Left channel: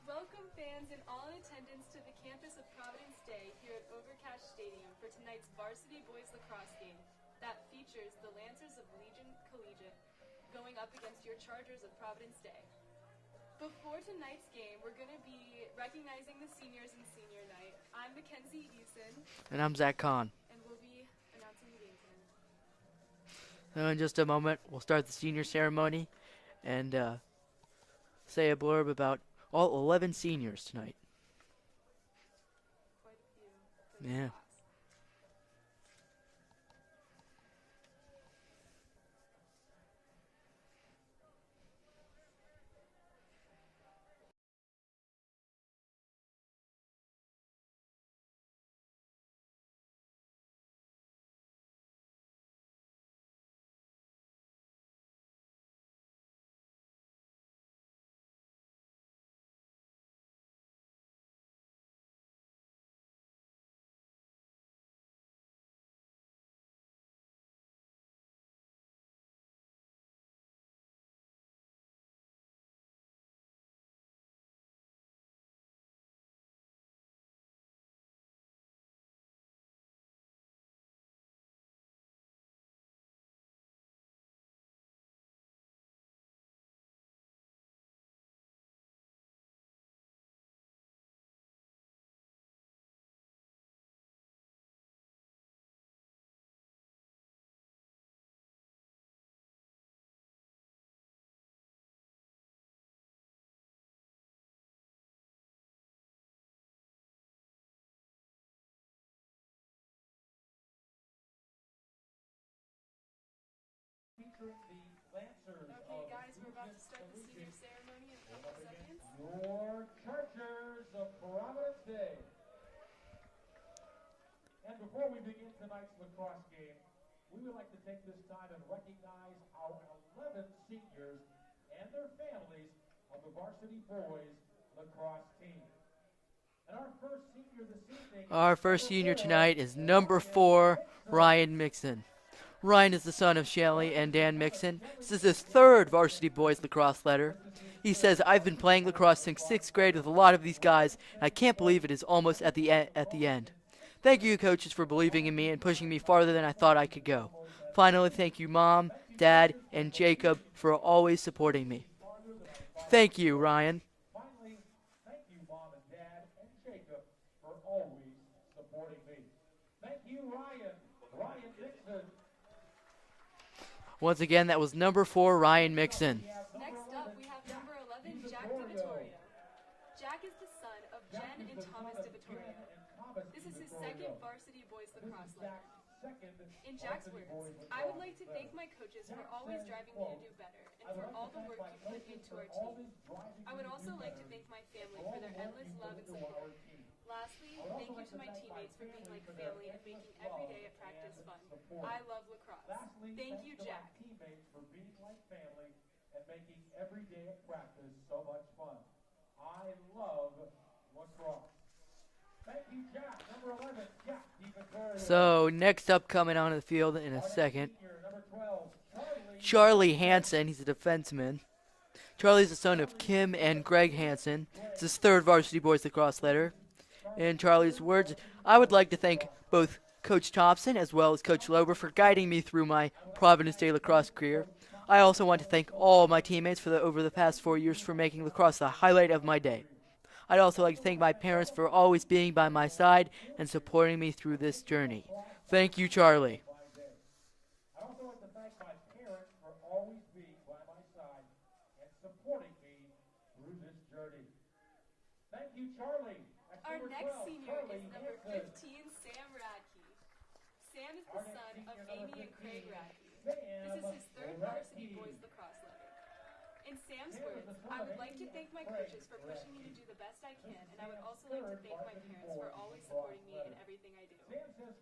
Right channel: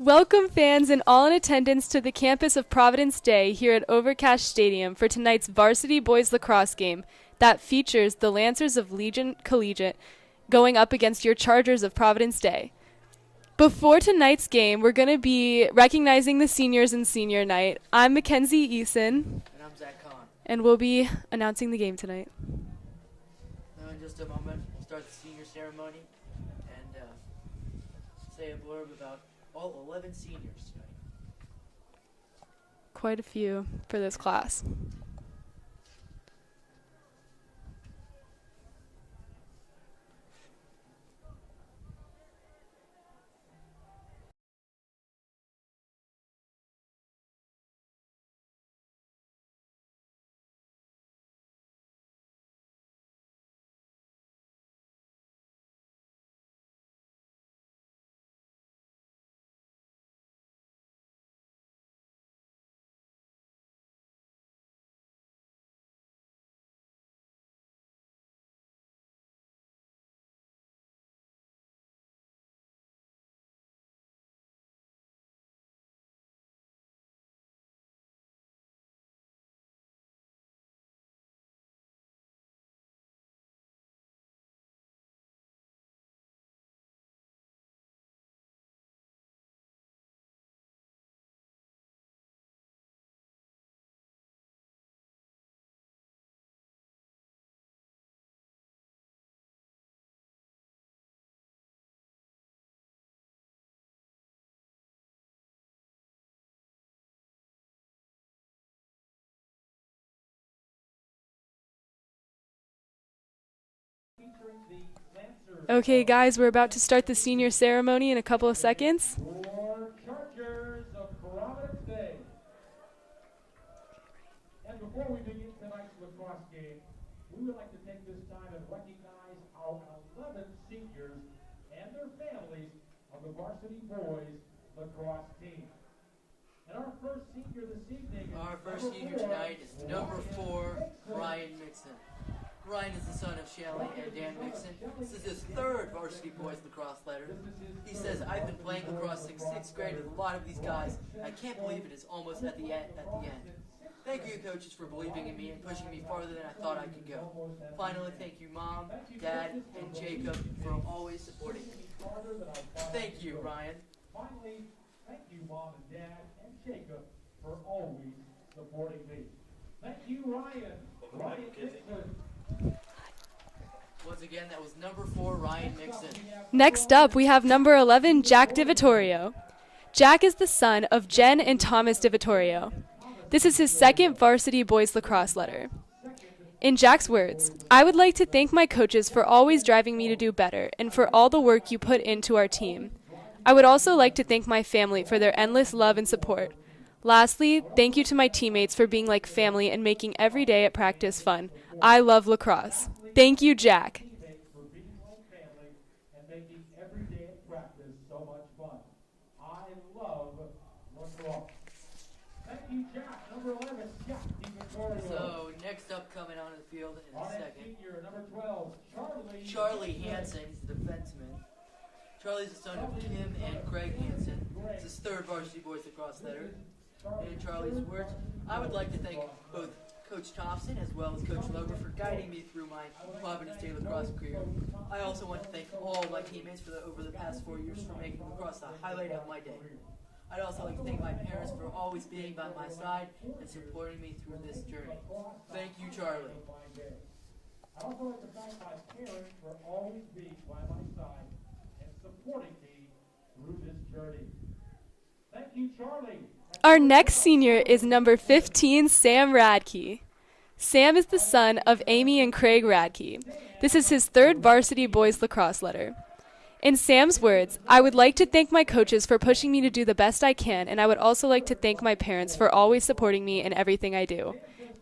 Welcome fans and all in attendance to the campus of Providence Day here at Overcash Stadium for tonight's varsity boys lacrosse game that features the Lancers of Legion Collegiate going up against your Chargers of Providence Day. Before tonight's game, we're going to be recognizing the seniors in senior night. I'm Mackenzie Eason. And I'm Zach Kahn. And we'll be announcing the game tonight. So in just a moment, we'll start the senior ceremony and say a blurb about all 11 seniors tonight. Quite a few for this class. Okay, guys, we're about to start the senior ceremony in a couple of seconds. For Chargers of Providence Day. And before we begin tonight's lacrosse game, we would like to take this time and recognize our 11 seniors and their families of the varsity boys lacrosse team. And our first senior this evening. Our first senior tonight is number 4, Ryan Mixon. Ryan is the son of Shelly and Dan Mixon. This is his third varsity boys lacrosse letter. He says, "I've been playing lacrosse since 6th grade with a lot of these guys, and I can't believe it is almost at the end. Thank you, coaches, for believing in me and pushing me farther than I thought I could go. Finally, thank you, Mom, Dad, and Jacob for always supporting me." Thank you, Ryan. Finally, thank you, Mom and Dad and Jacob for always supporting me. Thank you, Ryan. Ryan Dixon. Once again, that was number 4, Ryan Mixon. Next up, we have number 11, Jack DiVittorio. Jack is the son of Jen and Thomas DiVittorio. This is his second varsity boys lacrosse letter. In Jack's words, "I would like to thank my coaches for always driving me to do better and for all the work you put into our team. I would also like to thank my family for their endless love and support. Lastly, thank you to my teammates for being like family and making every day at practice fun. I love lacrosse. Thank you, Jack." For being like family and making every day at practice so much fun. I love lacrosse. Thank you, Jack. Number 11, Jack DiVittorio. So, next up coming onto the field in a second, Senior, number 12, Charlie Hansen. He's a defenseman. Charlie's the son of Kim and Greg Hansen. It's his third varsity boys lacrosse letter. In Charlie's words, "I would like to thank both Coach Thompson as well as Coach Lober for guiding me through my Providence Day lacrosse career. I also want to thank all my teammates over the past 4 years for making lacrosse the highlight of my day. I'd also like to thank my parents for always being by my side and supporting me through this journey. Thank you, Charlie." I also like to thank my parents for always being by my side and supporting me through this journey. Thank you, Charlie. Our next senior is number 15, Sam Radke. Sam is the son of Amy and Craig Radke. This is his third varsity boys lacrosse letter. In Sam's words, "I would like to thank my coaches for pushing me to do the best I can, and I would also like to thank my parents for always supporting me in everything I do.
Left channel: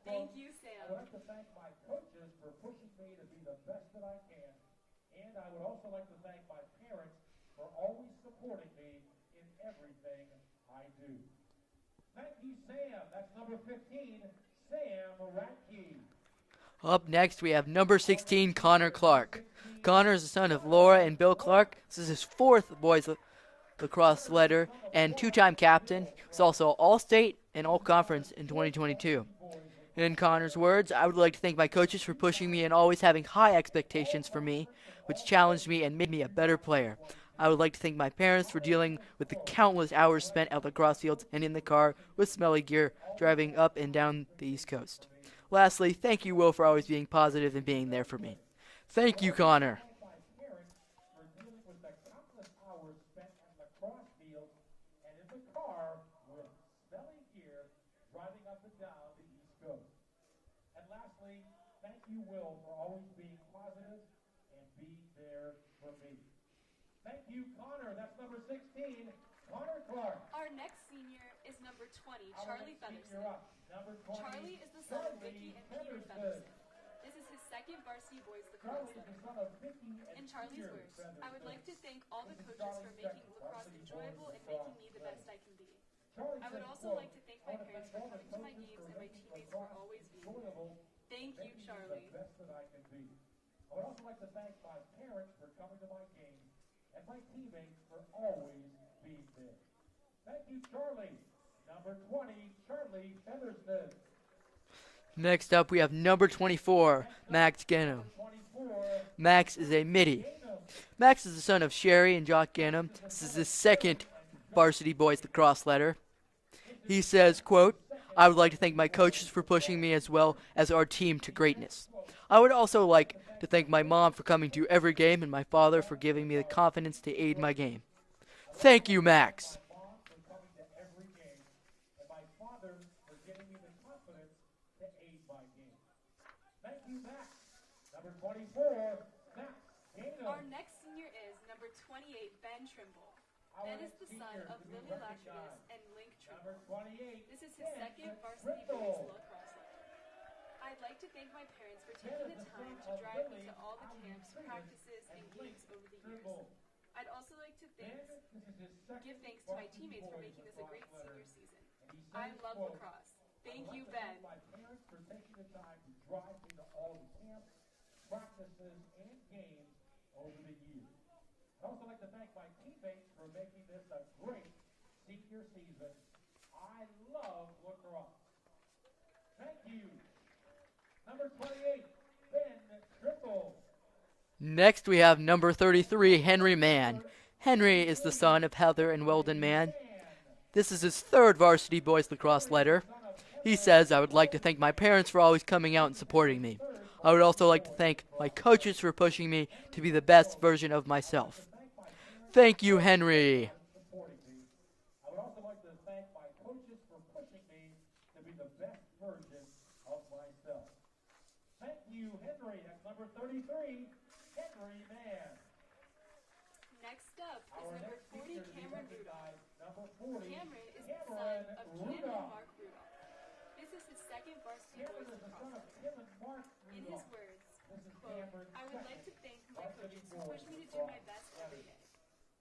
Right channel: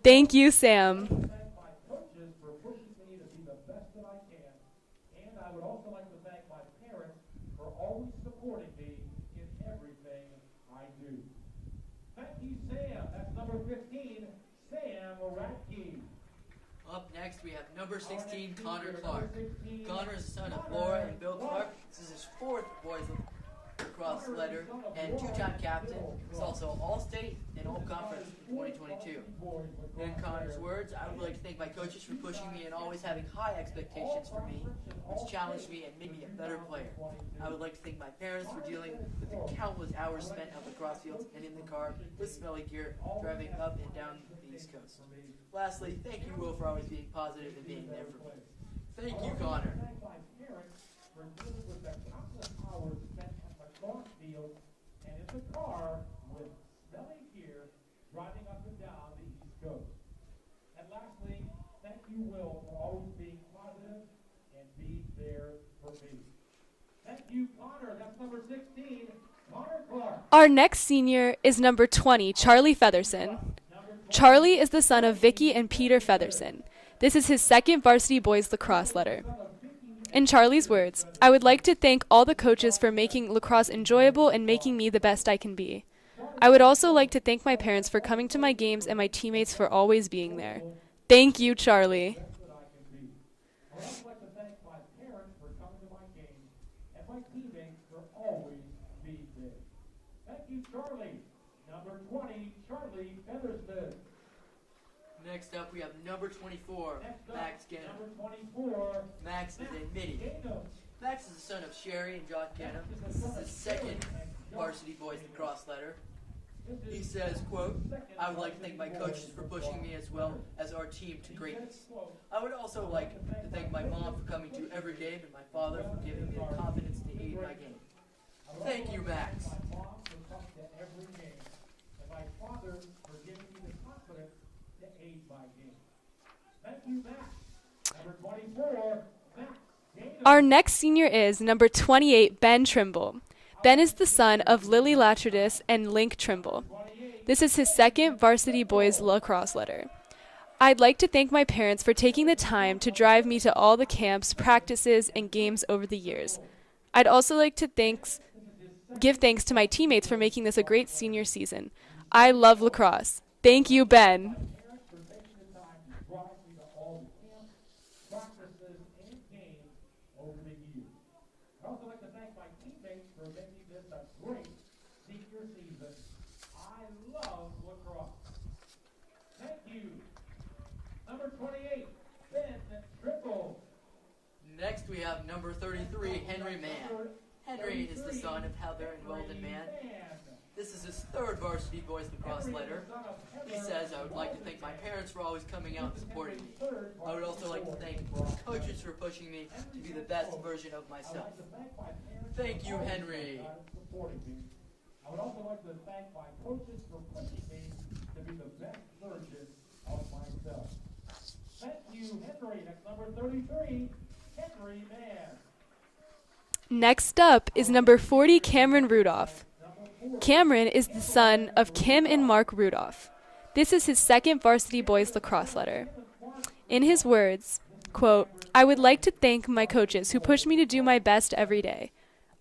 Thank you, Sam." Thank my coaches for pushing me to be the best that I can, and I would also like to thank my parents for always supporting me in everything I do. Thank you, Sam. That's number 15, Sam Radke. Up next, we have number 16, Connor Clark. Connor is the son of Laura and Bill Clark. This is his fourth boys lacrosse letter and two-time captain. He's also All-State and All-Conference in 2022. In Connor's words, I would like to thank my coaches for pushing me and always having high expectations for me, which challenged me and made me a better player. I would like to thank my parents for dealing with the countless hours spent at lacrosse fields and in the car with smelly gear driving up and down the East Coast. Lastly, thank you, Will, for always being positive and being there for me. Thank you, Connor. Hours spent at lacrosse fields and in the car with smelly gear driving up and down the East Coast. And lastly, thank you, Will, for always being positive and being there for me. Thank you, Connor. That's number 16, Connor Clark. Our next senior is number 20, Charlie Featherson. Charlie is the son of Vicky and Peter Featherson. This is his second varsity boys lacrosse letter. In Charlie's words, I would like to thank all the coaches for making lacrosse enjoyable and making me the best I can be. I would also like to thank my parents for coming to my games and my teammates for always being there. Thank you, Charlie. I would also like to thank my parents for coming to my games and my teammates for always being there. Thank you, Charlie. Number 20, Charlie Feathersmith. Next up, we have number 24, Max Gannum. 24, Max is a midi. Max is the son of Sherry and Jock Gannum. This is his second varsity boys lacrosse letter. He says, quote, I would like to thank my coaches for pushing me as well as our team to greatness. I would also like to thank my mom for coming to every game and my father for giving me the confidence to aid my game. Thank you, Max. mom for coming to every game, and my father for giving me the confidence to aid my game. Thank you, Max. Number 24, Max. Our next senior is number 28, Ben Trimble. Ben is the son of Lily Latridis and Link Trimble. This is his second varsity boys lacrosse letter. I'd like to thank my parents for taking the time to drive me to all the camps, practices, and games over the years. I'd also like to give thanks to my teammates for making this a great senior season. I love lacrosse. Thank you, Ben. Parents for taking the time to drive me to all the camps, practices, and games over the years. I'd also like to thank my teammates for making this a great senior season. I love lacrosse. Thank you. Number 28, Ben Triple. Next, we have number 33, Henry Mann. Henry is the son of Heather and Weldon Mann. This is his third varsity boys lacrosse letter. He says, I would like to thank my parents for always coming out and supporting me. I would also like to thank my coaches for pushing me to be the best version of myself. Thank you, Henry. Supporting me. I would also like to thank my coaches for pushing me to be the best version of myself. Thank you, Henry. That's number 33, Henry Mann. Next up is number 40, Cameron Rudolph. Cameron is the son of Kim and Mark Rudolph. This is his second varsity boys lacrosse letter. In his words, quote, I would like to thank my coaches who push me to do my best every day.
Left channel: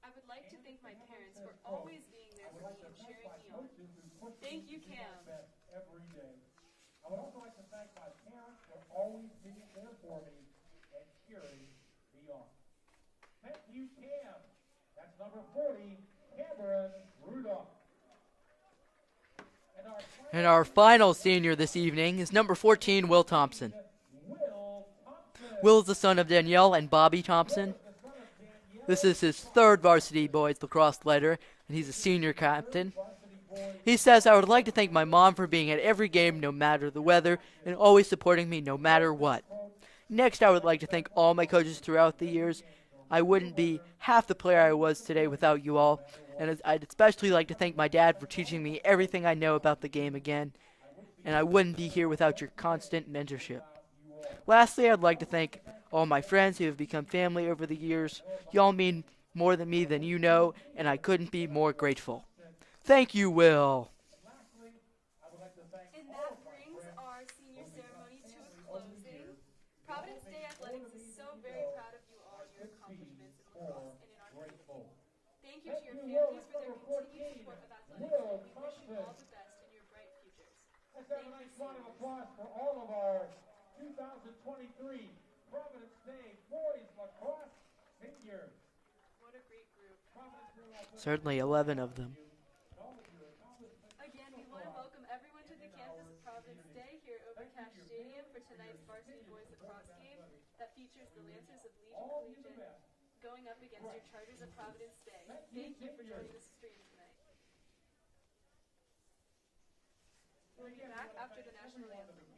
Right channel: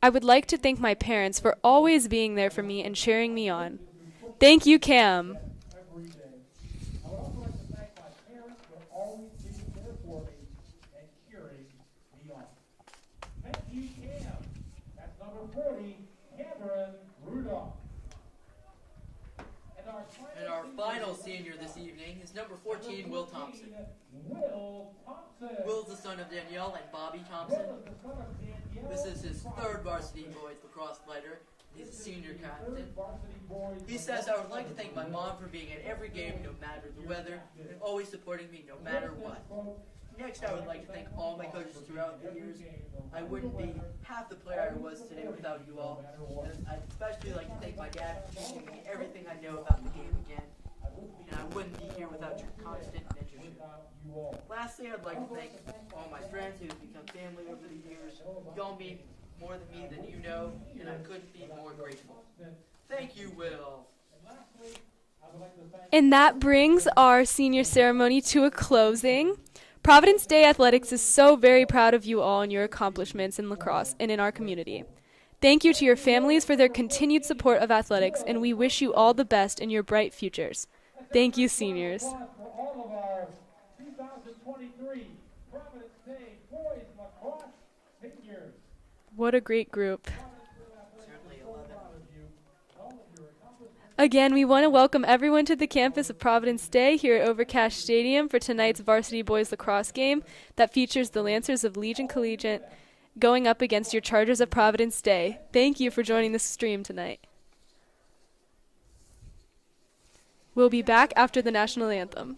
I would like to thank my parents for always being there for me and cheering me on. Thank you, Cam. Every day. I would also like to thank my parents for always being there for me and cheering me on. Thank you, Cam. That's number 40, Cameron Rudolph. And our final senior this evening is number 14, Will Thompson. Will Thompson. Will is the son of Danielle and Bobby Thompson. This is his third varsity boys lacrosse letter, and he's a senior captain. He says, I would like to thank my mom for being at every game no matter the weather and always supporting me no matter what. Next, I would like to thank all my coaches throughout the years. I wouldn't be half the player I was today without you all, and I'd especially like to thank my dad for teaching me everything I know about the game again, and I wouldn't be here without your constant mentorship. Lastly, I'd like to thank all my friends who have become family over the years. Y'all mean more to me than you know, and I couldn't be more grateful. Thank you, Will. And that brings our senior ceremony to a closing. Providence Day Athletics is so very proud of you all and your accomplishments in lacrosse and in our community. Thank you to your families for their continued support of athletics, and we wish you all the best in your bright futures. Thank you, seniors. For all of our 2023 Providence Day boys lacrosse seniors. What a great group. Certainly 11 of them. Again, we want to welcome everyone to the campus of Providence Day here at Overcash Stadium for tonight's varsity boys lacrosse game that features the Lancers of Legion Collegiate going up against your Chargers of Providence Day. Thank you for joining the stream tonight. We'll be back after the national anthem.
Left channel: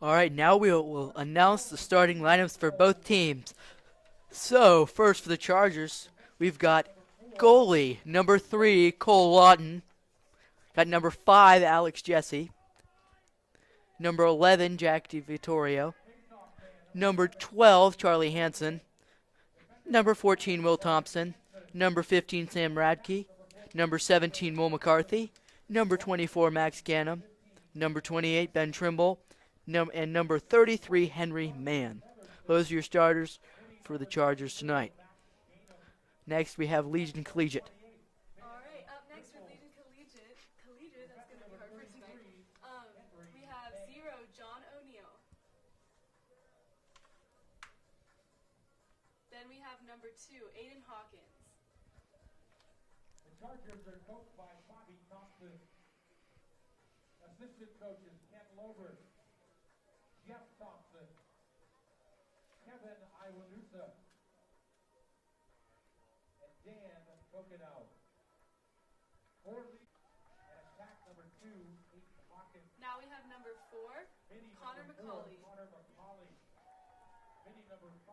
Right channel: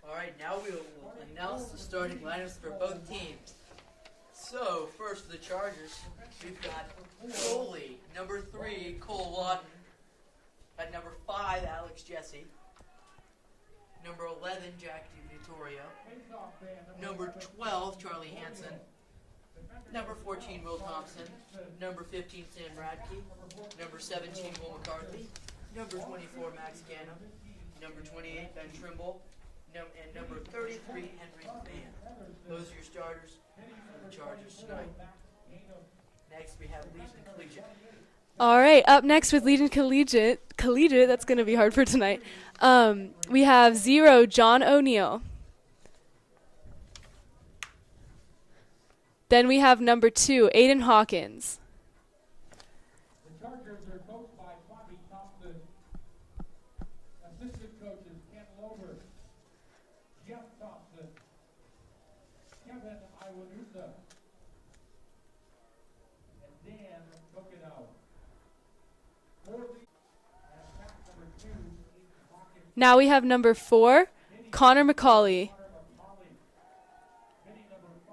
All right, now we'll announce the starting lineups for both teams. So, first for the Chargers, we've got goalie, number 3, Cole Lawton. Got number 5, Alex Jesse. Number 11, Jack DiVittorio. Number 12, Charlie Hansen. Number 14, Will Thompson. Number 15, Sam Radke. Number 17, Will McCarthy. Number 24, Max Gannum. Number 28, Ben Trimble. And number 33, Henry Mann. Those are your starters for the Chargers tonight. Next, we have Legion Collegiate. All right, up next with Legion Collegiate, that's going to be hard for tonight. We have 0, John O'Neill. Then we have number 2, Aiden Hawkins. The Chargers are coached by Bobby Thompson. Assistant coaches Ken Lover, Jeff Thompson, Kevin Iwanusa, and Dan Coconut. Now we have number 4, Connor McCauley.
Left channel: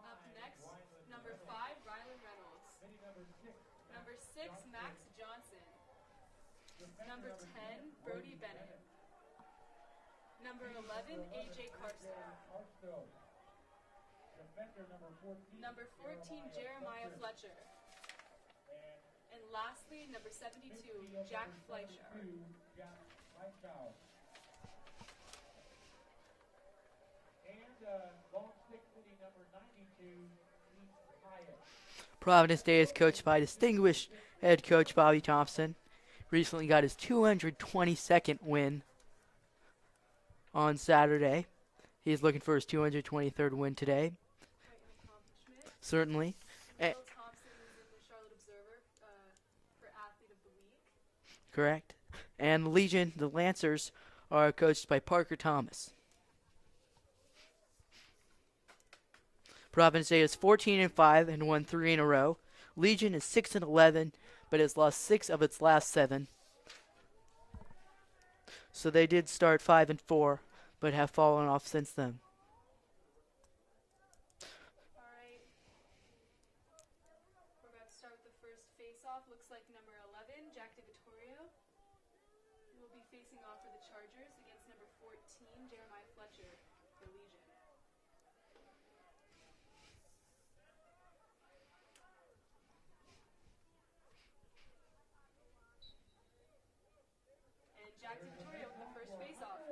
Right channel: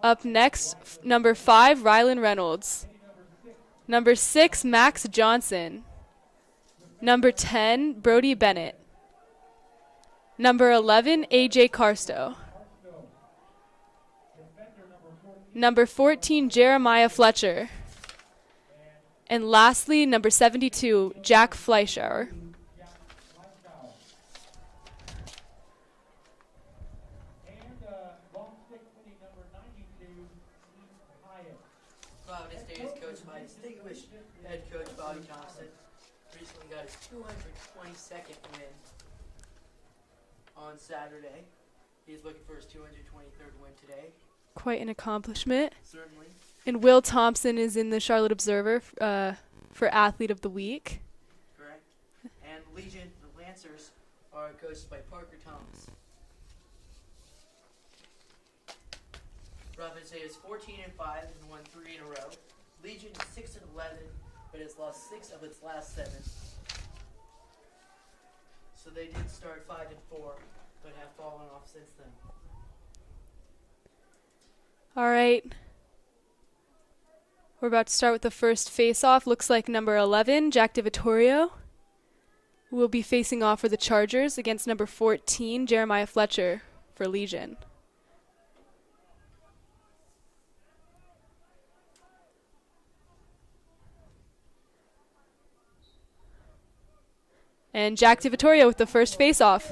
Up next, number 5, Rylan Reynolds. Number 6, Max Johnson. Number 10, Brody Bennett. Number 11, AJ Carsto. Number 14, Jeremiah Fletcher. And lastly, number 72, Jack Fleischauer. Providence Day is coached by distinguished head coach Bobby Thompson. Recently got his 222nd win on Saturday. He's looking for his 223rd win today. Quite an accomplishment. Certainly. And Will Thompson is in the Charlotte Observer for Athlete of the Week. Correct. And Legion, the Lancers, are coached by Parker Thomas. Providence Day is 14-5 and won 3 in a row. Legion is 6-11, but has lost 6 of its last 7. So they did start 5-4, but have fallen off since then. All right. We're about to start with the first face-off. Looks like number 11, Jack DiVittorio, will be facing off for the Chargers against number 14, Jeremiah Fletcher, for Legion. And Jack DiVittorio with the first face-off.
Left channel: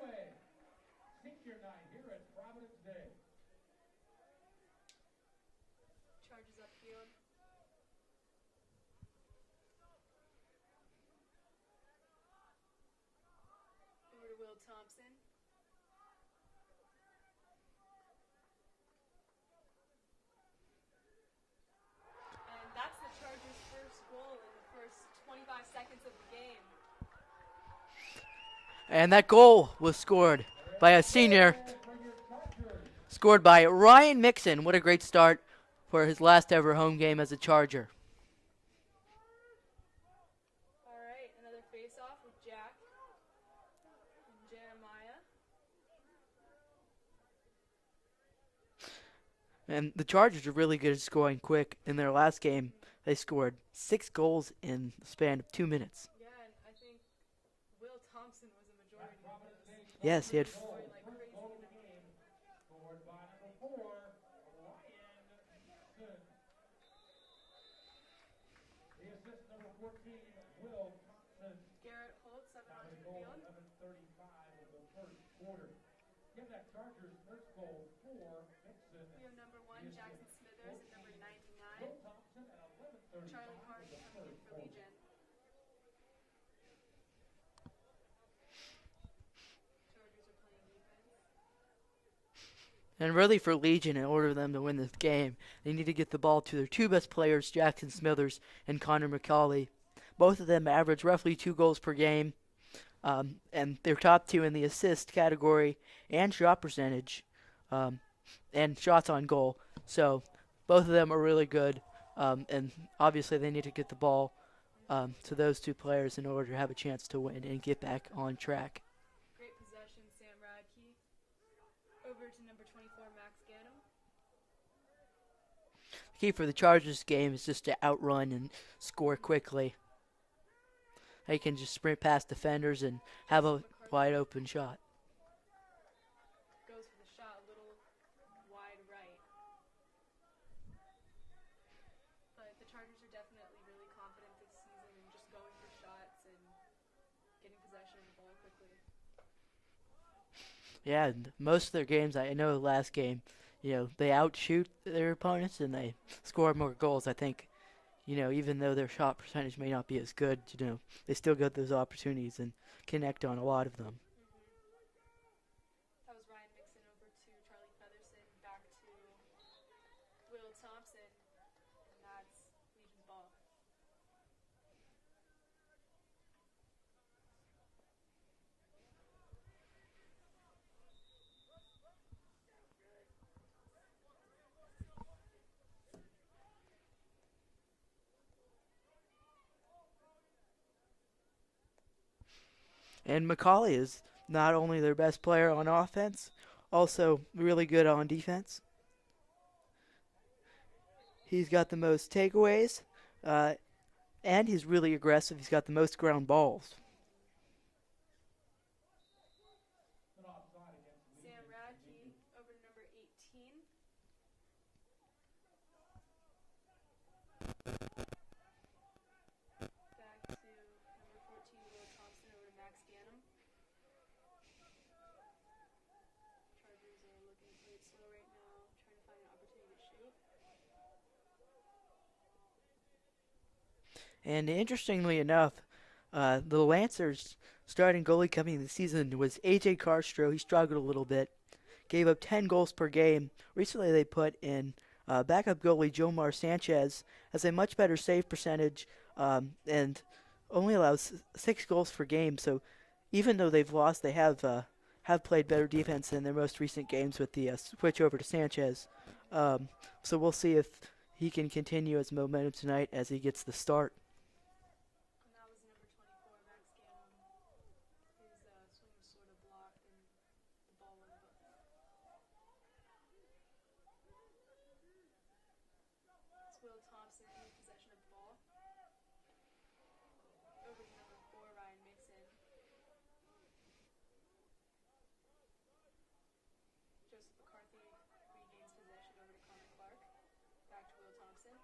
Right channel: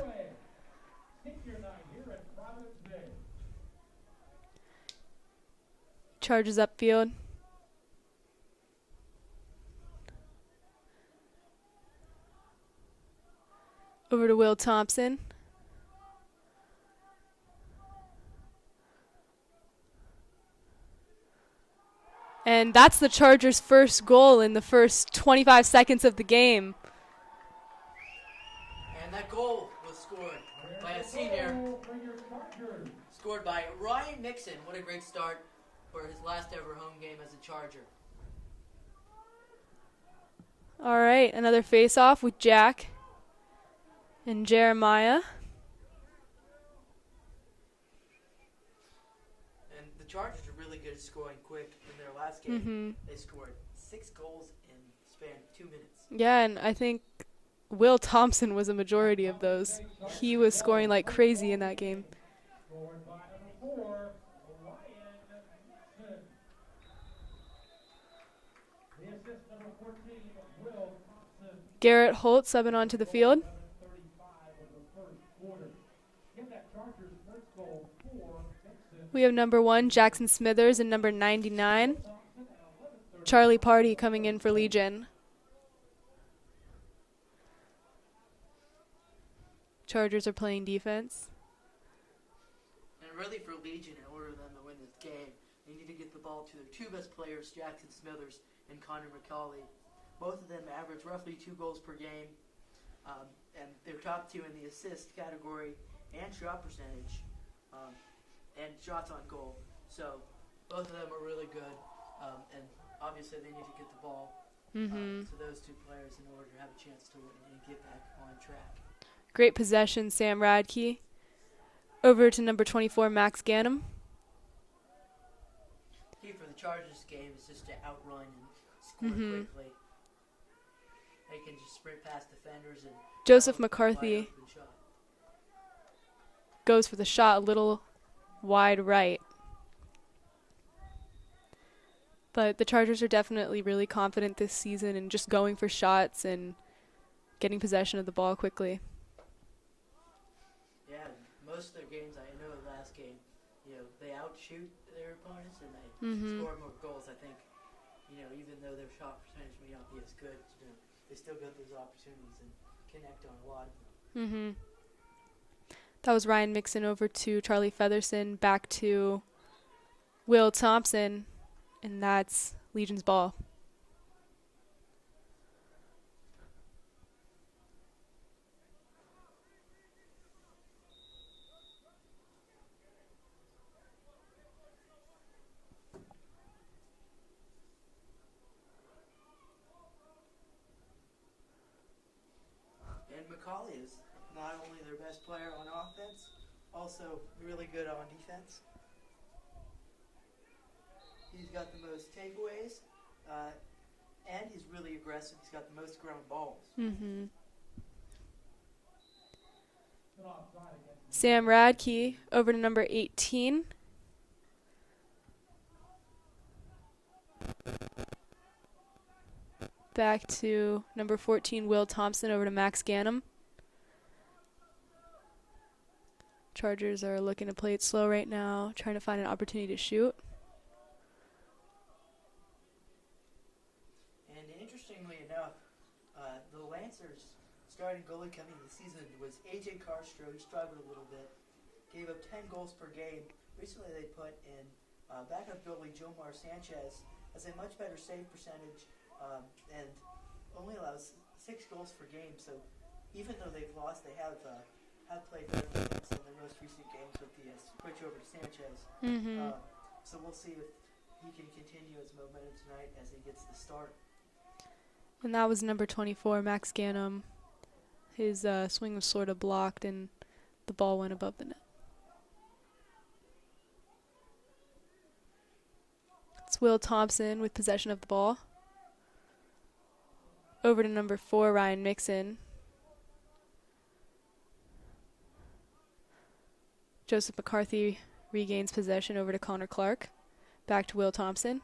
Charges upfield. Over to Will Thompson. And that's the Chargers' first goal in the first 25 seconds of the game. And that goal was scored by a senior, scored by Ryan Mixon. What a great start for his last ever home game as a Charger. All right, another face-off with Jack and Jeremiah. And the Chargers are really good at scoring quick. In their last game, they scored 6 goals in the span of 2 minutes. Yeah, and I think Will Thompson was a majority of those. Yes, he yes. was scoring like crazy in that game. Garrett Holt subbing onto the field. We have number 1, Jackson Smithers, and number 99, Charlie Party, coming in for Legion. Chargers are playing defense. And really for Legion, in order for them to win this game, they need to get the ball to their 2 best players, Jackson Smithers and Connor McCauley. Both of them average roughly 2 goals per game, and they're top 2 in the assist category and shot percentage, and shots on goal. So both of them are really good, and obviously they need to get the ball to those two players in order to have a chance to win and get back on track. Great possession, Sam Radke. Over to number 24, Max Ganem. The key for the Chargers game is just to outrun and score quickly. They can just sprint past defenders and Joseph have a McCarthy wide open shot. goes for the shot a little wide right. But the Chargers are definitely really confident this season in just going for shots and getting possession of the ball quickly. Yeah, most of their games, I know the last game, they outshoot their opponents and they score more goals. I think, even though their shot percentage may not be as good, they still get those opportunities and connect on a lot of them. That was Ryan Mixon over to Charlie Featherson, back to Will Thompson, and that's Legion's ball. And Macaulay is not only their best player on offense, also really good on defense. He's got the most takeaways, and he's really aggressive. He's got the most ground balls. Sam Radke over to number 18. Back to number 14, Will Thompson, over to Max Ganem. Chargers are looking to play it slow right now, trying to find an opportunity to shoot. And interestingly enough, the Lancers' starting goalie coming in the season was A.J. Carstro. He struggled a little bit, gave up 10 goals per game. Recently they put in backup goalie Jomar Sanchez, has a much better save percentage, and only allows 6 goals per game. So even though they've lost, they have played better defense in their most recent games with the switch over to Sanchez. So we'll see if he can continue his momentum tonight as he gets the start. And that was number 24, Max Ganem. His swing was sort of blocked and the ball went above the net. It's Will Thompson with possession of the ball. Over to number 4, Ryan Mixon. Joseph McCarthy regains possession over to Connor Clark. Back to Will Thompson.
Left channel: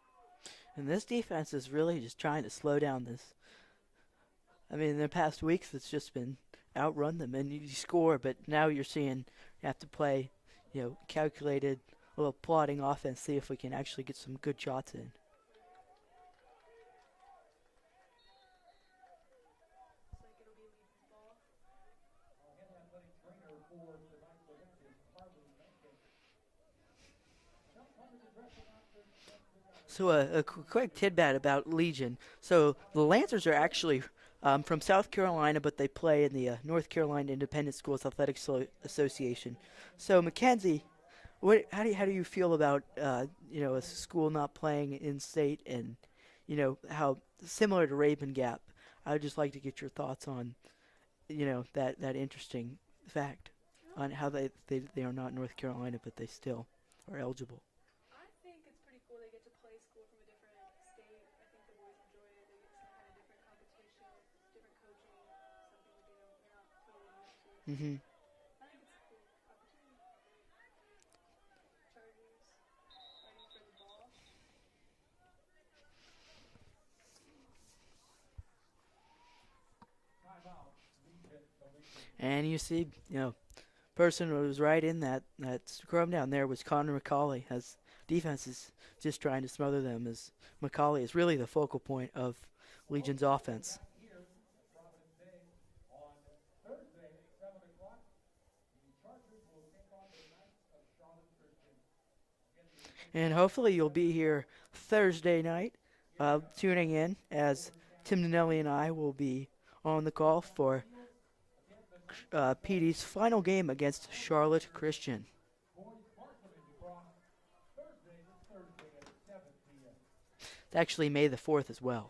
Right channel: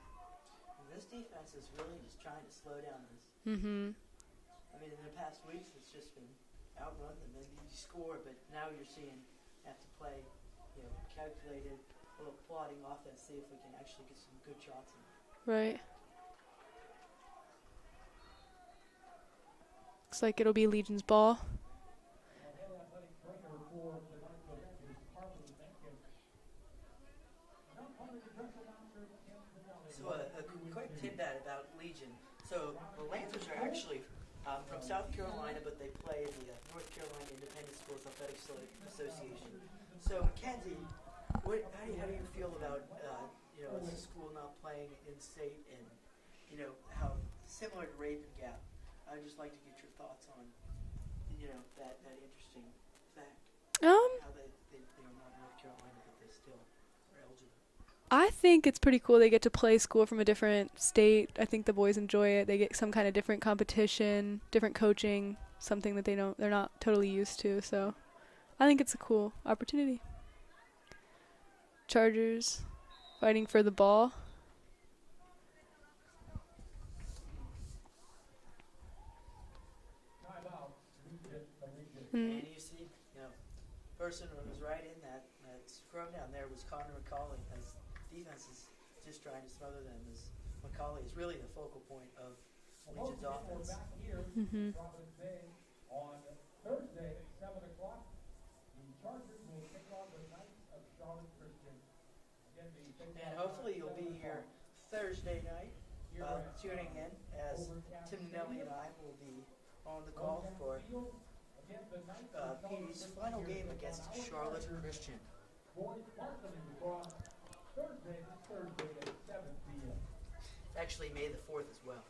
And this defense is really just trying to slow down this. I mean, in the past weeks, it's just been outrun them and you score, but now you're seeing you have to play, calculated, a little plodding offense, see if we can actually get some good shots in. Right. Looks like it'll be Legion's ball. So a quick tidbit about Legion. So the Lancers are actually from South Carolina, but they play in the North Carolina Independent Schools Athletic Association. So Mackenzie, how do you feel about a school not playing in state, and how similar to Raven Gap? I would just like to get your thoughts on that interesting fact on how they are not North Carolina, but they still are eligible. I think it's pretty cool they get to play school from a different state. I think the boys enjoy it. They get some kind of different competition, different coaching, something that they're not totally used to. So I think it's a cool opportunity. Chargers fighting for the ball. And you see, person who was right in that scrum down there was Connor Macaulay, as defense is just trying to smother them, as Macaulay is really the focal point of Legion's offense. And hopefully you'll be here Thursday night tuning in, as Tim Nanelli and I will be on the call for PD's final game against Charlotte Christian. It's actually May the 4th as well.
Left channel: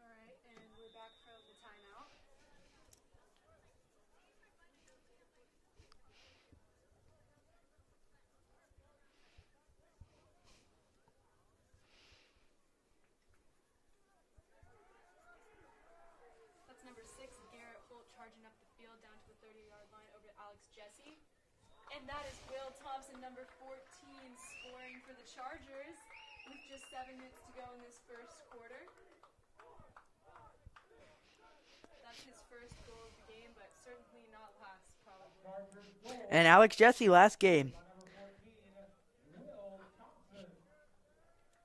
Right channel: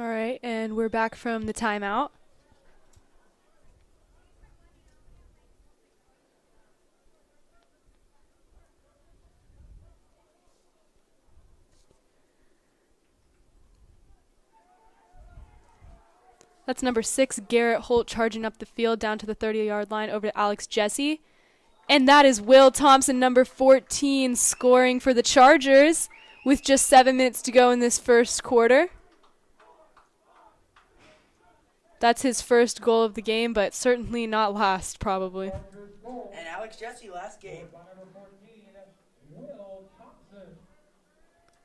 All right, and we're back from the timeout. That's number 6, Garrett Holt, charging up the field down to the 30-yard line over to Alex Jesse. And that is Will Thompson, number 14, scoring for the Chargers with just 7 minutes to go in this first quarter. That's his first goal of the game, but certainly not last, probably. And Alex Jesse, last game,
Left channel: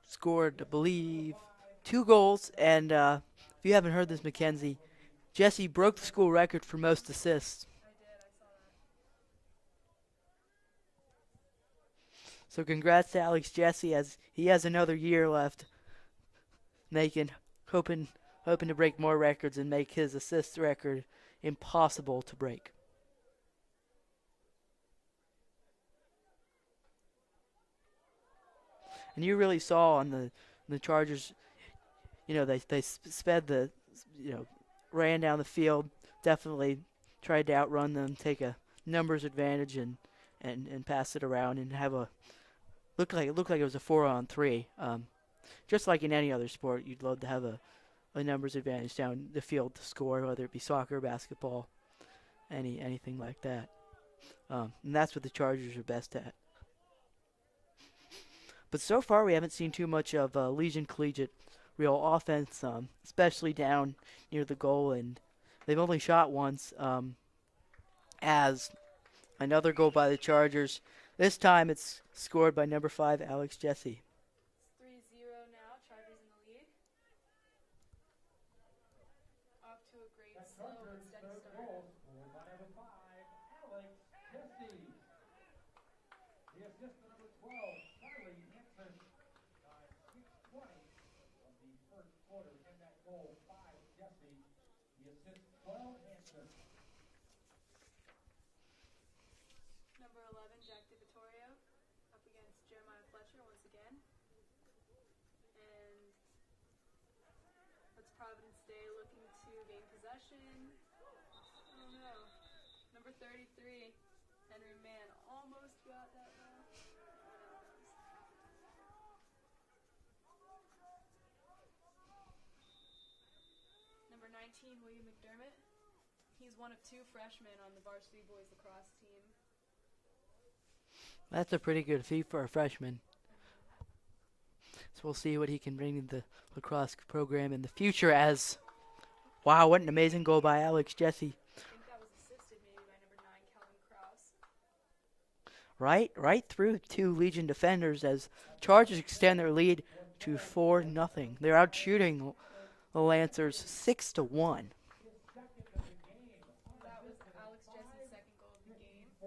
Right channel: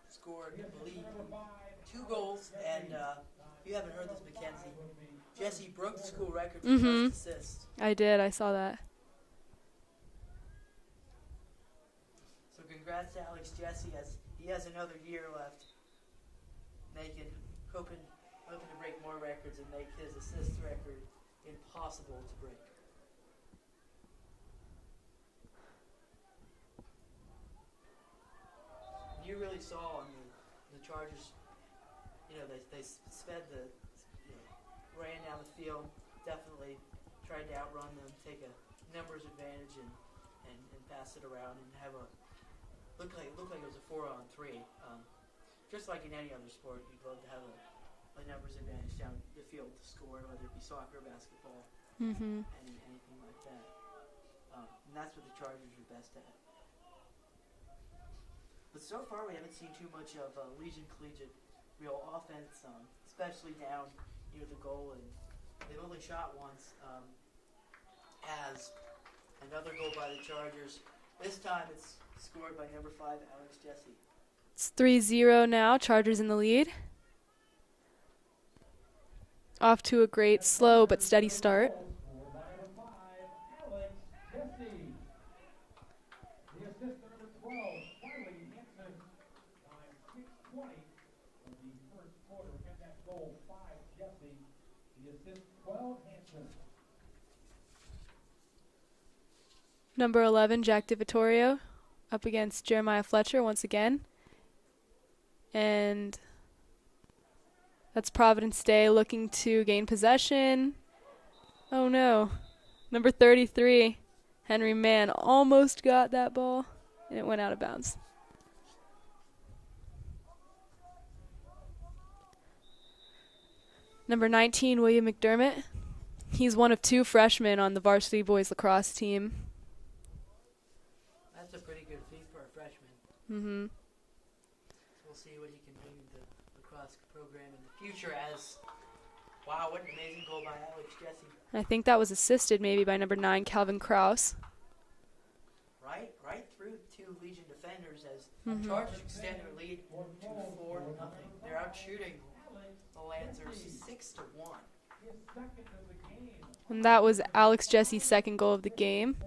scored, I believe, 2 goals. And if you haven't heard this, Mackenzie, Jesse broke the school record for most assists. I did. I saw that. So congrats to Alex Jesse, as he has another year left, hoping to break more records and make his assist record impossible to break. And you really saw on the Chargers, they sped ran down the field, definitely tried to outrun them, take a numbers advantage and pass it around and have a looked like it was a 4-on-3. Just like in any other sport, you'd love to have a numbers advantage down the field to score, whether it be soccer, basketball, anything like that. And that's what the Chargers are best at. But so far, we haven't seen too much of Legion Collegiate real offense, especially down near the goal, and they've only shot once. As another goal by the Chargers. This time it's scored by number 5, Alex Jesse. It's 3-0 now. Chargers in the lead. Off to a great slow but steady start. Number 11, Jack DiVittorio, up against Jeremiah Fletcher once again. And that's Providence Day looking to gain possession. Oh no. Number 33, Henry Mann, almost got that ball, and it went out of bounds. Number 19, William McDermott. He's one of 2 freshmen on the varsity boys lacrosse team. That's a pretty good feat for a freshman. So we'll see what he can bring to the lacrosse program in the future. Wow, what an amazing goal by Alex Jesse. I think that was assisted maybe by number 9, Calvin Krause. Right through 2 Legion defenders as Chargers extend their lead to 4-0. They're out shooting the Lancers 6-1. And that was Alex Jesse's second goal of the game.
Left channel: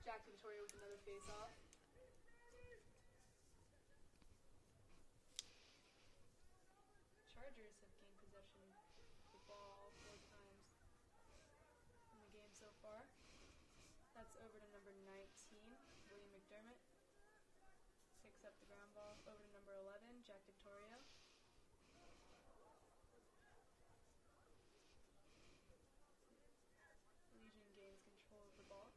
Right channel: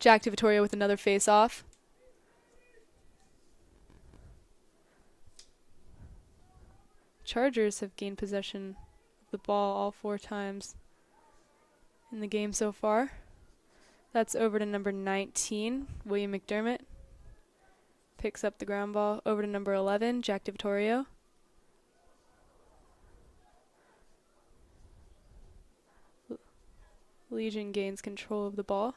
Jack DiVittorio with another face-off. Chargers have gained possession of the ball all 4 times in the game so far. That's over to number 19, William McDermott. Picks up the ground ball over to number 11, Jack DiVittorio. Legion gains control of the ball.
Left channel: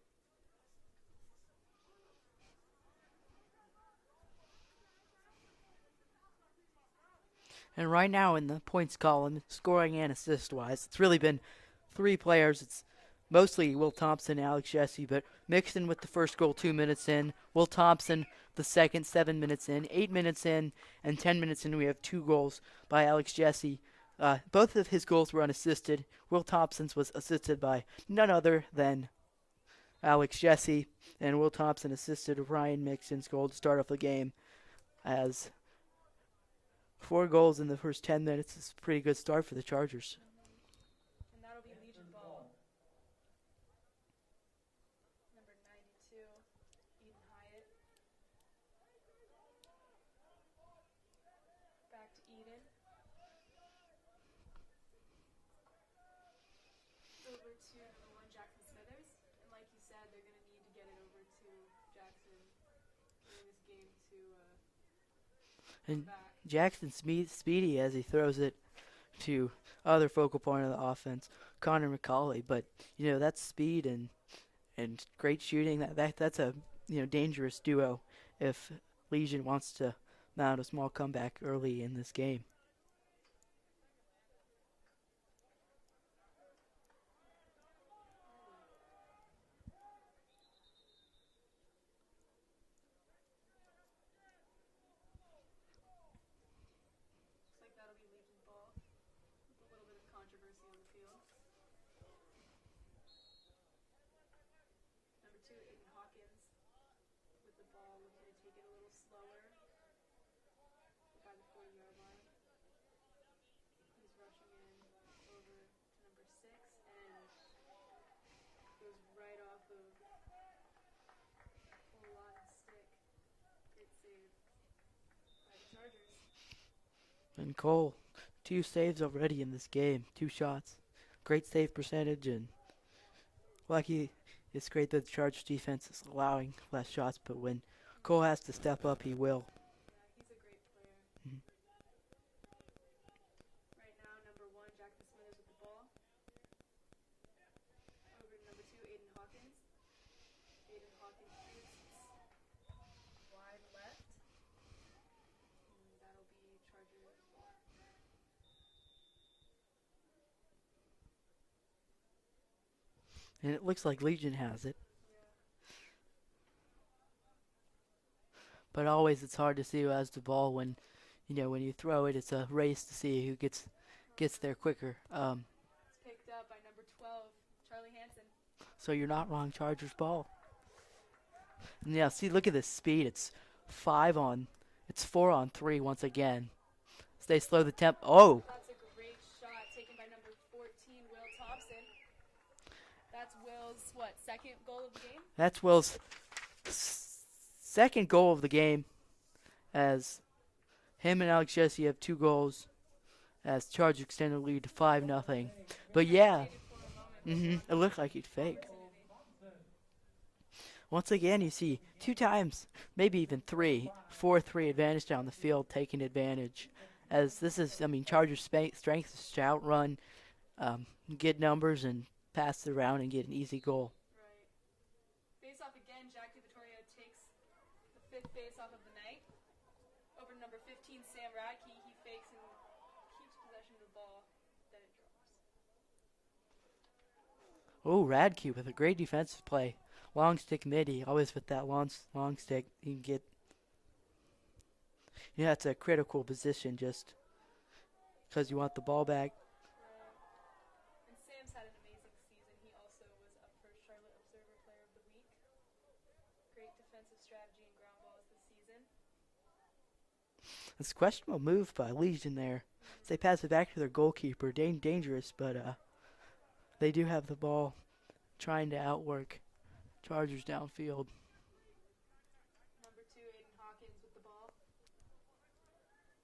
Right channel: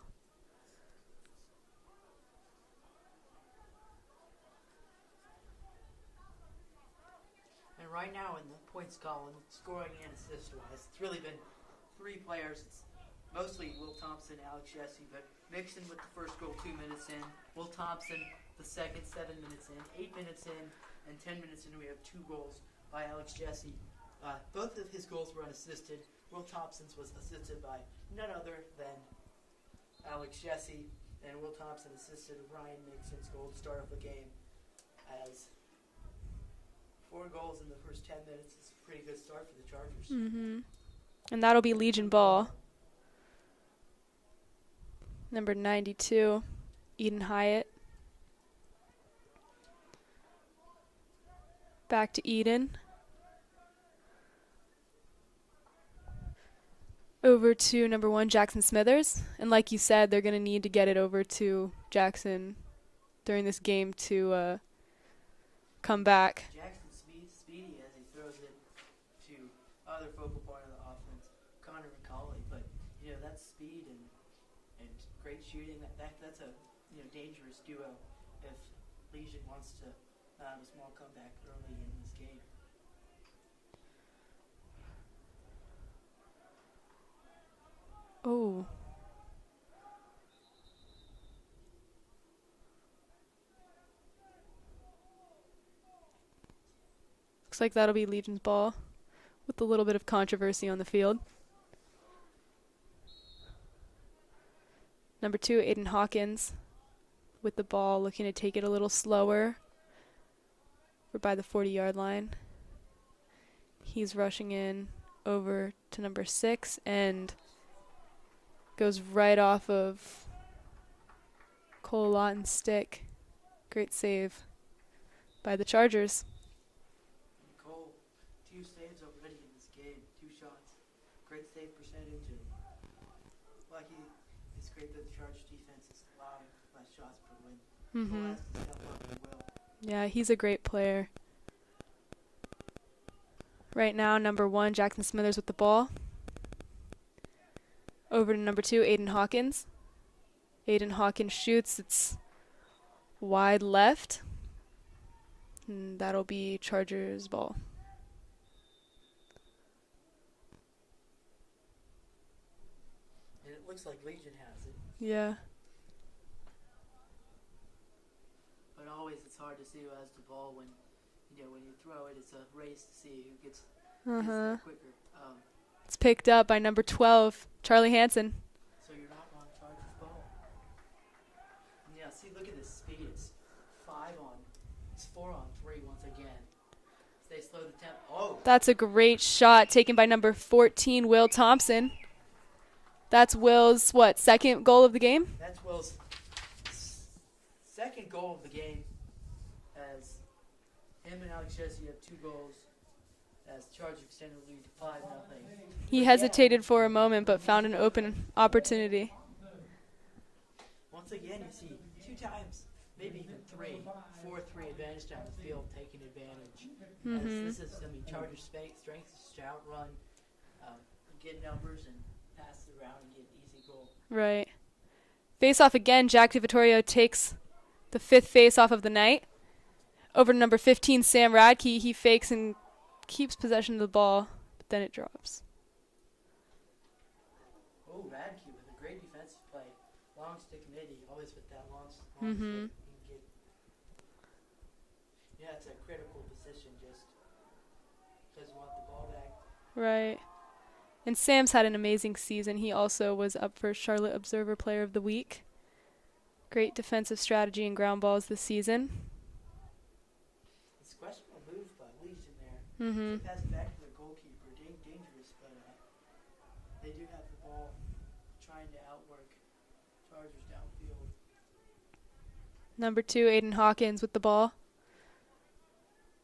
And right now in the points column, scoring and assist-wise, it's really been 3 players. It's mostly Will Thompson and Alex Jesse, but mixed in with the first goal 2 minutes in. Will Thompson, the second, 7 minutes in. 8 minutes in and 10 minutes in, we have 2 goals by Alex Jesse. Both of his goals were unassisted. Will Thompson's was assisted by none other than Alex Jesse, and Will Thompson assisted Ryan Mixon's goal to start off the game. As 4 goals in the first 10 minutes is a pretty good start for the Chargers. And that'll be Legion ball. Number 92, Eden Hyatt. Back to Eden. over to number 1, Jackson Smithers. And like you said, they're going to need to get it over to Jackson during this game to come back. Jackson speedy as he throws it to other focal point of the offense, Connor McCauley. But that's speed and great shooting. That's a dangerous duo if Legion wants to mount a small comeback early in this game. Oh. Looks like that'll be Legion's ball with a little bit of controversy on the field. Number 2, Aiden Hawkins with the ball, looking to take it a little slower. We're by the 40-yard line. He's rushing in over to number 6 and goes right off of Cole Lawton's stick. Great save by the Chargers. And Cole, 2 saves already in this game, 2 shots. Great save percentage, and lucky. It's great that the Chargers defense is allowing less shots, but when Cole has to step up, he will. Yeah, he's a great player. Right now, number 1, Jackson Smithers with the ball. Over to number 2, Aiden Hawkins. Aiden Hawkins shoots. It's wide left. And that'll be Chargers ball. And it looks like Legion has it. Yeah. But always it's hard to see who has the ball when you throw it. It's a race to see who gets there quicker. It's picked up by number 12, Charlie Hansen. So you're not wrong, Chargers ball. And yeah, see, look at this speed. It's 4 on 3 once again. So they slow the tempo. Oh! That's a great shot taken by number 14, Will Thompson. That's Will's, second goal of the game? That's Will's second goal of the game, as him and Alex Jesse have 2 goals, as Chargers extend the lead to 5-0. He hesitated for a moment, but found an open opportunity. Once again, you see 2 times, maybe even 3, 4-3 advantage down the field, taking advantage. As this is, Chargers' strength is to outrun, get numbers, and pass it around and get an easy goal. Right. Face off again. Jack DiVittorio takes the 5th face off of the night. Over to number 15, Sam Radke. He fakes and keeps possession of the ball, but then it drops. Oh, Radke with a great defensive play. Long stick midi, always with that long stick. You can get. That's a critical position just because you want the ball back. Right. And Sam's had an amazing season. He also was up for Charlotte Observer Player of the Week. Great defensive strategy and ground balls this season. It's a questionable move by Legion there. They pass it back to their goalkeeper. Dangerous, but they do have the ball trying to outwork Chargers downfield. Number 2, Aiden Hawkins with the ball.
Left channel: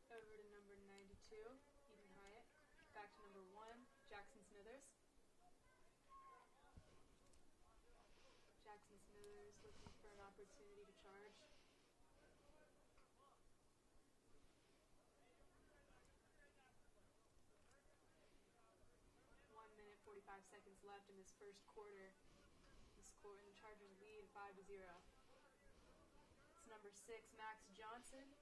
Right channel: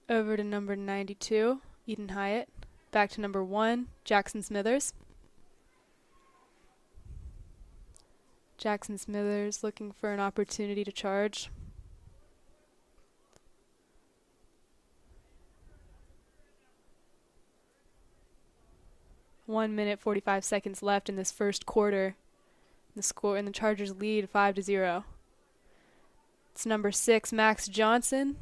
Over to number 92, Eden Hyatt. Back to number 1, Jackson Smithers. Jackson Smithers looking for an opportunity to charge. One minute, 45 seconds left in this first quarter. The score and the Chargers lead 5-0. It's number 6, Max Johnson.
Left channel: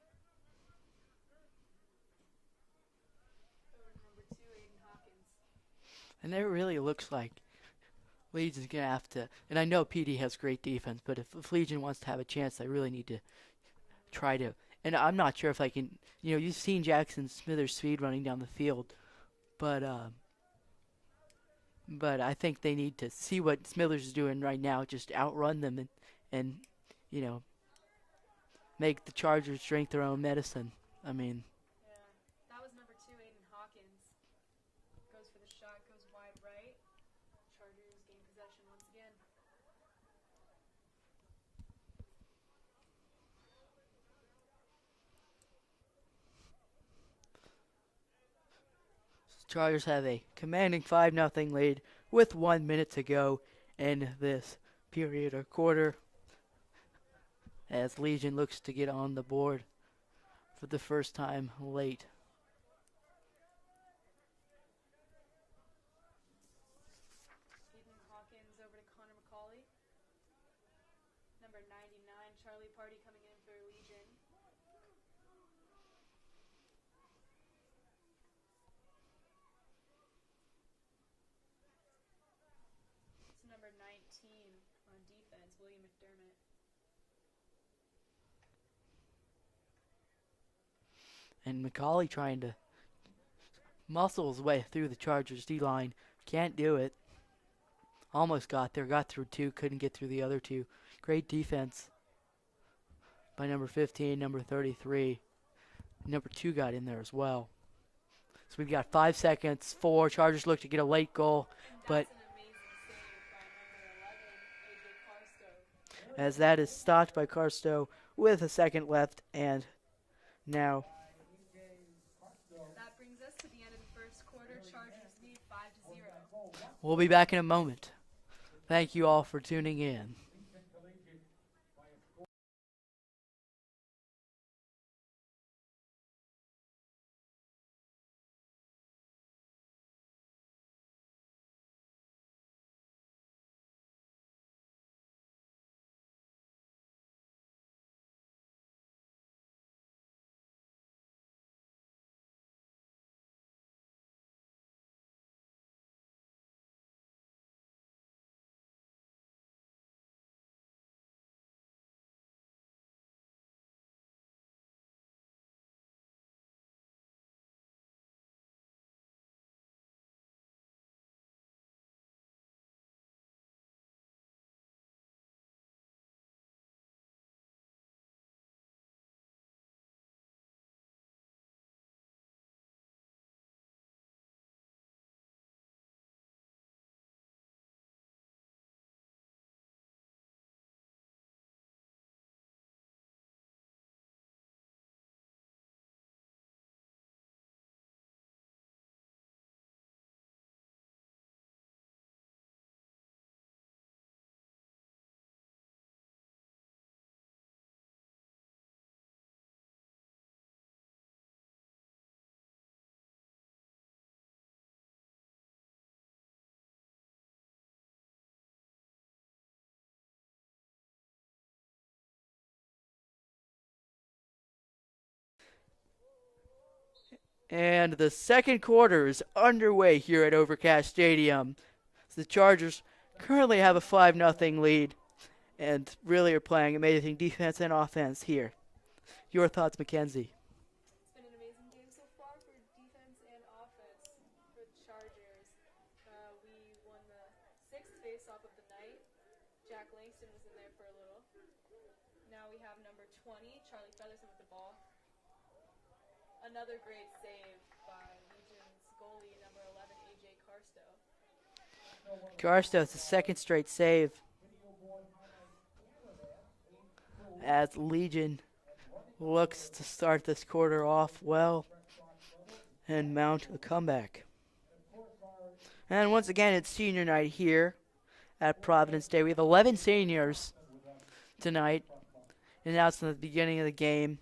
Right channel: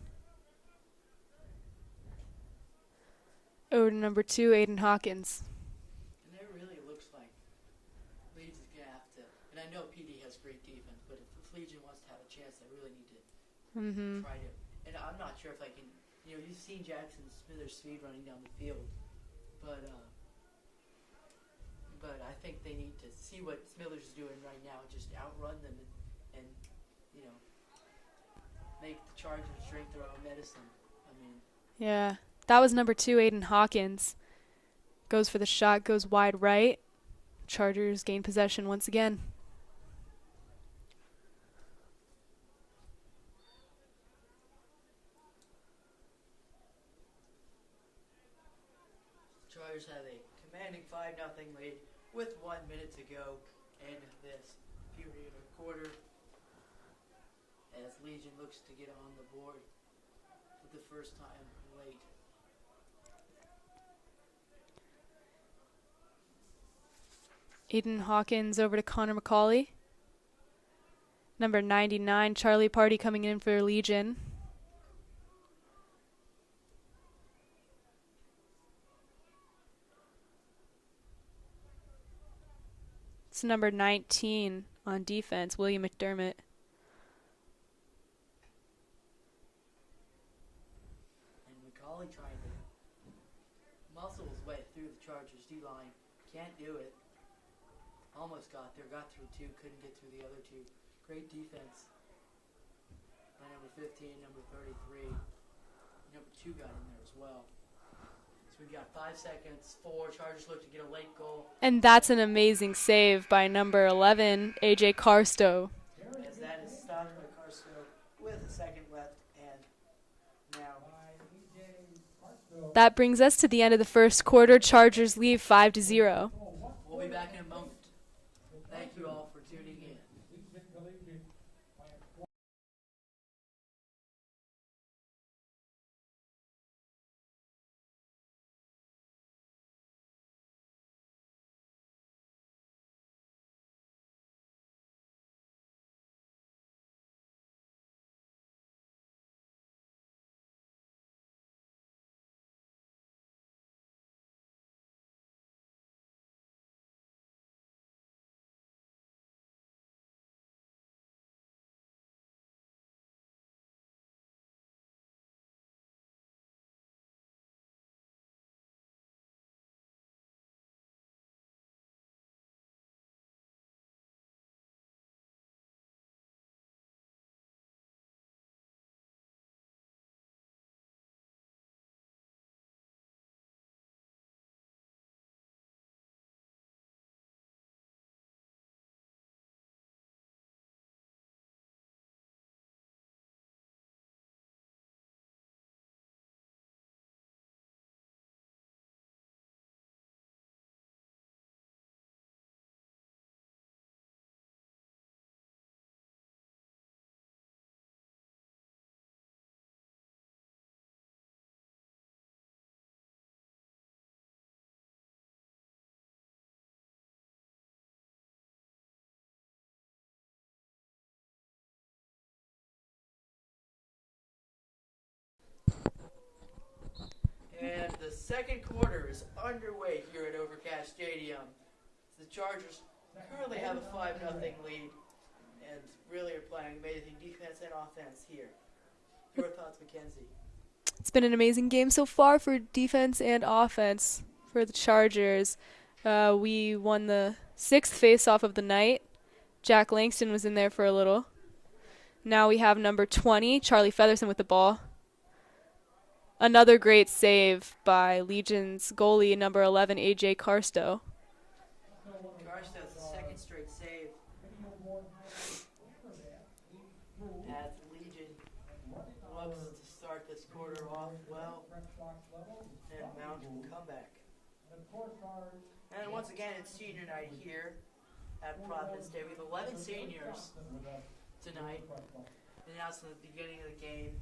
Over to number 2, Aiden Hawkins. And it really looks like Legion's going to have to, and I know PD has great defense, but if Legion wants to have a chance, they really need to try to, and I'm not sure if I can, you've seen Jackson Smithers' speed running down the field, but I think they need to see what Smithers is doing right now, just outrun them and make the Chargers drink their own medicine. Yeah. That was number 2, Aiden Hawkins. Goes for the shot, goes wide right. Chargers gain possession once again. Chargers have a commanding 5-0 lead with 1 minute to go in this period or quarter, as Legion looks to get on the board for the first time late. Aiden Hawkins over to Connor McCauley. Number 99, Charlie Party coming in for Legion. It's number 19 on defense, William McDermott. And McCauley trying to muscle his way through the Chargers D-line. Can't do it. Almost got there. Got through two. Couldn't get through the other two. Great defense by number 15, number 33. Number 2 got in there as well. So we've got 5 seconds. 4. Chargers look to get a late goal. And that's an amazing save by number 11, A.J. Carstow. As that is stopped by Carstow with a second left. And now That brings us to the end of the first quarter. Chargers lead 5-0. we'll be back in a moment. Thank you all for tuning in. And the second quarter is underway here at Overcast Stadium. The Chargers currently have a 5-0 lead and really are playing amazing defense and offense here. Your thoughts, Mackenzie? It's been an amazing game so far for defense and offense for the Chargers. We won the 6th face-off of the night. Jack Langston was in there for a little. Now we have number 20, Charlie Featherson with the ball. Another great save by Legion's goalie, number 11, A.J. Carstow. Carstow's the second straight save as Legion looks to start this quarter off well and mount a comeback. And once again, it's senior night here at Providence Day. We have 11 seniors tonight, announced in the beginning of the game.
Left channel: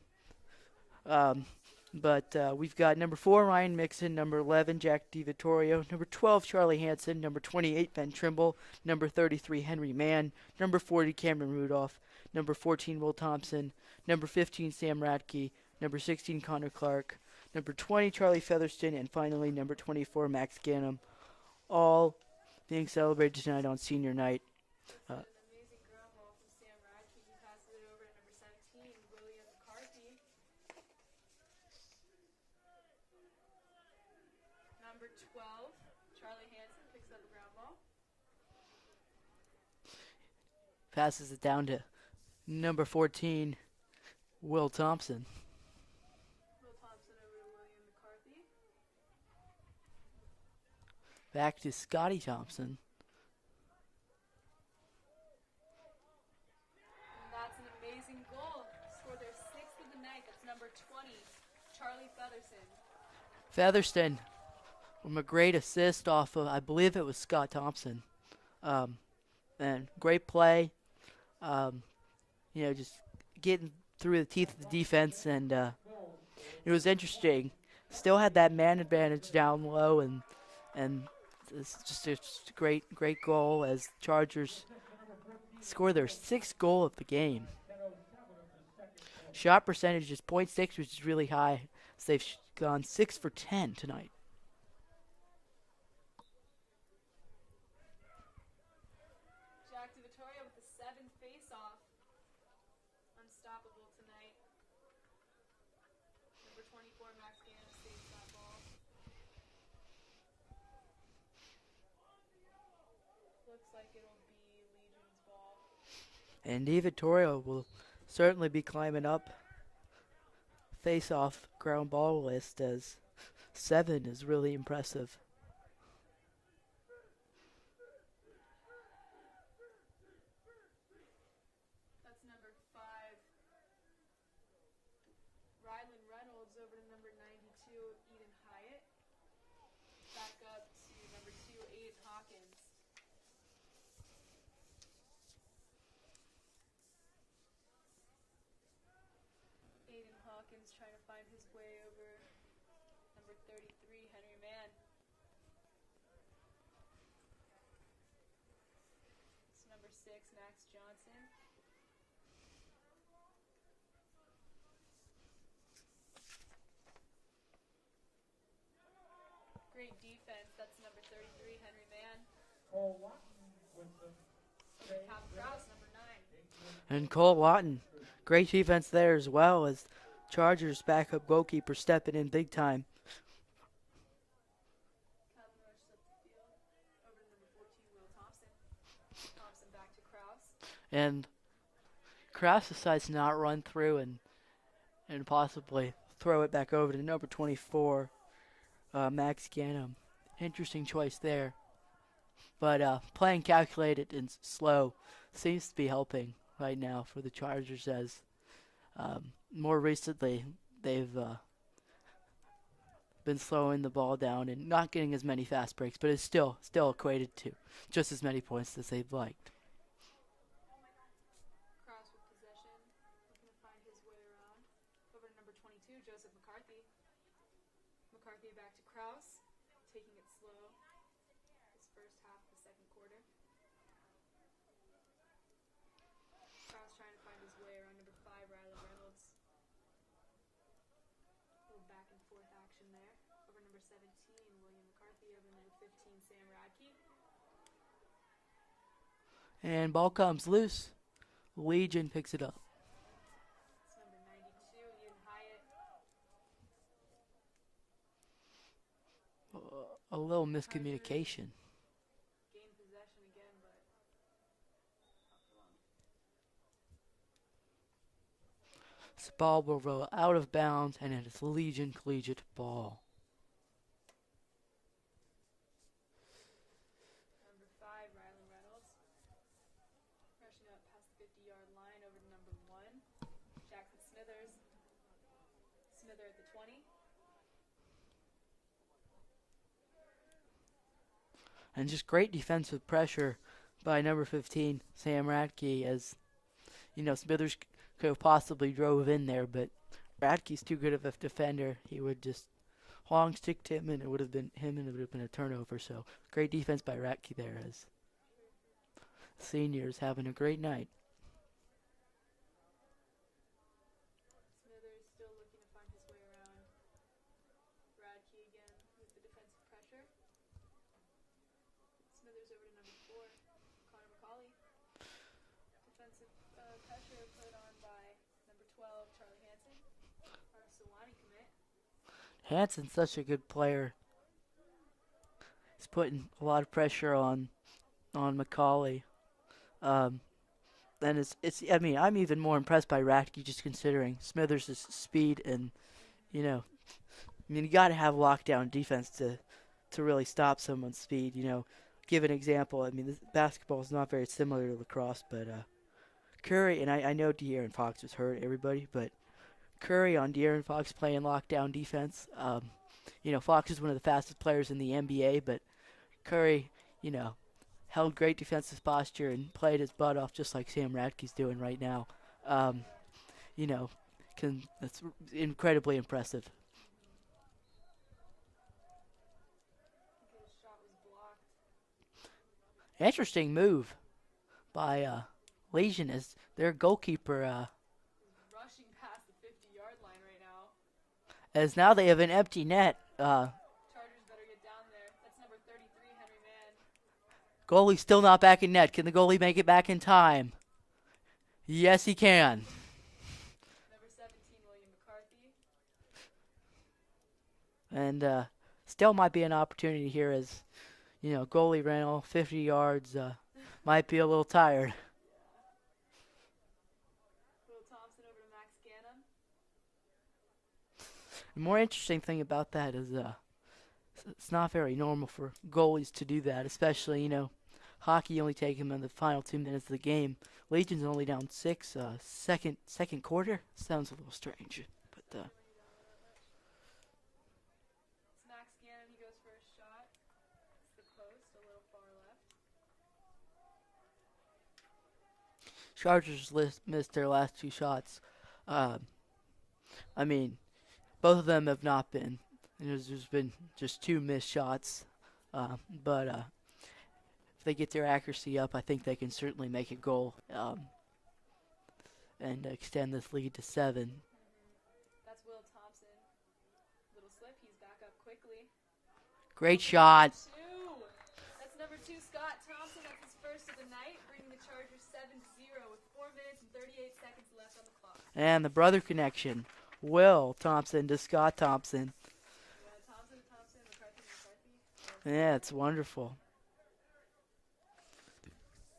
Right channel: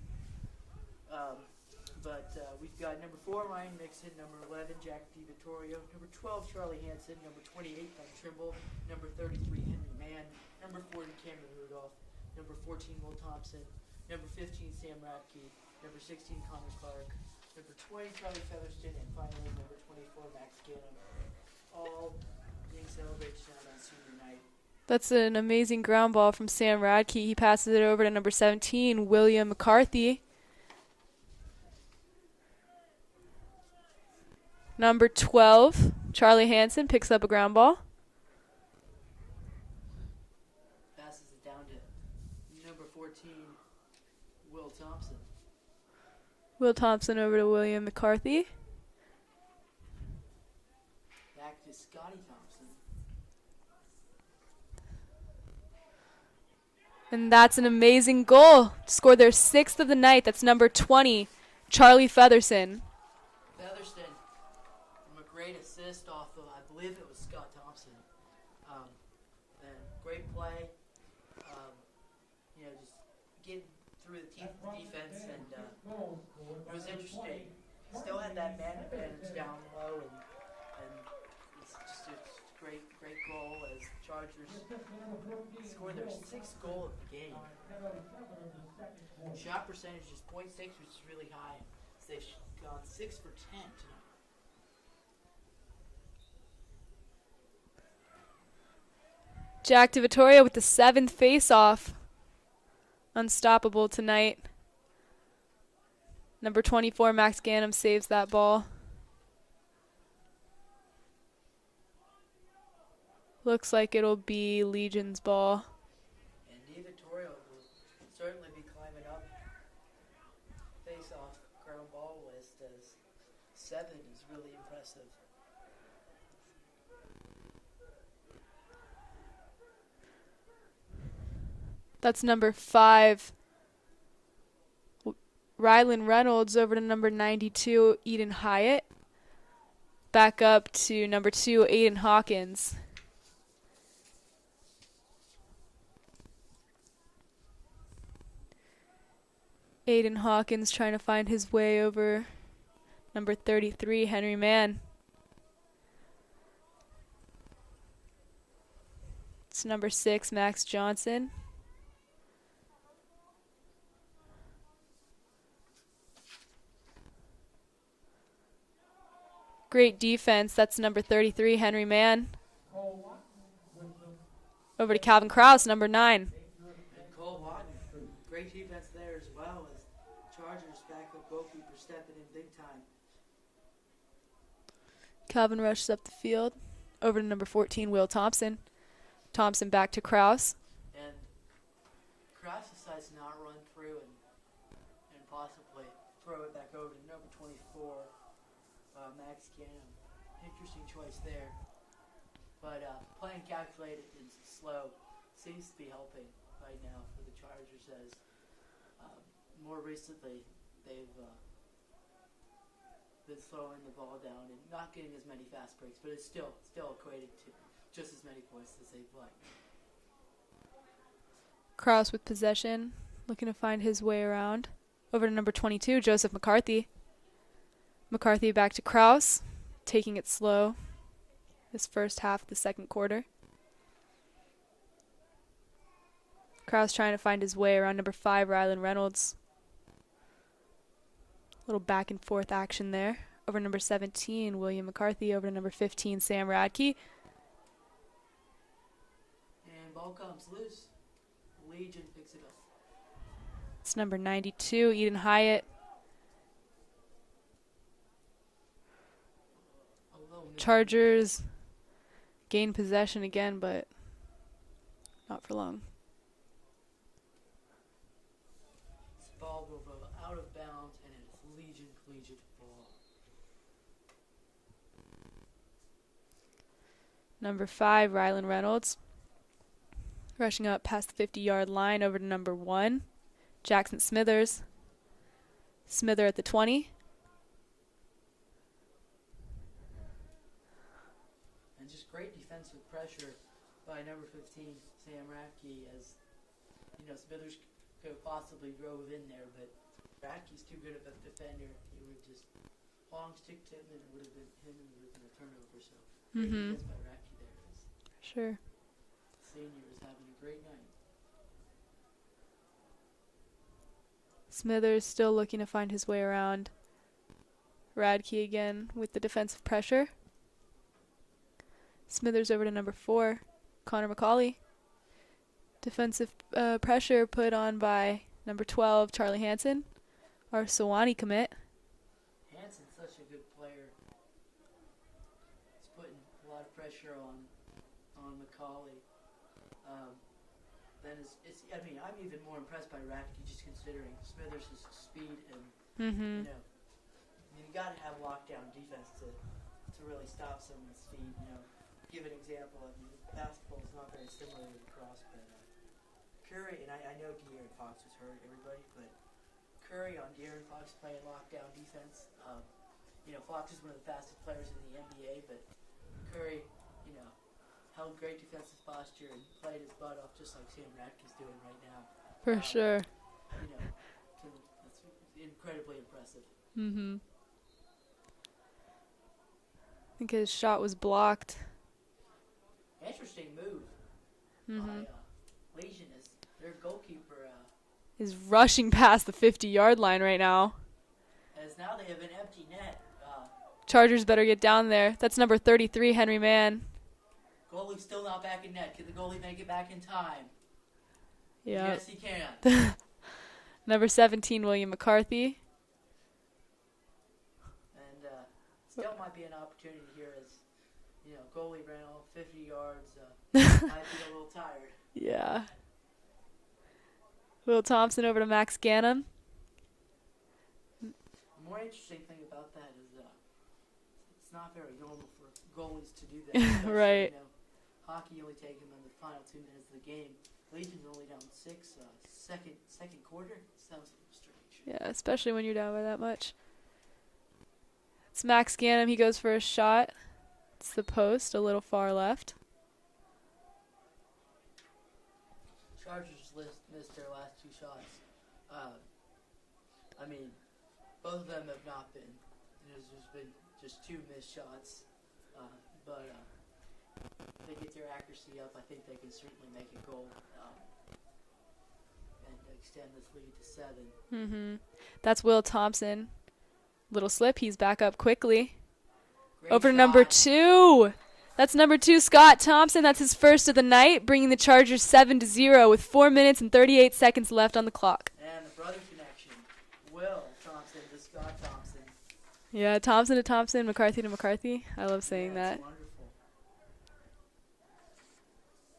But we've got number 4, Ryan Mixon, number 11, Jack DiVittorio, number 12, Charlie Hansen, number 28, Ben Trimble, number 33, Henry Mann, number 40, Cameron Rudolph, number 14, Will Thompson, number 15, Sam Radke, number 16, Connor Clark, number 20, Charlie Featherston, and finally number 24, Max Gannum, all being celebrated tonight on senior night. That's an amazing ground ball from Sam Radke. He passes it over to number 17, William McCarthy. Number 12, Charlie Hansen picks up a ground ball. Passes it down to number 14, Will Thompson. Will Thompson over to William McCarthy. Back to Scotty Thompson. And that's an amazing goal. Scored their 6th of the night. That's number 20, Charlie Featherson. Featherston from a great assist off of, I believe it was Scott Thompson. And great play. Just getting through the teeth of the defense, and it was interesting. Still had that man advantage down low, and it's just a great goal as Chargers score their 6th goal of the game. Shot percentage is .6, which is really high. So they've gone 6 for 10 tonight. Jack DiVittorio with the 7th face-off. Unstoppable tonight. Number 24, Max Gannum, saves that ball. Looks like it'll be Legion's ball. And DiVittorio will certainly be climbing up face-off ground ball list, as 7 is really impressive. That's number 5, Rylan Reynolds, over to number 92, Eden Hyatt. Back up to number 2, Aiden Hawkins. Aiden Hawkins trying to find his way over number 33, Henry Mann. It's number 6, Max Johnson. Great defense. That's number 33, Henry Mann. Over to Calvin Krause, number 9. And Cole Watton. Great defense there as well, as Chargers backup goalkeeper stepping in big time. Calvin rushes up the field. Over to number 14, Will Thompson. Thompson back to Krause. And Krause decides to not run through and possibly throw it back over to number 24, Max Gannum. Interesting choice there. But playing calculated and slow seems to be helping right now for the Chargers, as more recently they've been slowing the ball down and not getting as many fast breaks, but it's still equated to just as many points as they'd like. Krause with possession, looking to find his way around. Over to number 22, Joseph McCarthy. McCarthy back to Krause, taking it slow this first half of the second quarter. Krause trying to find his way around number 5, Rylan Reynolds. Little back and forth action there. Over number 17, William McCarthy. Over to number 15, Sam Radke. And ball comes loose. Legion picks it up. It's number 92, Eden Hyatt. A little miscommunication. Chargers gain possession again, but not for long. This ball will roll out of bounds, and it is Legion Collegiate ball. Number 5, Rylan Reynolds. Rushing up past the 50-yard line, over to number 1, Jackson Smithers. Smither at the 20. And just great defensive pressure by number 15, Sam Radke, as Smithers could have possibly drove in there, but Radke's too good of a defender. He would just long stick to him, and it would have been a turnover. So great defense by Radke there, as Sure. seniors having a great night. Smithers still looking to find his way around. Radke again with the defensive pressure. Smithers over to number 4, Connor McCauley. Defensive pressure put on by number 12, Charlie Hansen, our Sewanee commit. Hansen's such a good player. He's putting a lot of pressure on McCauley. And I'm even more impressed by Radke, just considering Smithers' speed and you got to have lockdown defense to really stop someone's speed. Give an example. This basketball is not very similar to lacrosse, but Curry, and I know De'Aaron Fox was hurt, everybody, but Curry on De'Aaron Fox playing lockdown defense, Fox is one of the fastest players in the NBA, but Curry, held great defensive posture and played his butt off just like Sam Radke's doing right now. For sure. That's incredibly impressive. Mm-hmm. I think his shot was blocked. Interesting move by Legion as their goalkeeper. Is rushing past the 50-yard line right now. As now they have an empty net. Chargers better get down there. That's number 33, Henry Mann. Goalie still not back in net. Can the goalie make it back in time? Yeah. Yes, he can. Number 17, William McCarthy. And still might be an opportunity here as, goalie ran all 50 yards. Might be a little tired. Yeah. Will Thompson over to Max Gannon. The more interesting thing about that is it's not very normal for goalies to do that, especially, Right. Hockey only take him in the final 2 minutes of the game. Legion's only down 6, second quarter. Sounds a little strange. Yeah, especially when you're down by that much. It's Max Gannon. He goes for a shot. It's the post, a little far left. Chargers missed their last 2 shots. Both of them have not been. There's been just 2 missed shots. But if they get their accuracy up, I think they can certainly make a goal and extend this lead to 7. Mm-hmm. That's Will Thompson. Little slip. He's back up quickly. Great Over shot. number 2. That's number 2, Scott Thompson. That's his first of the night, bringing the Chargers 7-0 with 4 minutes and 38 seconds left on the clock. And the brother connection. Will Thompson to Scott Thompson. Yeah, Thompson to Thompson, McCarthy to McCarthy. I love saying that. Yeah, it's wonderful.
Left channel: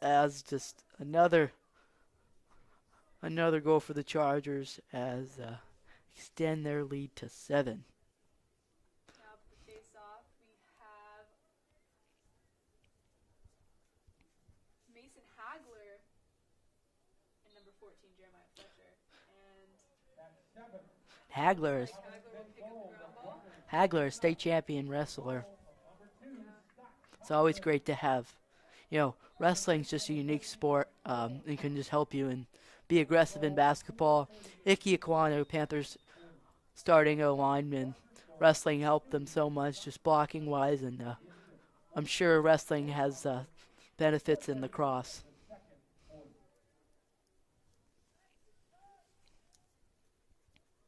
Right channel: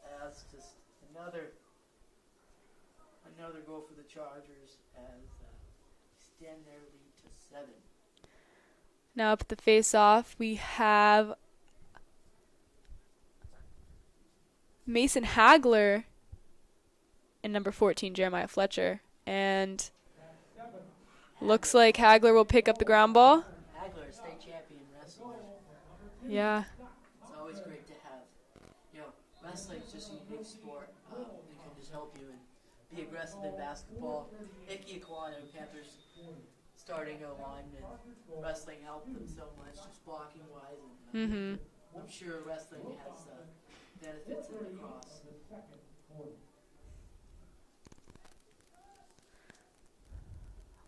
As just another goal for the Chargers as extend their lead to 7. Now up at the face-off, we have Mason Hagler and number 14, Jeremiah Fletcher. And looks like Hagler will pick up the ground ball. Hagler, a state champion wrestler. Yeah. It's always great to have. Wrestling's just a unique sport. It can just help you and be aggressive in basketball. Ike Aquano, Panthers starting O-lineman. Wrestling helped them so much, just blocking-wise, and I'm sure wrestling has benefits in lacrosse.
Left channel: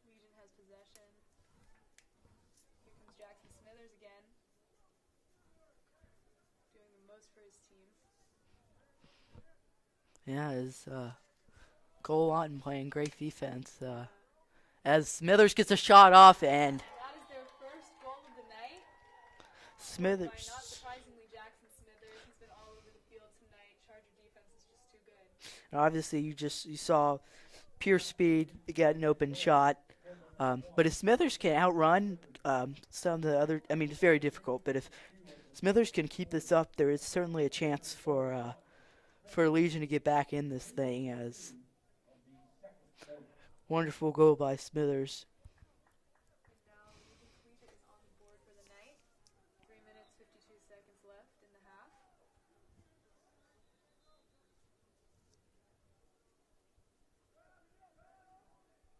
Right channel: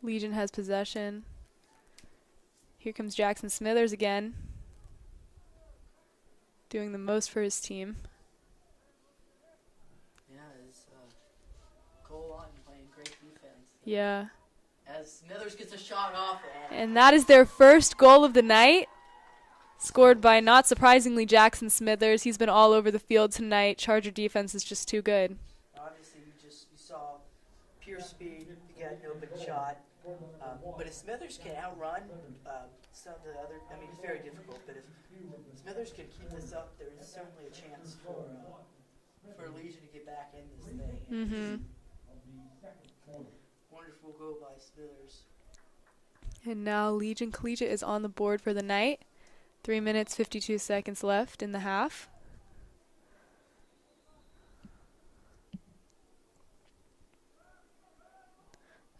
Legion has possession. Here comes Jackson Smithers again, doing the most for his team. Yeah, his goal line playing great defense. Yeah. As Smithers gets a shot off, and that is their first goal of the night. Scored by, Smithers. not surprisingly, Jackson Smithers. He's been all over the field tonight. Charger defense is just too good. obviously you saw pure speed, get an open shot. But if Smithers can outrun some of the other, it's very difficult. But if Smithers can keep this up, there is certainly a chance for Legion to get back in this thing. And it's wonderful goal by Smithers. And now Legion Collegiate is on the board for the night. 3 minutes, 52 seconds left in the half.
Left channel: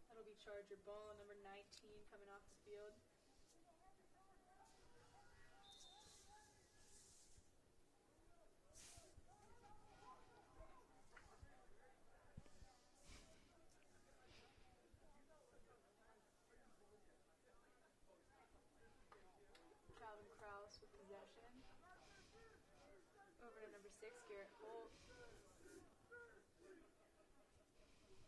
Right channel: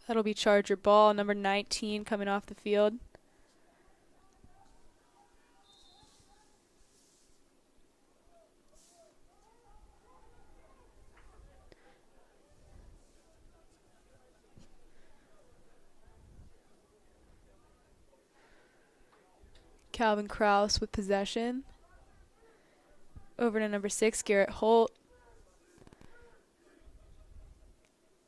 That'll be Charger ball, number 19 coming off the field. Calvin Kraus with possession. Over to number 6, Garrett Holt.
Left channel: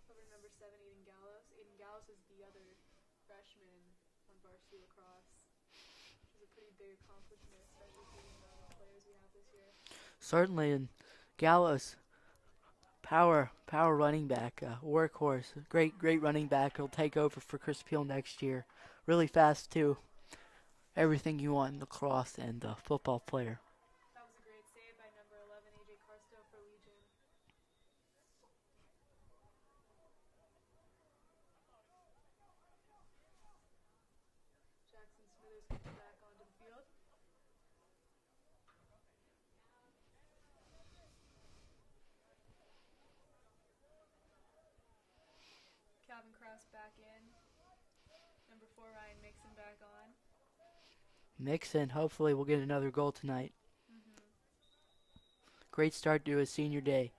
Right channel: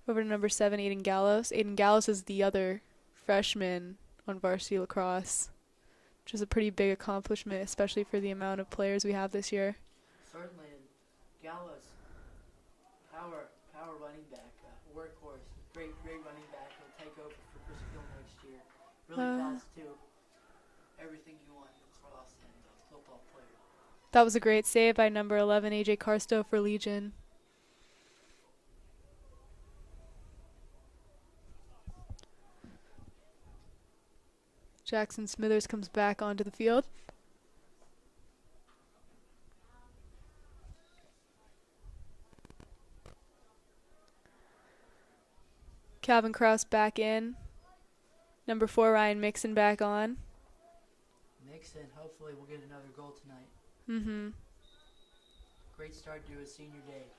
Over to number 7, Aiden Gallos. Aiden Gallos is the other freshman on varsity lacrosse, which is a pretty big accomplishment, especially for the amount of players we have this year. Certainly, and Gallos, power running back, workhorse, great running back. He'll take over for Chris Peel next year. Really fast too. Everything you want in lacrosse and football player. That was a great save by number 11, AJ Carstow for Legion. Jackson Smithers comes back onto the field. Calvin Krause back in. Number 4, Ryan Mixon back on. Mixon, hopefully, will get another goal tonight. Mm-hmm. Great start to his senior day.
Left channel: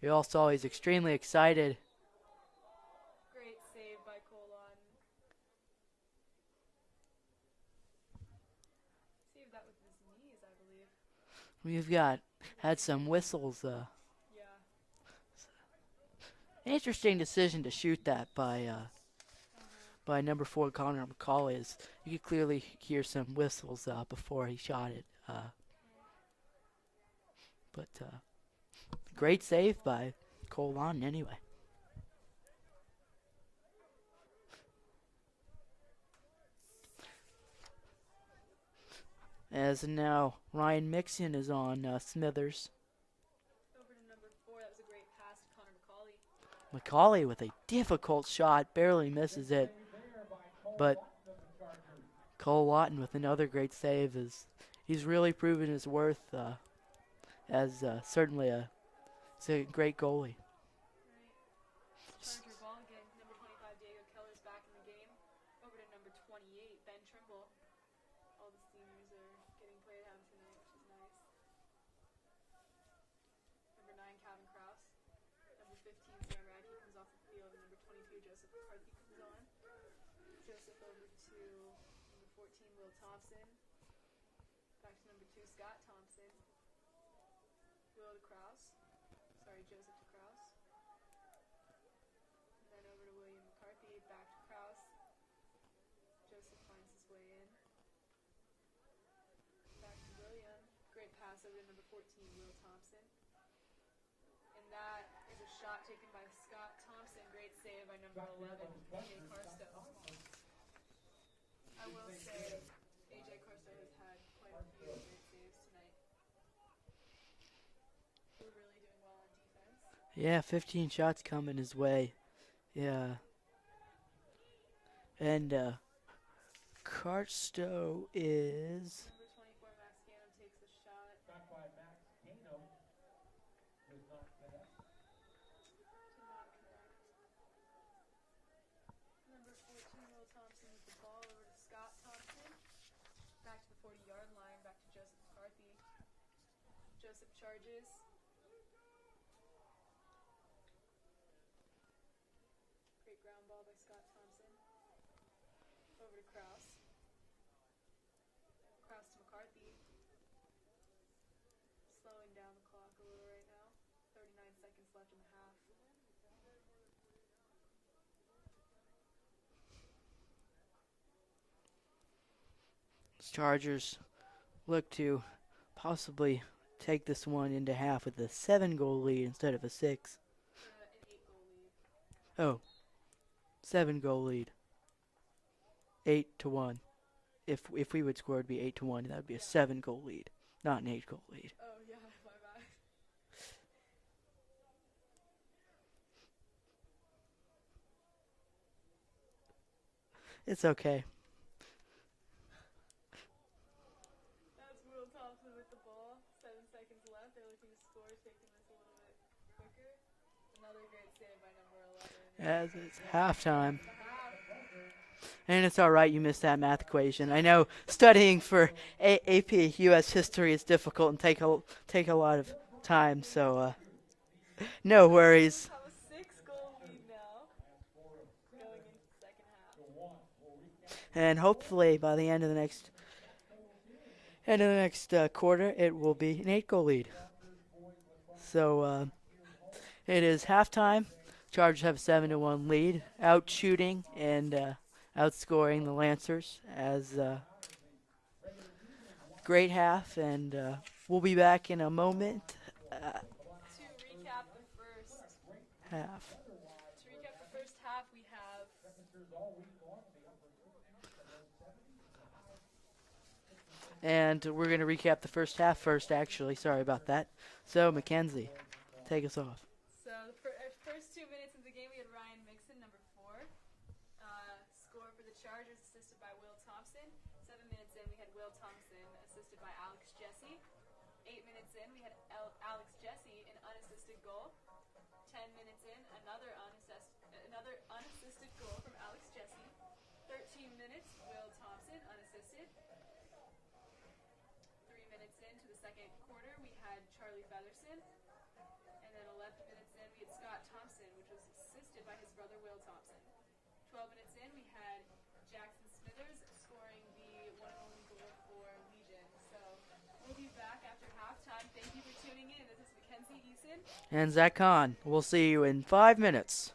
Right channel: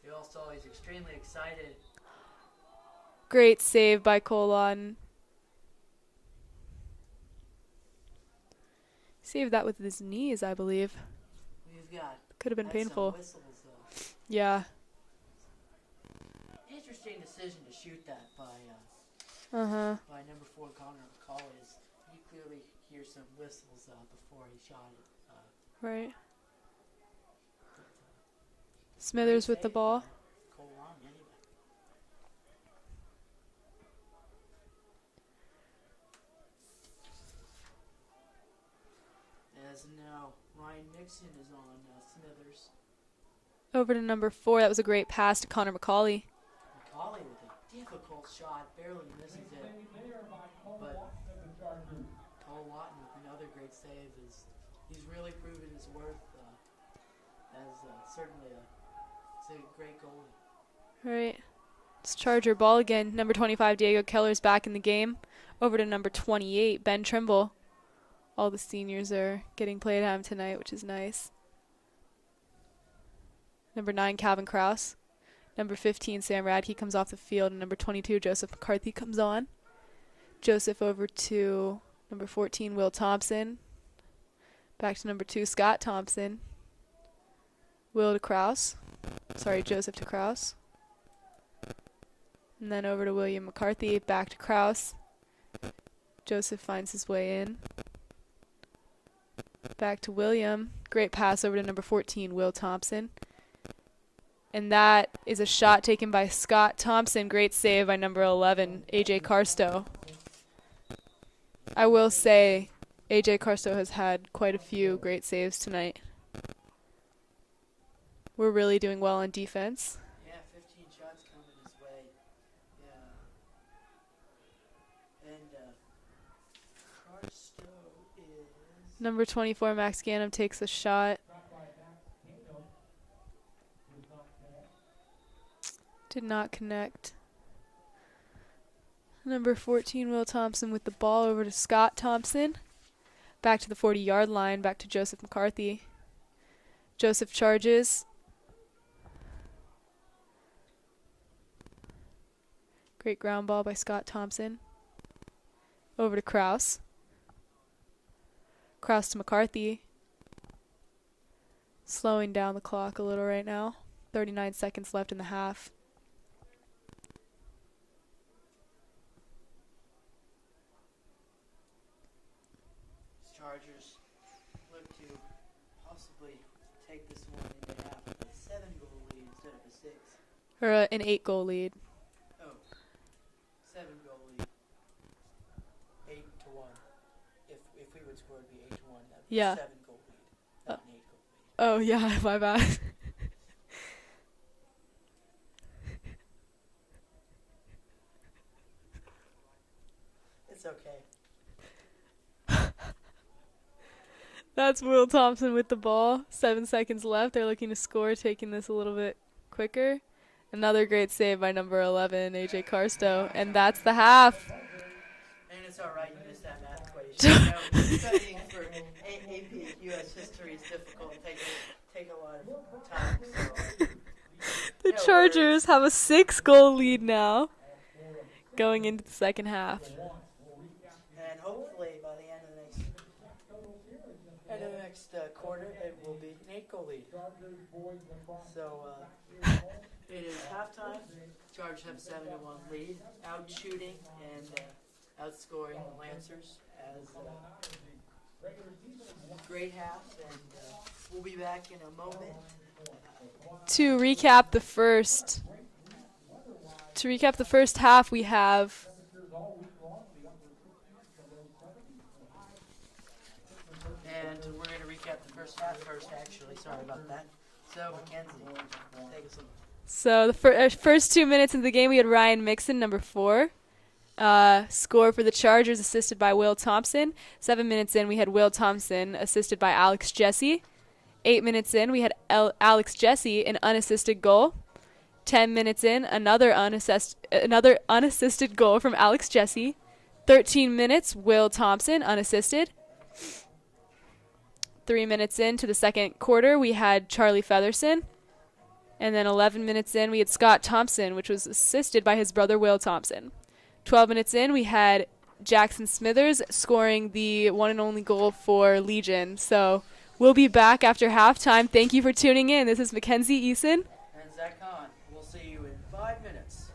We all saw he's extremely excited. Great save by Cole Lawton. Saved that with his knees, I believe. We've got Could have been had painful. some whistles. Yeah. Interesting decision to shoot that by number 4 Connor McCauley. You could clearly hear some whistles before he shot it. Right. But Smithers great with save the ball. by Cole Lawton anyway. As now Ryan Mixon is on Smithers. Over to number 4. That was a great pass to Connor McCauley. McCauley with a difficult shot, barely misses it. But Cole Lawton with another great save. He's really proven his worth as certainly a great goalie. Right. It's Charger ball again. Number 25, Diego Keller's back in the game. Over to number 28, Ben Trimble. All the seniors are getting play time tonight, which is nice. Number 9, Calvin Krause. Number 15, Sam Radke comes off the field. And number 22, Joseph McCarthy comes on. Joseph over to number 14, Will Thompson. Back to number 2, Scott Thompson. Will to Krause. Sorry, Joseph to Krause. And then over to William McCarthy. Back to Krause. Joseph finds his way in. Back to William. Great pass over to number 14, Will Thompson. And that is a shot taken by Scott Thompson. Great save by number 11, A.J. Carstow. I will say A.J. Carstow has had quite a few great saves tonight. We're really doing well on defense. Yeah, 15 shots coming his way. Yeah. And Carstow is... Number 24, Max Ganem takes a shot. Did not connect. Number 14, Will Thompson with the ball over to Scott Thompson. Back to the 40-yard line, back to Joseph McCarthy. Joseph charges. Great ground ball by Scott Thompson. Over to Krause. Krause to McCarthy. Slowing down the clock a little right now. 39 seconds left in the half. Chargers look to possibly take this one into half with a 7-goal lead instead of a 6. Or an 8-goal lead. Oh, 7-goal lead. 8-1. If we would score, it'd be 8-1. That'd be Yeah. a 7-goal lead, not an 8-goal lead. Oh, yeah, my bad. It's okay. That's Will Thompson with the ball. 7 seconds left. They're looking to score, taking this a little bit quicker. Another great save by number 11, A.J. At Carstow. halftime. And that's the half. And it's all right, you missed that math equation. I know studying for AP U.S. history is difficult and take a lot of time, so The no Chargers worries. have a 6-goal lead now going into the second half. And hopefully by the end of the next quarter, it will be an 8-goal lead. So it is halftime. Chargers have a 7-1 lead, out shooting and outscoring the Lancers as great half, and we'll be back in a moment. To recap the first half, we have And we're going to recap the first half first, actually. Sorry about that. So, Mackenzie, take us off. So the first 2 minutes of the game, we had Ryan Mixon, number 4. Score for the Chargers, assisted by Will Thompson. 7 minutes in, we had Will Thompson, assisted by Alex Jesse. 8 minutes in, we had Alex Jesse, an unassisted goal. 10 minutes in, another unassisted goal from Alex Jesse. 13 minutes, Will Thompson, unassisted. 3 minutes into the second quarter, we had Charlie Featherson. And then 11 minutes in, we had Scott Thompson, which was assisted by his brother Will Thompson. 12 minutes in, we had Jackson Smithers scoring the one and only goal for Legion. So we'll be back after halftime. Thank you for tuning in. This is Mackenzie Eason. And Zach Kahn. We'll see you in 5 minutes.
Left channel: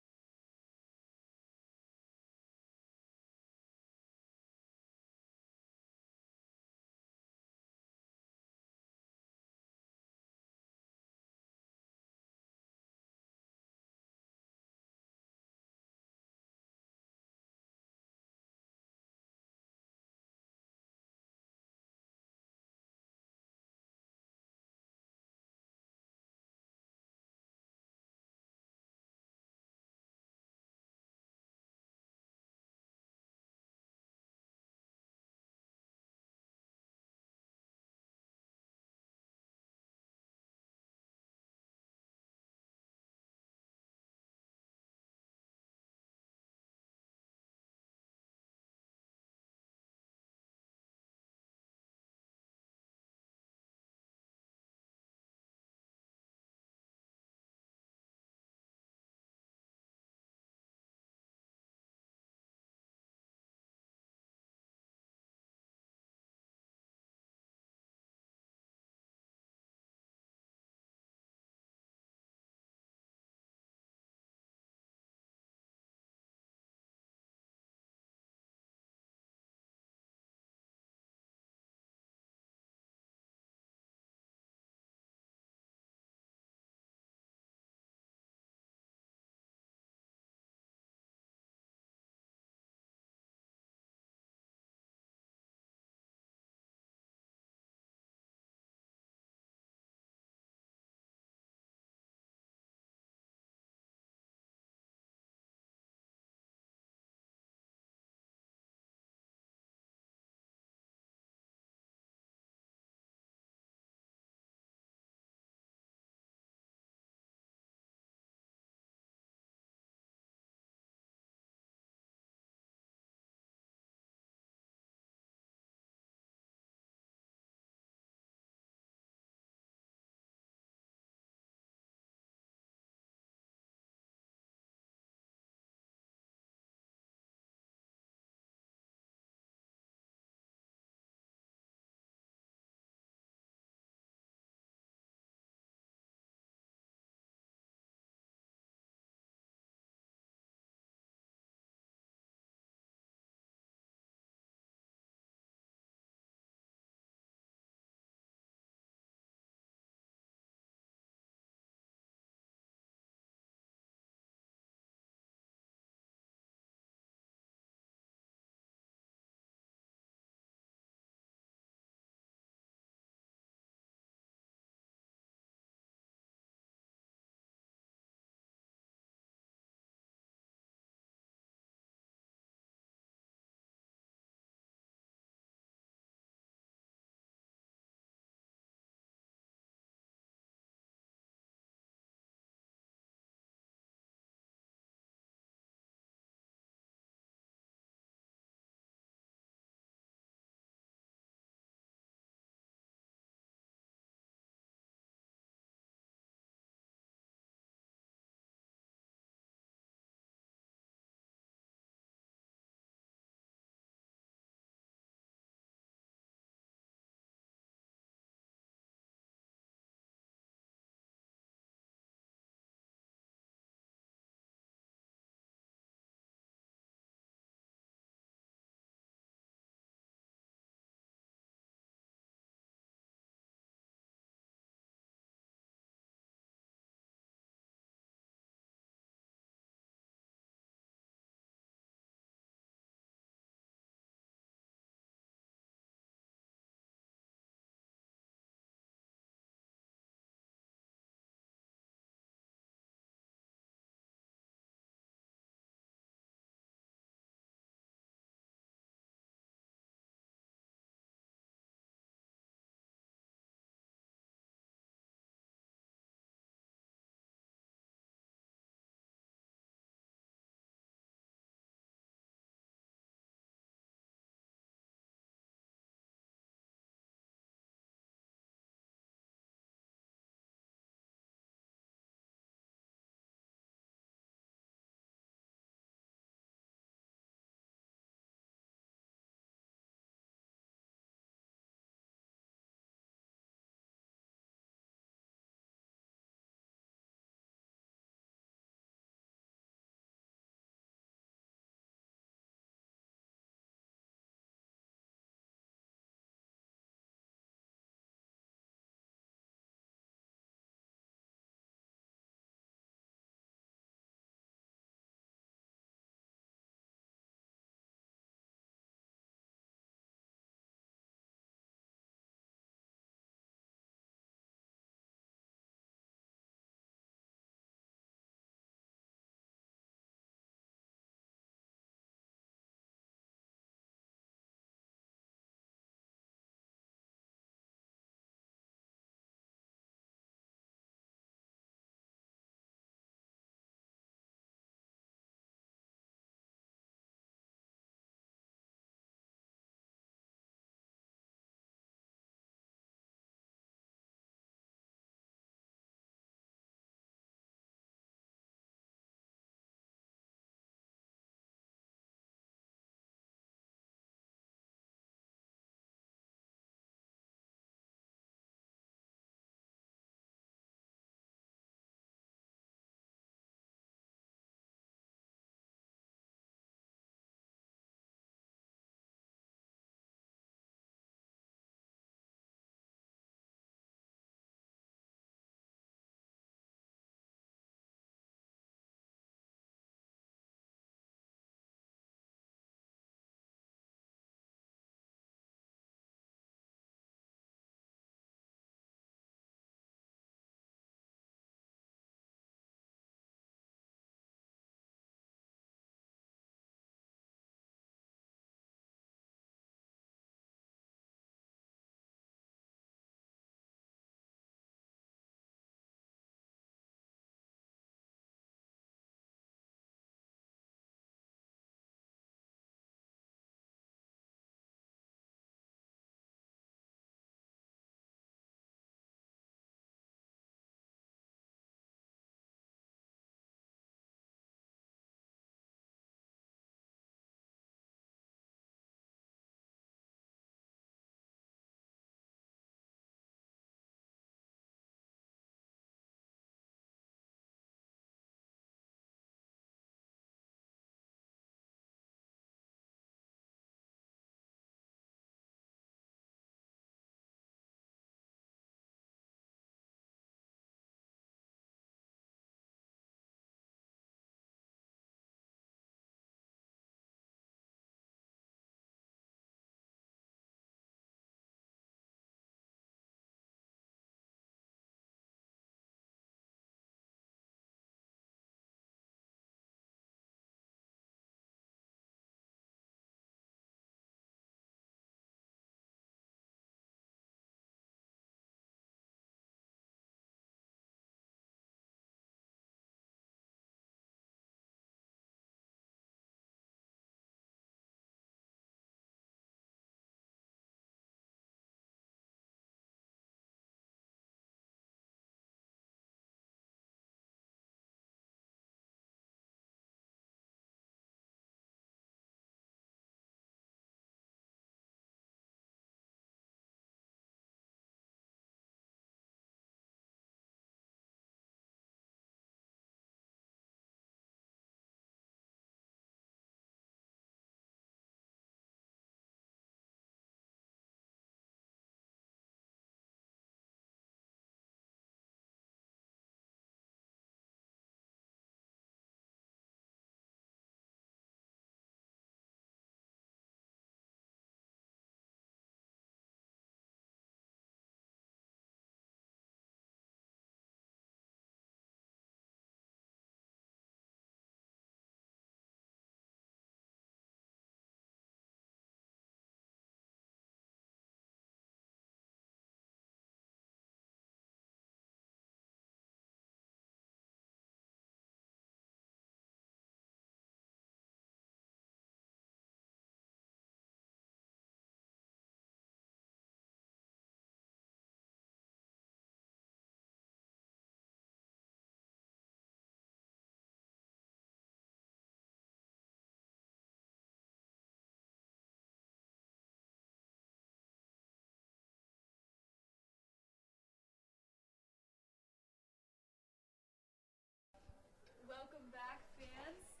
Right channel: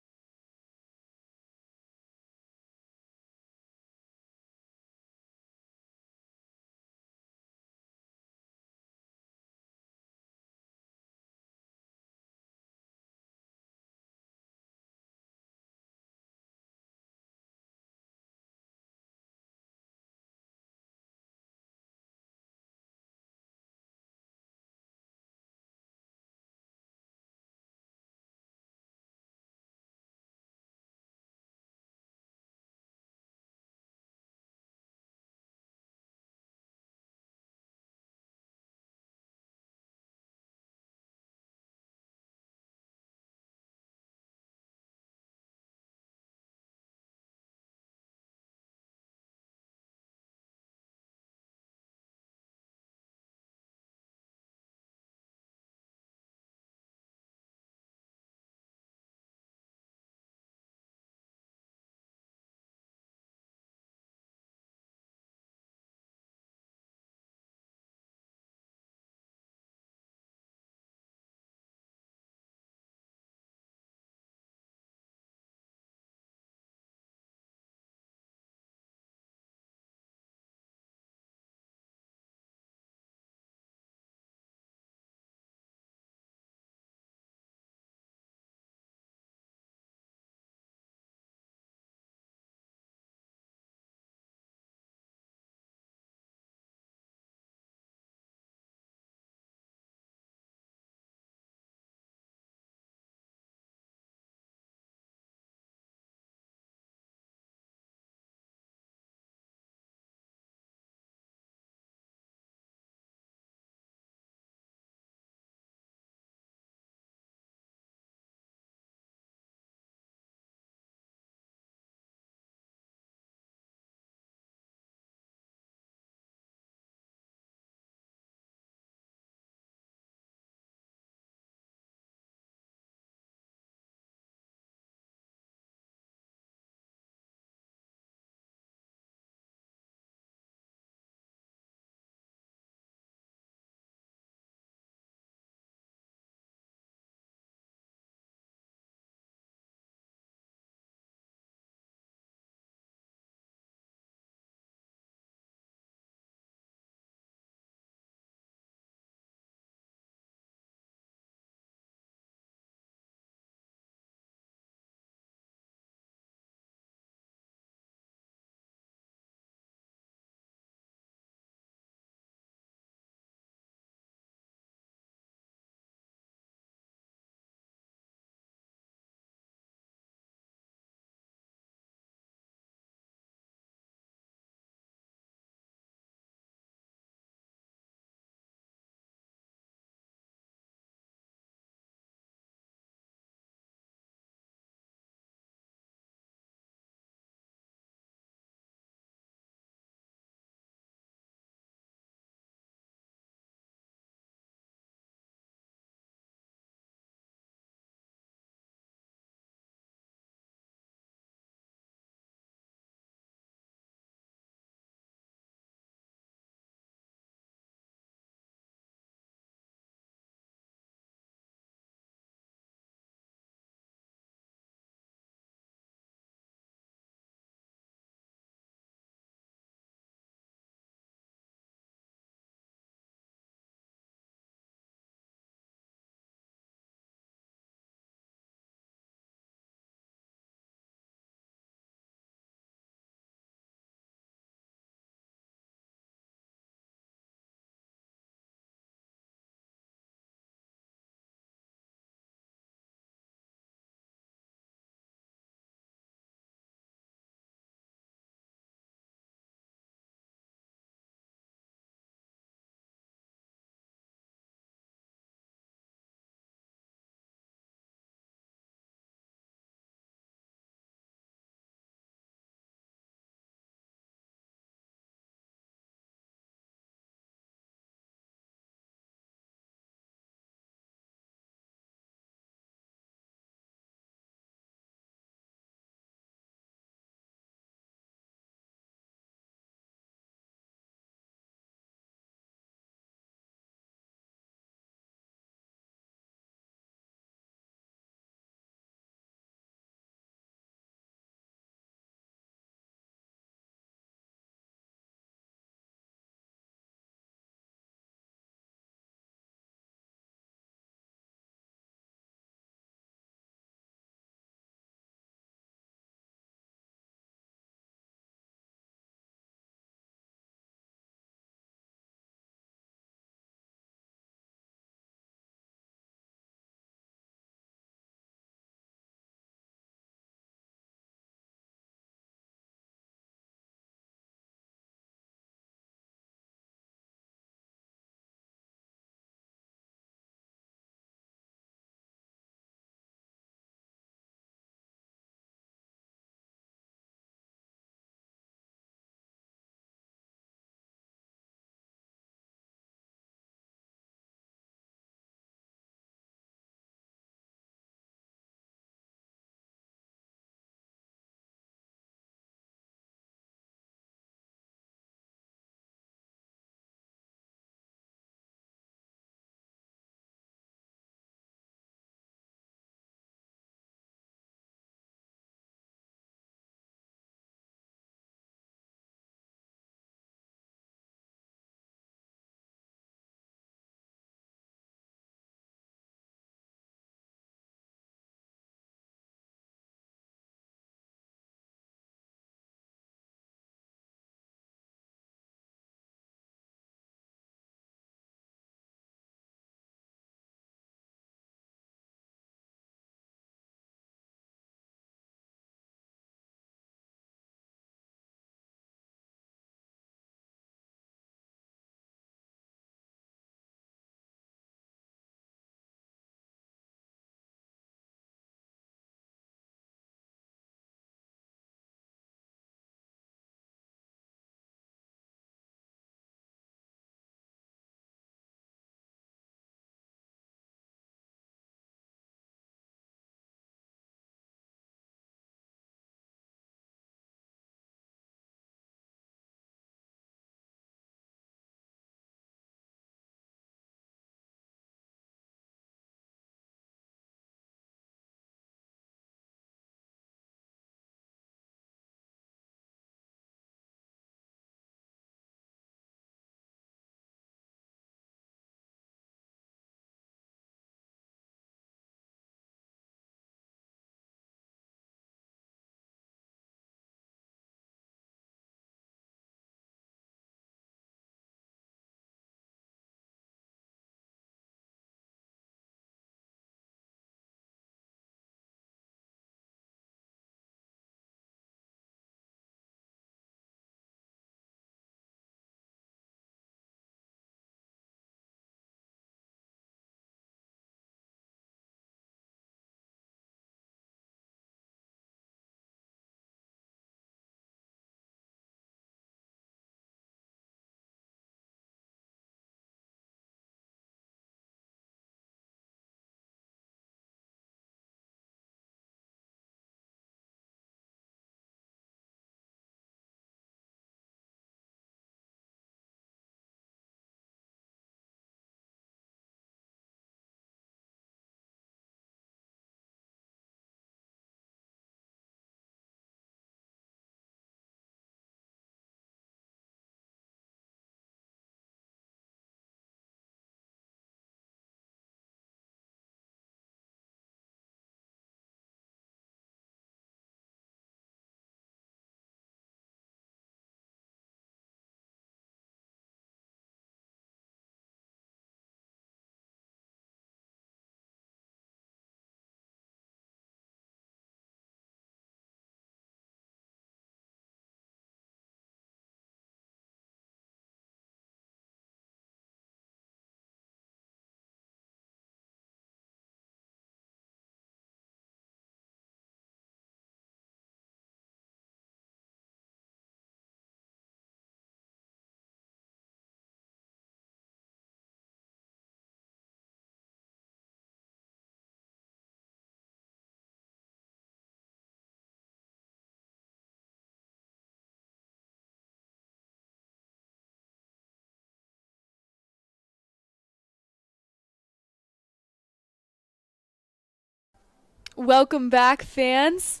Welcome back, fans.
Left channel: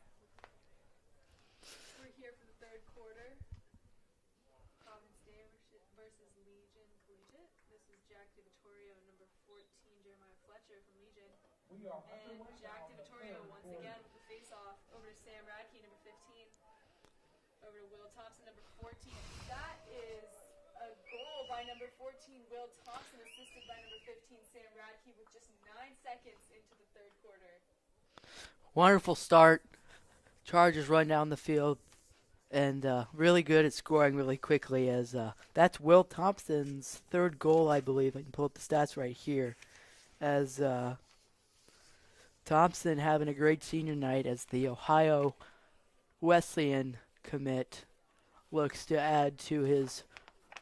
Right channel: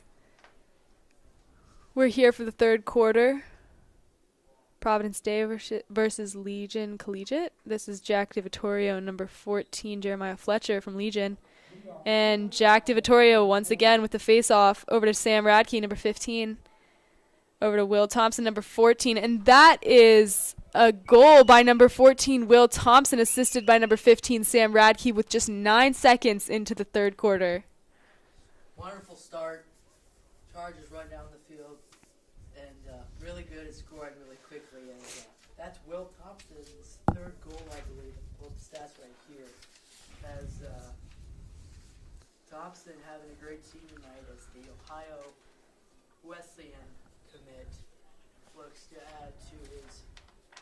We're here for the third quarter. Providence Day versus Legion Collegiate. This is Jack DiVittorio, number 14, Jeremiah Fletcher from Legion. And Jack DiVittorio once again with the face-off over to Sam Radke, number 15. Over to Will Thompson, number 14. And that is a goal by number 14, Will Thompson, assisted by number 15, Sam Radke, with just 9 seconds into the third quarter. Wonderful start. Chargers run down the field and really good at scoring really quickly, as that's Will Thompson's third goal, I believe. I can pull up the stats right here. As Thompson having a great senior night as the Ohio Wesleyan commit looks to add to his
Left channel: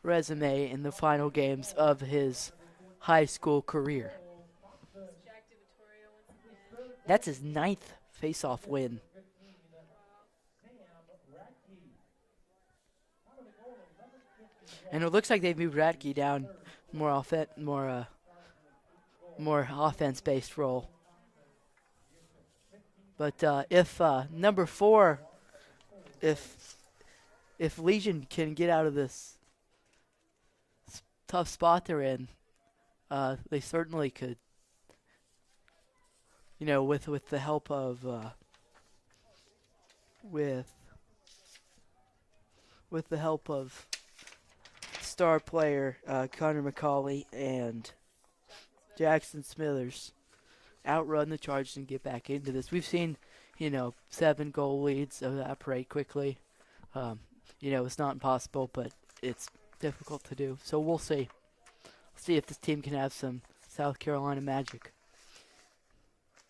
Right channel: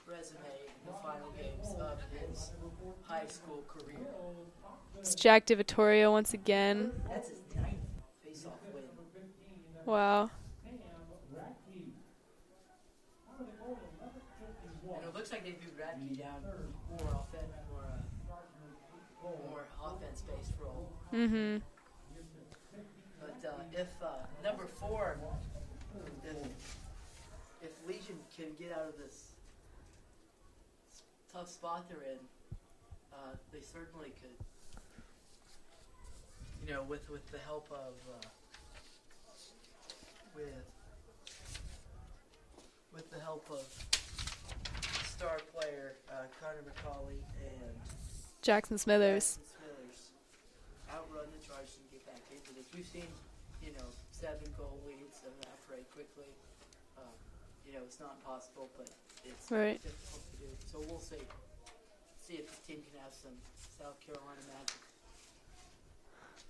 resume in the final games of his high school career. It's Jack DiVittorio once again. That's his 9th face-off win. Wow. And it looks like they've moved Radke down more offense-based role. Mm-hmm. But if number 4, if Legion can get out of this tough spot they're in, they certainly could. You know, with the help of with the help of star player Connor McCauley and Jackson Smithers. Outrun the Chargers and get back into this. We've seen, 7 goal leads evaporate quickly. It's not impossible, but it's difficult to do. So we'll see. See if this team can have some South Carolina magic.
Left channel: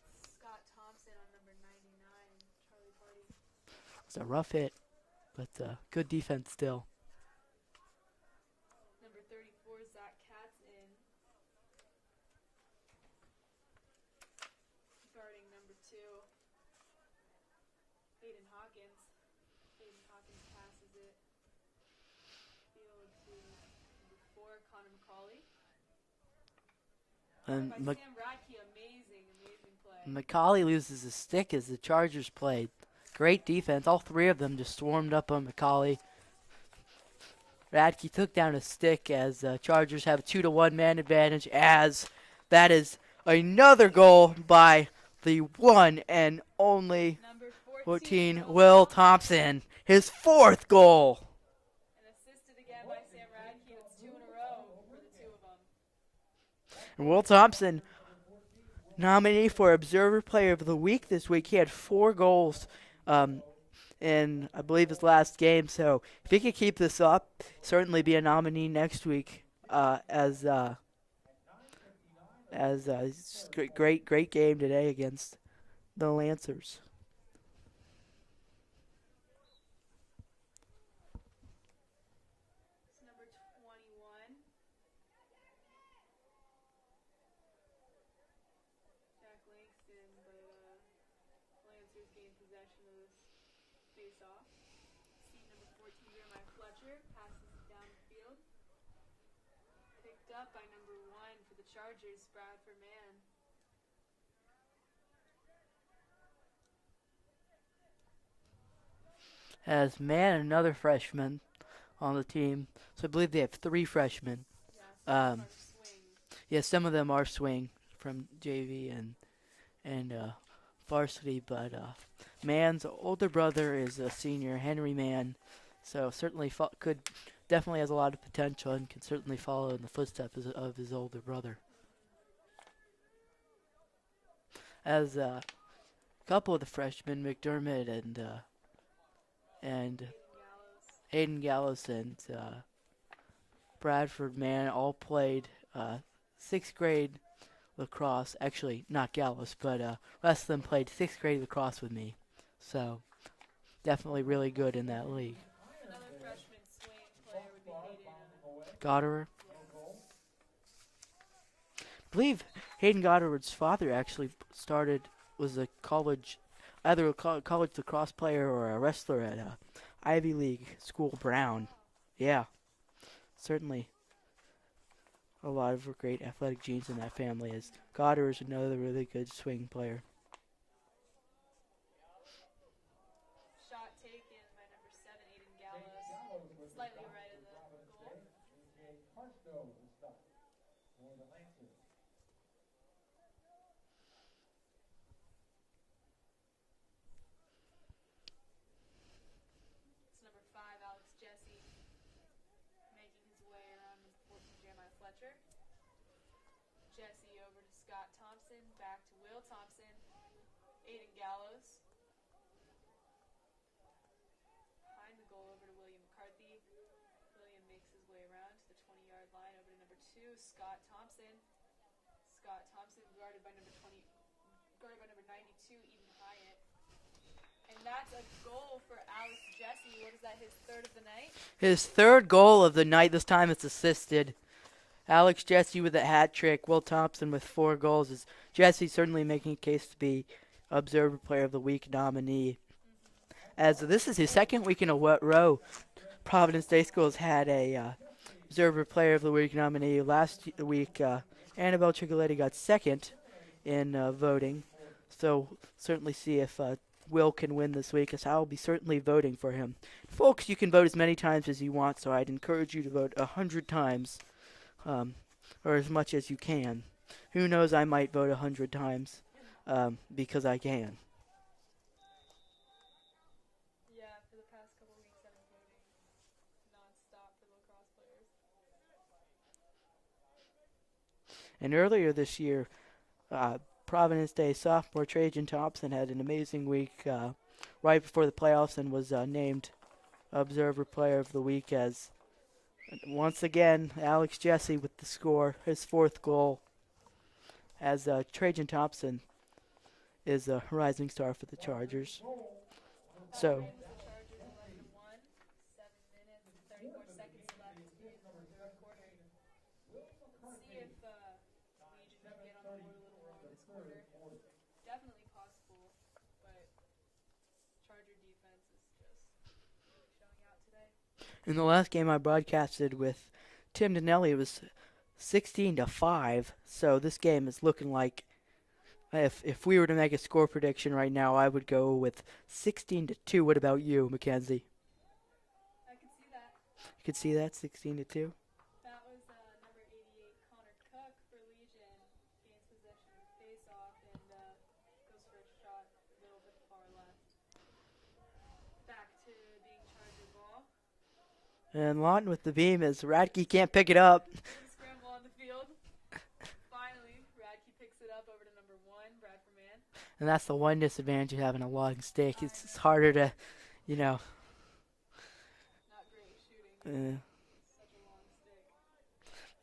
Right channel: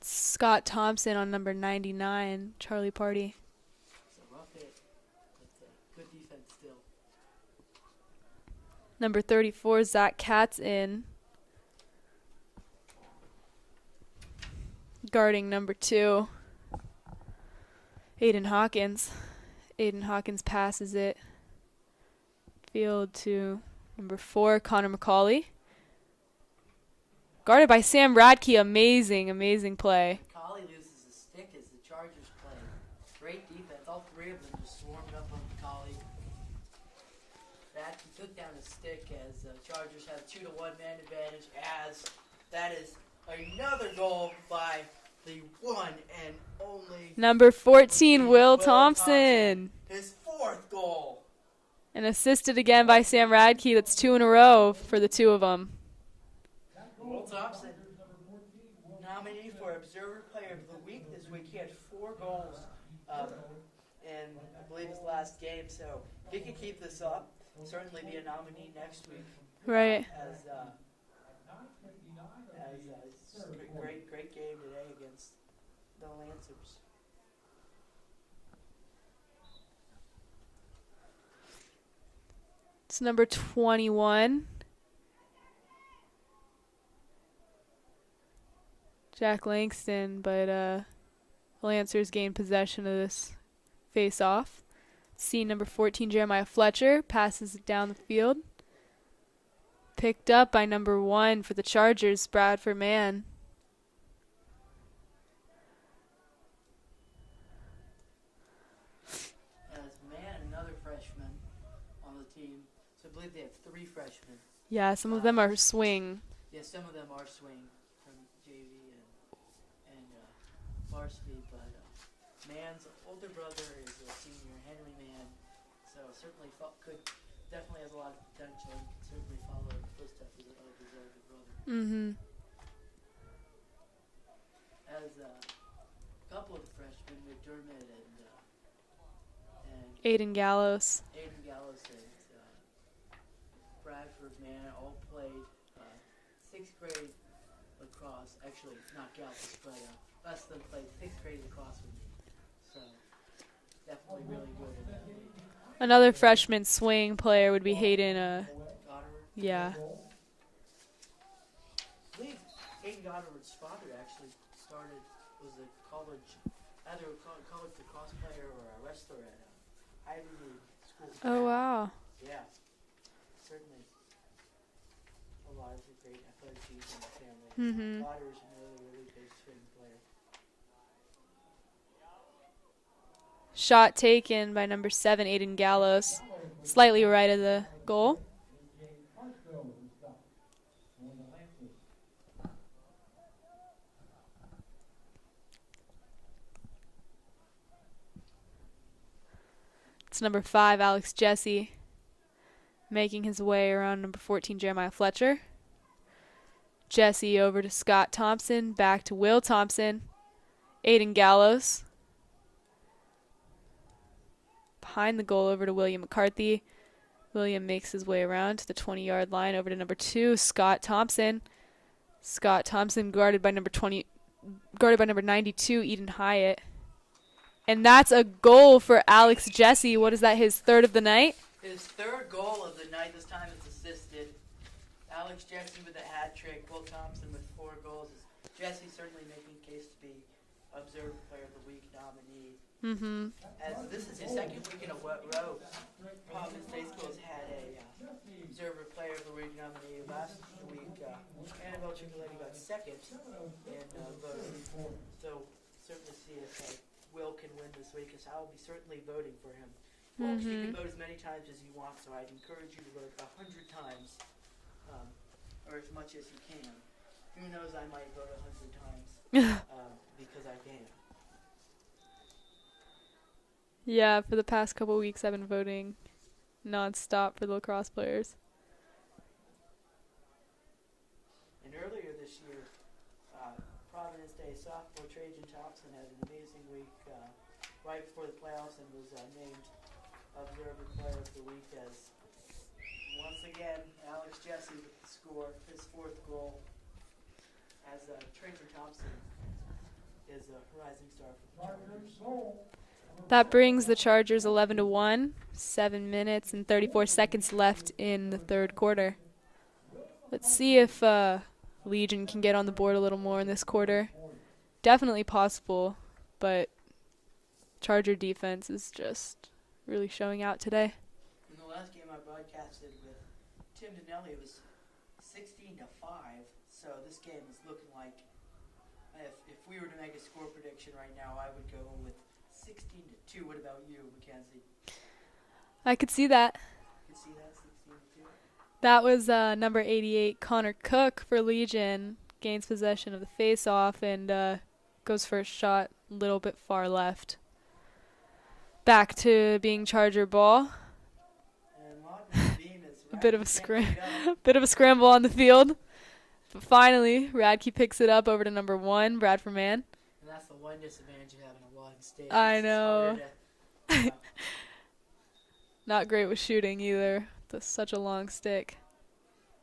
Scott Thompson on number 99, Charlie Party. It's a rough hit, but good defense still. Number 34, Zach Katz in. Guarding number 2, Aiden Hawkins. Aiden Hawkins passes it. Field to number 4, Connor McCauley. Guarded by Sam Radke. Amazing play. McCauley loses his stick as the Chargers played. Great defense. All 3 of them just swarmed up on McCauley. Radke took down a stick as Chargers have a 2-1 man advantage, as that is another goal by the one and only number 14, Will Thompson. His 4th goal. And assisted again by Sam Radke. That's 2 in a row for the 2 of them. And Will Thompson, nominee for Observer Player of the Week this week. He had 4 goals in, I believe, his last game. So if he could keep this up, certainly be a nominee next week. Right. Great game today against the Lancers. It's number 21. Jack Langston, but Lancers gained possession of this face-off. Scene number 14, Jeremiah Fletcher passes it down the field. Picked up by number 1 for the Chargers, Bradford Mann. As Mann, another freshman on the team. So I believe they have 3 freshmen. Yeah, some of them are swing. Yeah, some of them are swing from JV and varsity, but Mann's older brother is a senior, Henry Mann, so certainly definitely has a lot of potential and can certainly follow in the footsteps of his older brother. Mm-hmm. As a couple of the freshmen, McDermott and Aiden Gallows and Bradford Mann all played 6th grade lacrosse. Actually, not Gallows, but rest of them played 6th grade lacrosse with me. So definitely really good in that league. Another freshman swing player would be Hayden Goddard. Yeah. I believe Hayden Goddard's father actually was a either a college lacrosse player or a wrestler at Ivy League school, Brown. Oh, wow. Yeah, certainly a lot of great athletic genes in that family. As Goddard is another really good swing player. Shot taken by number 7, Aiden Gallows. Slightly right of the goal. It's number 5, Alex Jesse, making his way around number 14, Jeremiah Fletcher. Jesse over to Scott Thompson, back to Will Thompson. Aiden Gallows. Behind the goal over to William McCarthy. William makes his way around to the 20-yard line over to number 2, Scott Thompson. Scott Thompson guarded by number 92, Eden Hyatt. And that's a goal for Alex Jesse. What is that, his third of the night? His third goal of the night. This time it's assisted. Alex Jesse with a hat trick. Will Thompson with 4 goals. Jesse certainly making a case to be Observer Player of the Week nominee. As this is his second week in a row, Providence Day Schools had a Observer Player of the Week nominee. Last week, Annabelle Cicoletti got second in voting. So certainly see if Will can win this week, as I'll be certainly voting for him. Folks, you can vote as many times as you want, so I'd encourage you to vote 100 times, or as much as you can. Who knows, I might vote 100 times, because I can. Yeah, for the past couple weeks I've been voting non-stop for the lacrosse players. And earlier this year, Providence Day sophomore Trajan Thompson had an amazing week right before the playoffs and was named Observer Player of the Week, as once again Alex Jesse with the score, his 4th goal, as Trajan Thompson is a rising star for the Chargers. That brings the Chargers 11-1, 7 minutes and 34 seconds left in the third quarter. Let's see if Legion can get on the board a little more in this quarter. Definitely possible, but Charger defense is just really showing out today. In the last game I broadcasted with Tim Donnelly, it was 16-5, so this game is looking like, if we were to make a score prediction right now, I would go with 16-2. What about you, Mackenzie? I could see that. You could see that, 16-2? That was number 88, Connor Cook for Legion. Gains possession of the face-off and goes for a shot a little bit far left. Back to being Charger ball. And Lawton with the beam as Radke can't pick it up. Bit of a scramble on the field. But finally, Radke picks it up over to number 1, Bradford Mann. And that's the one disadvantage of having a long stick. I know. It's harder to, Not great with shooting either. That's such a long stick.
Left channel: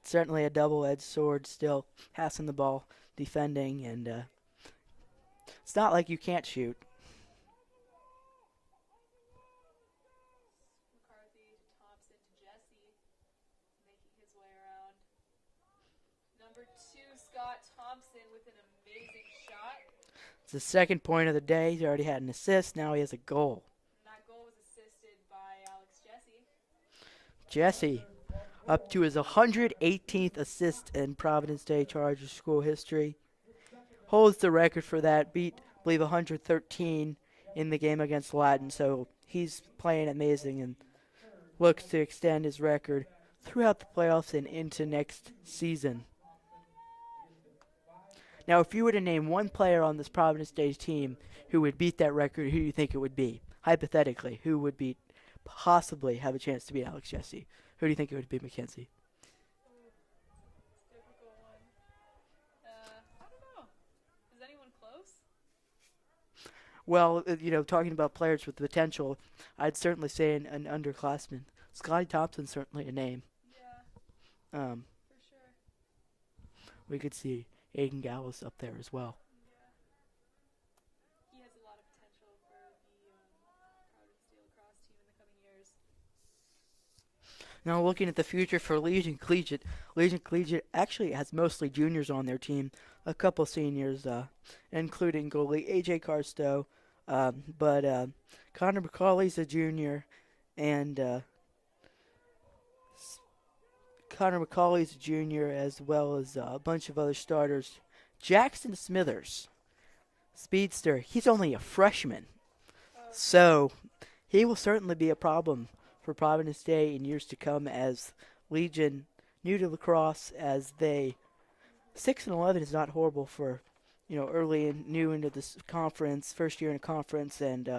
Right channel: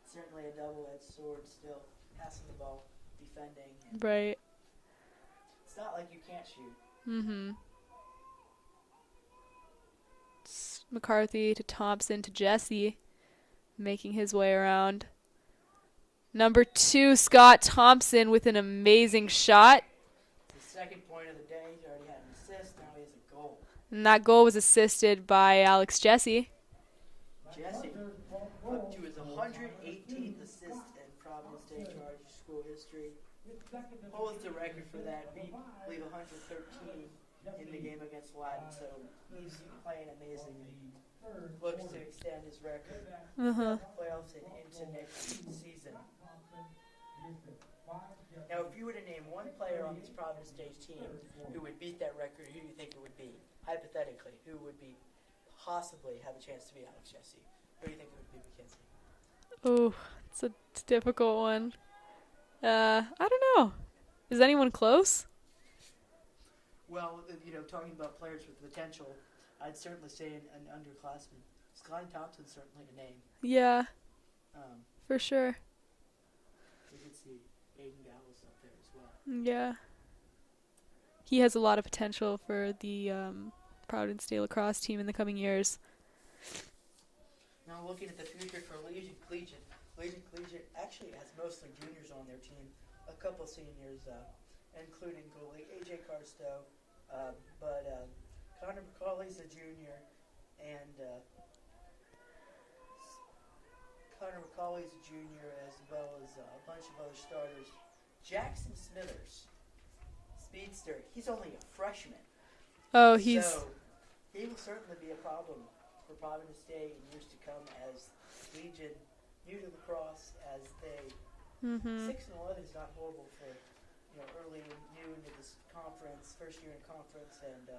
Certainly a double-edged sword, still passing the ball, defending, and right. It's not like you can't shoot. McCarthy to Thompson to Jesse, making his way around. Number 2, Scott Thompson with an amazing shot. It's the second point of the day. He already had an assist. Now he has a goal. And that goal was assisted by Alex Jesse. Jesse up to his 118th assist in Providence Day Chargers school history. Holds the record for that. Beat, I believe, 113 in the game against Latin. So he's playing amazing and looks to extend his record throughout the playoffs and into next season. Now, if you were to name one player on this Providence Day team who would beat that record, who do you think it would be? Hypothetically, who would possibly have a chance to beat Alex Jesse? Who do you think it would be, Mackenzie? Oh, it's a difficult one. I don't know. Is anyone close? Well, talking about players with potential, I'd certainly say an underclassman. Scotty Thompson's certainly a name. Yeah, for sure. We could see Aiden Gallows up there as well. Yeah. He has a lot of potential for the Providence Day Lacrosse team in the coming years. Now looking at the future for Legion Collegiate. Legion Collegiate actually has mostly juniors on their team, a couple seniors, including goalie A.J. Carstow, but Connor McCauley's a junior, and as well as a bunch of other starters. Jackson Smithers, speedster, he's only a freshman. Oh, so he will certainly be a problem for Providence Day in years to come as Legion, new to lacrosse, as they 6-11 is not horrible for, early and new into this conference, first year in a conference, and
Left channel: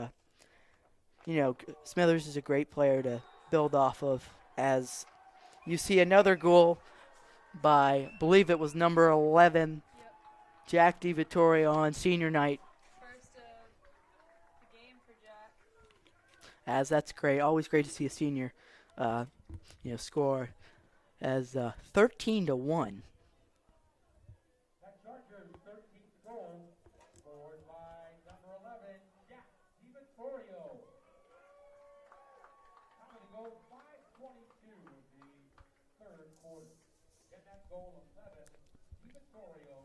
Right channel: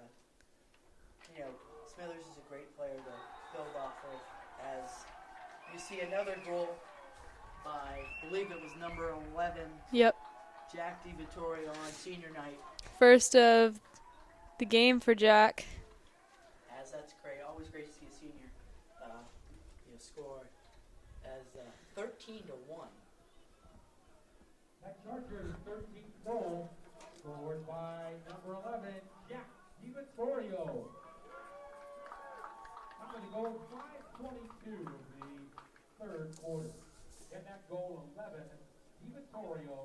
Smithers is a great player to build off of. As you see another goal by, I believe it was number 11, Yep. Jack DiVittorio on senior night. First of the game for Jack. As that's great, always great to see a senior, score as 13-1. That Chargers' 13th goal scored by number 11, Jack DiVittorio. How many goals? 5:22 of the third quarter. Get that goal 11, DiVittorio,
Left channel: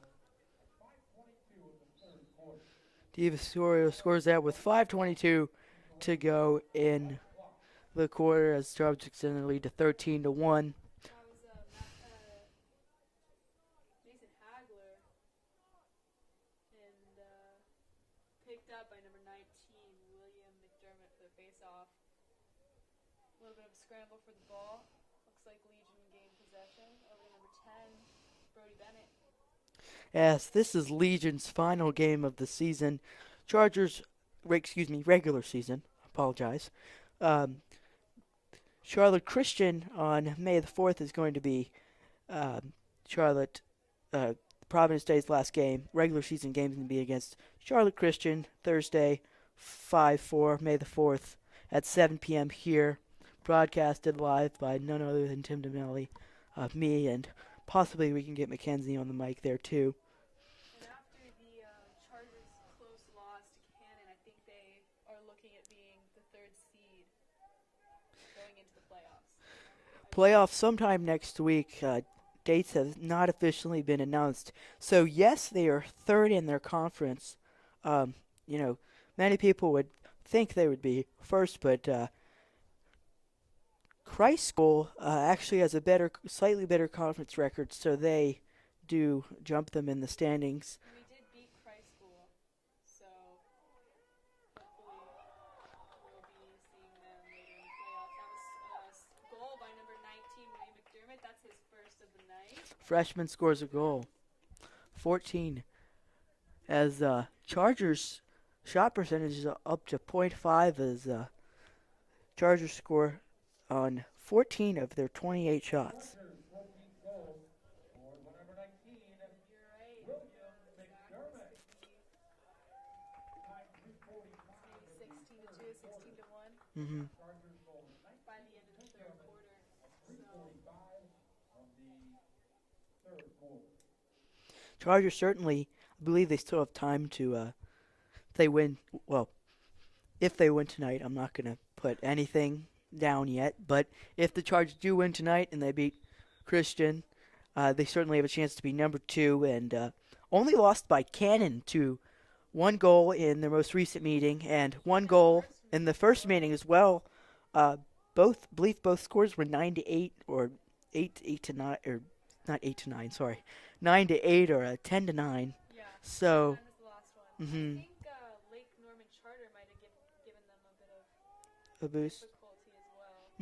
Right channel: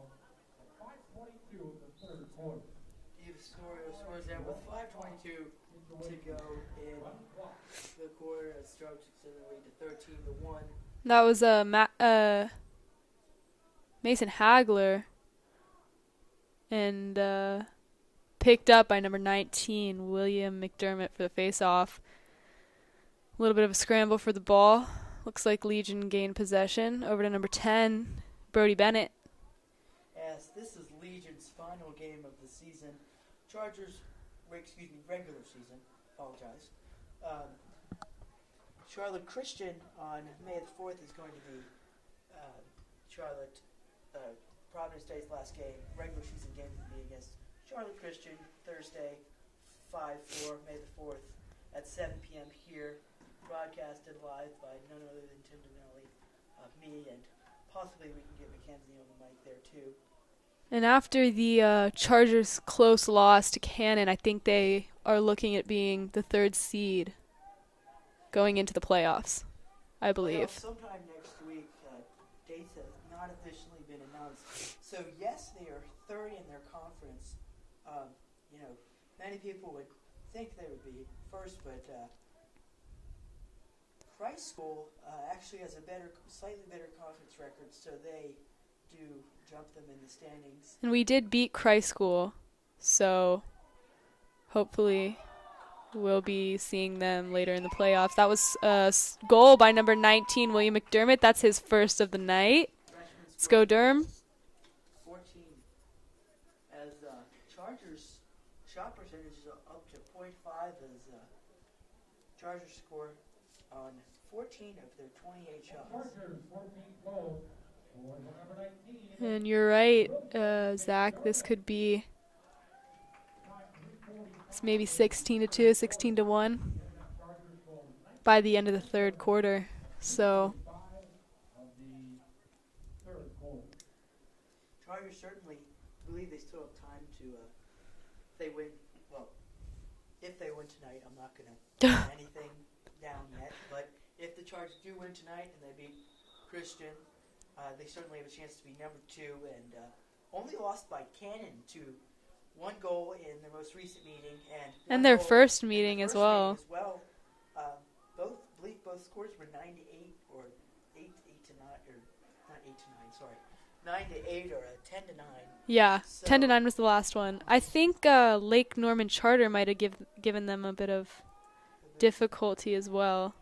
5:22 of the third quarter. DiVittorio scores that with 5:22 to go in the quarter as Chargers extend the lead to 13-1. That was Mason Hagler, and picked up by number 19, William McDermott, for the face-off. A little bit of a scramble for the ball. Looks like Legion gained possession. Over to number 10, Brody Bennett. Yes, this is Legion's final game of the season. Chargers, regular season. Apologize. Charlotte Christian on May the 4th is going to be Providence Day's last game. Regular season game is going to be against Charlotte Christian Thursday, 5-4, May the 4th at 7 p.m. here. Broadcasted live by none other than Tim DeMelli, me, and possibly we can get Mackenzie on the mic there too. And after the Chargers' close loss to Cannon, I think they are looking at being the third seed going into the playoffs. I believe. Playoffs sometime next week. Dates have not officially been announced. So, yes, they are third in their conference. Many people would think they would be first, but Christ School actually has a slightly better conference record, so they do jump them in the standings. And we did beat Christ School, so hopefully we'll be seeing them later in the playoffs. That was a goal by number 19, William McDermott. That's his first of the night. Freshman scores Let's go a goal. Durham. 14. As Chargers' shot percentage is up to .5 as Chargers score on 14 of their 28 shots. And you're right, Zach. This could be maybe 16-2, 16-1 by the end of the third quarter. So Chargers certainly, I believe they still have time to, if they win tonight, I'm not going to put anything down yet, but if the Chargers do win tonight and they beat Christian, they certainly have a chance to be number 2 and only lost by Cannon to 1 goal in their most recent meeting and 1 their goal first in meeting the first as well. meeting as well. Both scores were 9-8 or 8-9 or not 8-9, sorry. 9-8 or 10-9. Yeah, So 10-9 was the last one. I think Lake Norman Charter might have given them a bit of difficulty as well.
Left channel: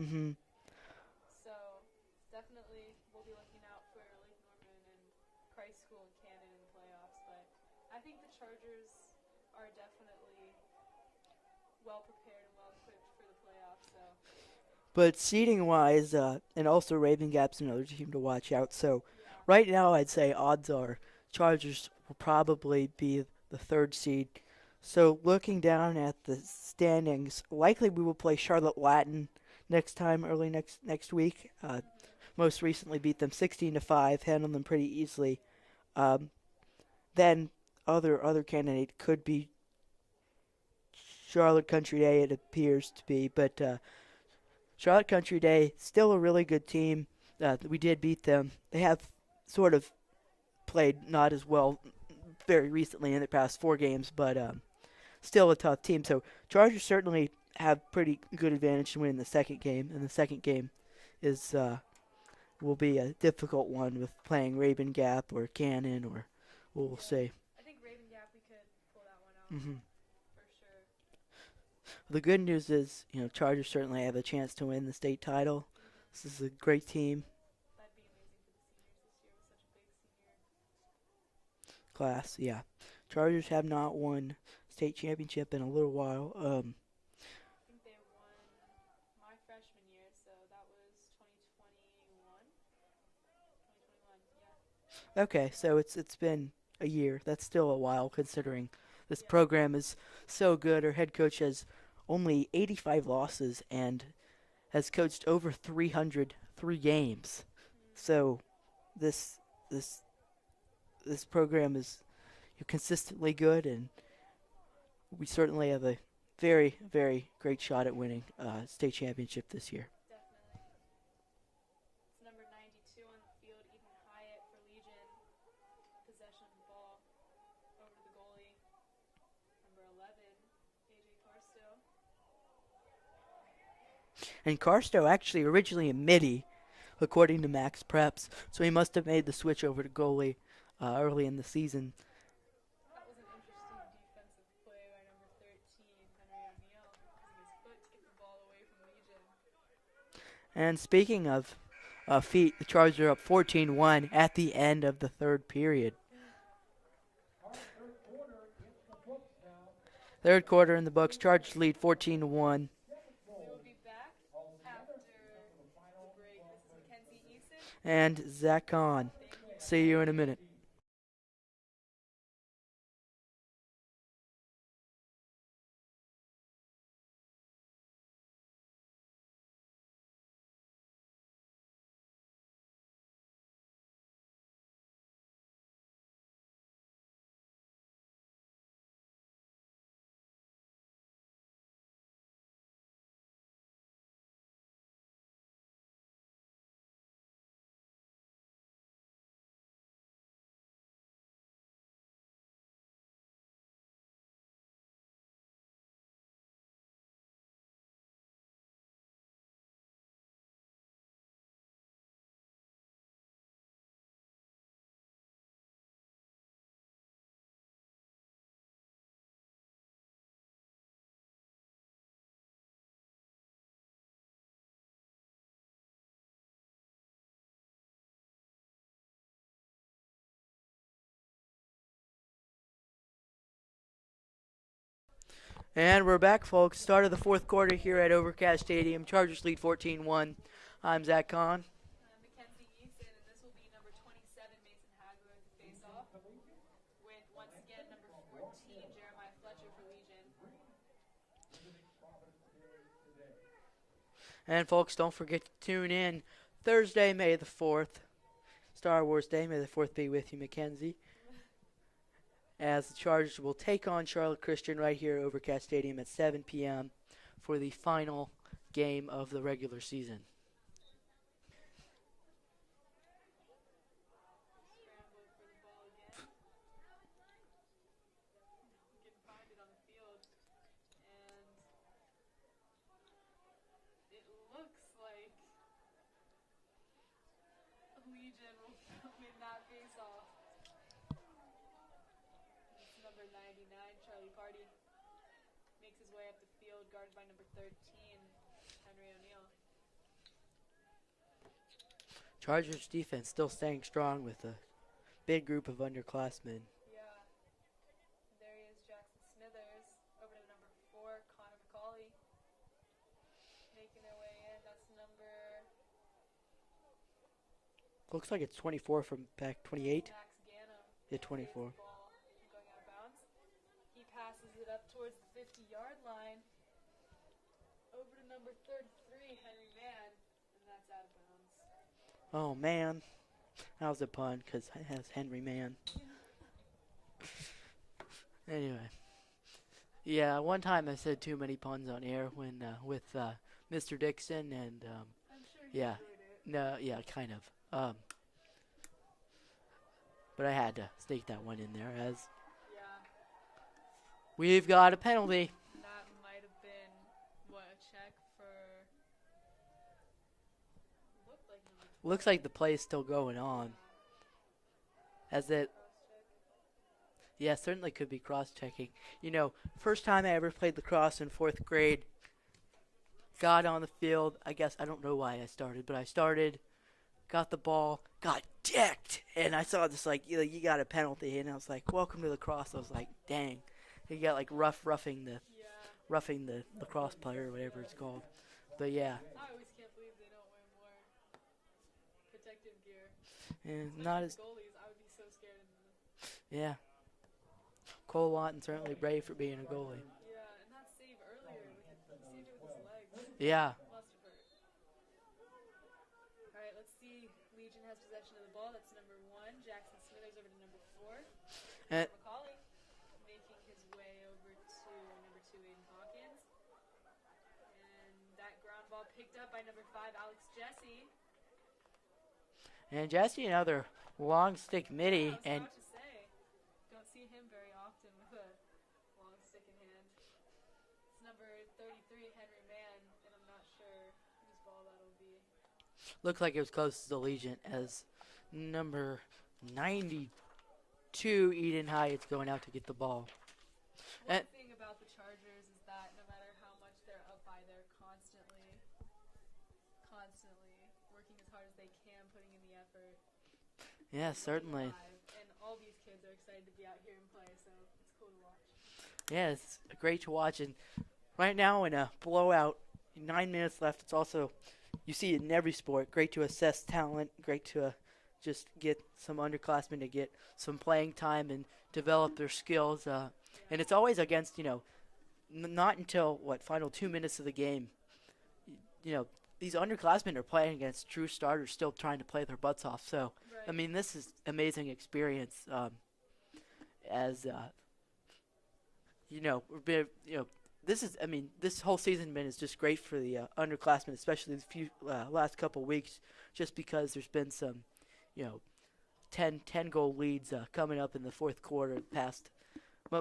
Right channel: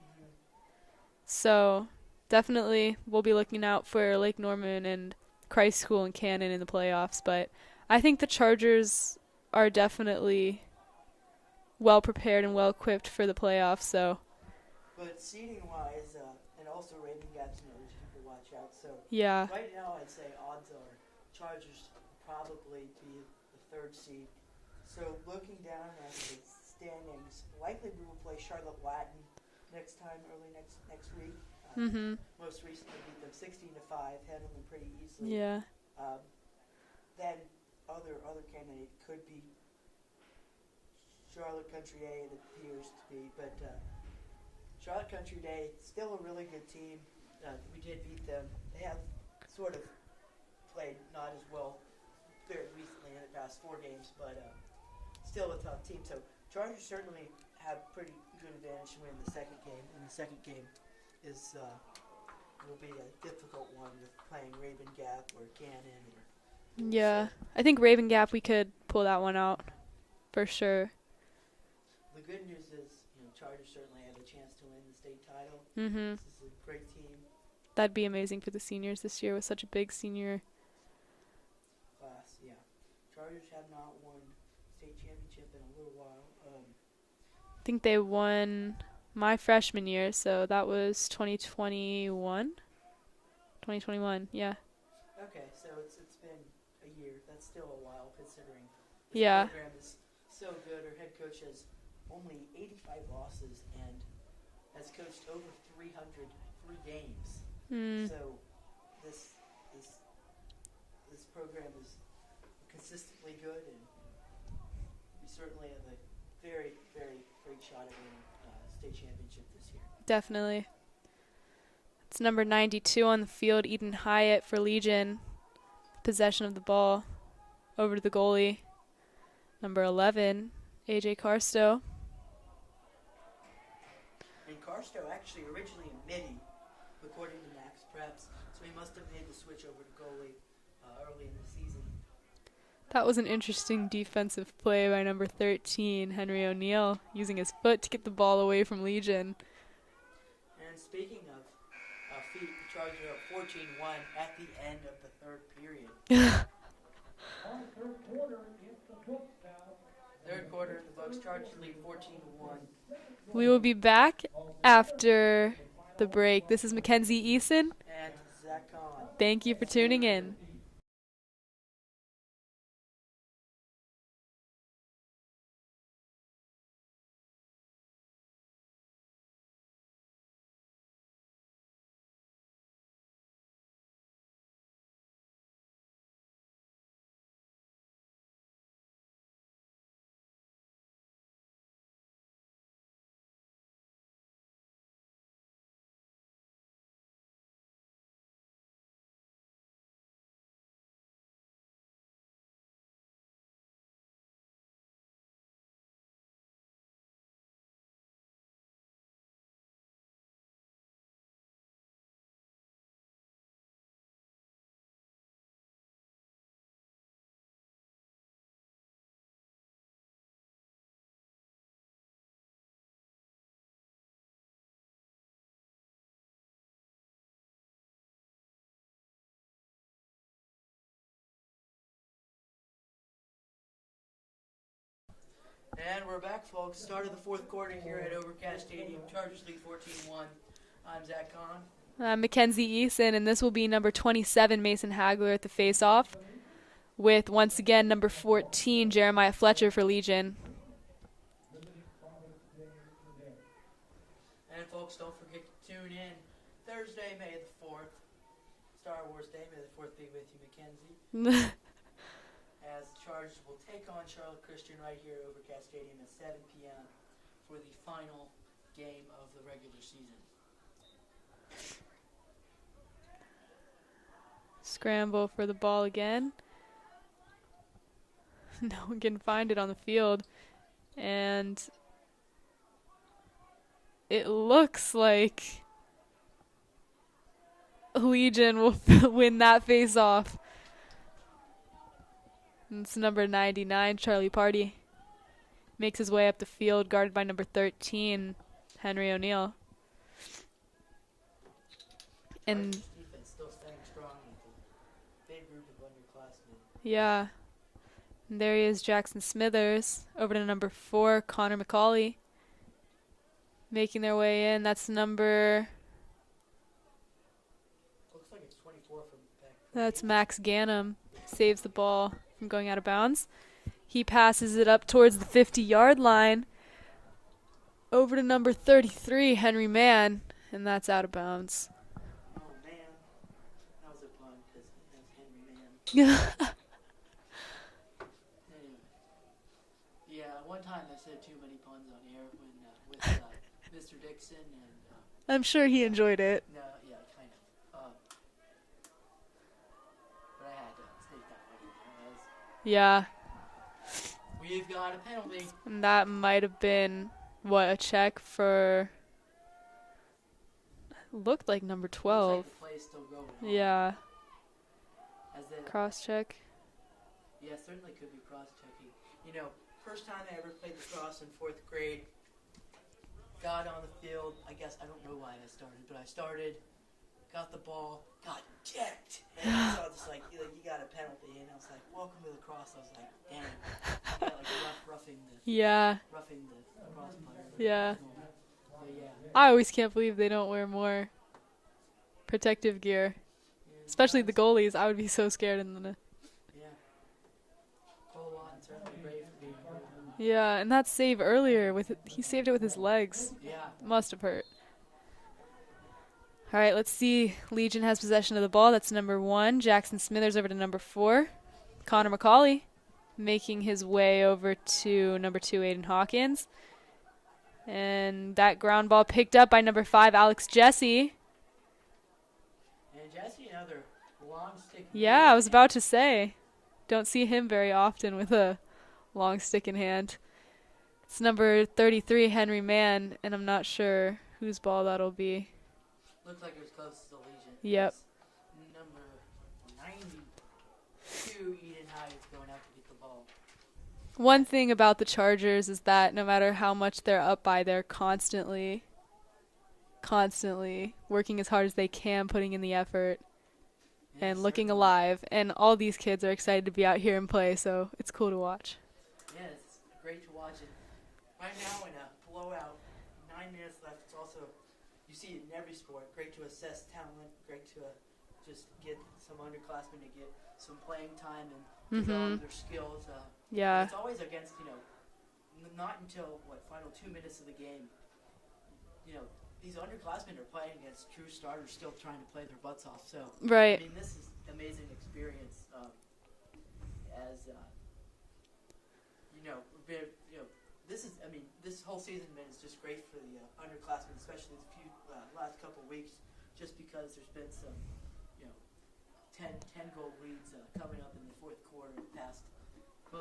So definitely we'll be looking out for Lake Norman and Christ School and Cannon in the playoffs, but I think the Chargers are definitely well prepared and well equipped for the playoffs. So, but seeding wise, and also Raven Gap's another team to watch out. So yeah, right now I'd say odds are Chargers will probably be the 3rd seed. So looking down at the standings, likely we will play Charlotte Latin next time, early next week. Most recently beat them 16-5, handled them pretty easily. Yeah. Then other candidate could be Charlotte Country Day, it appears to be, but Charlotte Country Day, still a really good team. We did beat them. They have sort of played not as well very recently in the past 4 games, but still a tough team. So Chargers certainly have pretty good advantage to win the second game, and the second game is will be a difficult one with playing Raven Gap or Cannon or we'll see. I think Raven Gap we could pull that one out for sure. The good news is, Chargers certainly have a chance to win the state title. Mm-hmm. This is a great team That'd be amazing for the seniors this year with such a big senior. class. Yeah, Chargers have not won state championship in a little while. I think they won my freshman year, so that was 2021. 2021, yeah. Okay, so it's been a year. That's still a while considering this Yeah. program is so good. Our head coach has only 85 losses and has coached over 303 games. Mm. So this program is consistently good, and we certainly have a very, very great shot at winning state championship this year. Definitely. It's number 92 on the field, Eden Hyatt for Legion. Possession of the ball over to the goalie. Number 11, AJ Carstow. And Carstow actually originally a midi, according to Max Preps, so he must have made the switch over to goalie early in the season. That was an interesting defensive play by number 13, Henry O'Neill, using his foot to get the ball away from Legion. And speaking of feet, the Chargers are up 14-1 at the end of the third period. Third quarter in the books. Chargers lead 14-1. We will be back after the break. This is Mackenzie Eason. And Zach Kahn. Thank you for See you tuning in a in. minute. And we're back, folks. Start of the fourth quarter here at Overcast Stadium. Chargers lead 14-1. I'm Zach Kahn. I'm Mackenzie Eason, and this will be number 27, Mason Hagler, at the face-off, with, once again, number 14, Jeremiah Fletcher for Legion. And, folks, don't forget to tune in Thursday, May the 4th. Star Wars Day. May the 4th be with you, Mackenzie. As the Chargers will take on Charlotte Christian right here at Overcast Stadium at 7 p.m. for the final game of the regular season. Scramble for the ball again. No one can find it on the field. And it looks like Legion will win that face-off. It's number 99, Charlie Party. Makes his way up the field, guarded by number 13, Henry O'Neill. Chargers defense still staying strong with a big group of underclassmen. Yeah. And there he is, Jackson Smithers. Over to number 4, Connor McCauley. Making their way in. That's number... Looks like it's 24 from back 28. That's Max Gannum. Yeah, Saves the 24. ball from going out of bounds. He passes it up towards the 50-yard line. Over to number 33, Henry Mann. And that's out of bounds. Oh, man. That was a pun because it has Henry Mann. Anyway. Yeah, one time I said too many puns on air when with Mr. Dixon and... I'm sure he yeah. enjoyed it. No, yeah, kind of. But I had to sneak that one in there as Yeah. we've got a penalty. And that might have been, a check for... Looked like number 12. Looks like the play's still going on. Yeah. As it, Cross check. Yeah, certainly could be cross-checking. You know, first time I ever played lacrosse in 4th grade, got on the field. I guess I don't know why I started, but I started, got the ball, got decked, and I saw this like, you got a penalty, and I was like, welcome to lacrosse. I was like, dang, you got like roughing Yeah. the lacrosse player, whatever Yeah. it's called. But yeah, I always can't believe they don't wear more protective gear, and especially not the as- goalies. I would be so scared in the. yeah. Cole Lawton certainly brave for being a goalie. Yeah, and that save earlier he saved it with his legs. Yeah. Must have hurt. All right, let's see. Legion has possession of the ball. That's number 1. Jackson Smithers over to number 4. Connor McCauley making his way over to number 2, Aiden Hawkins. And that ground ball picked up by number 5, Alex Jesse. And Jesse, another long stick. Yeah, I was about to say. Don't see him very often with a long stick in hand. It's number 33, Henry Mann, and I'm not sure whose ball that'll be. Looked like it was close to the Legion. Yep. As number 92, Eden Hyatt's going out to get the ball. One thing about the Chargers is that no matter how much they're up by, they're constantly working as hard as they can, putting in the effort. Yeah, And looking certainly. alive. And all these kids are excited to be out here and play, so it's cool to watch. Yeah, it's great to watch. And right now in a blowout, 9 minutes left, it's also, you see it in every sport, great to assess talent, great to just get some underclassmen to get some playing time and develop their skills. Yeah. And it's always against, not until, final 2 minutes of the game, these underclassmen are playing against true starters still trying to play their butts off. So, Right. I mean, this is amazing experience. This whole season is just great for the underclassmen, especially the few last couple weeks, just because there's been some, 10 goal leads coming up in the fourth quarter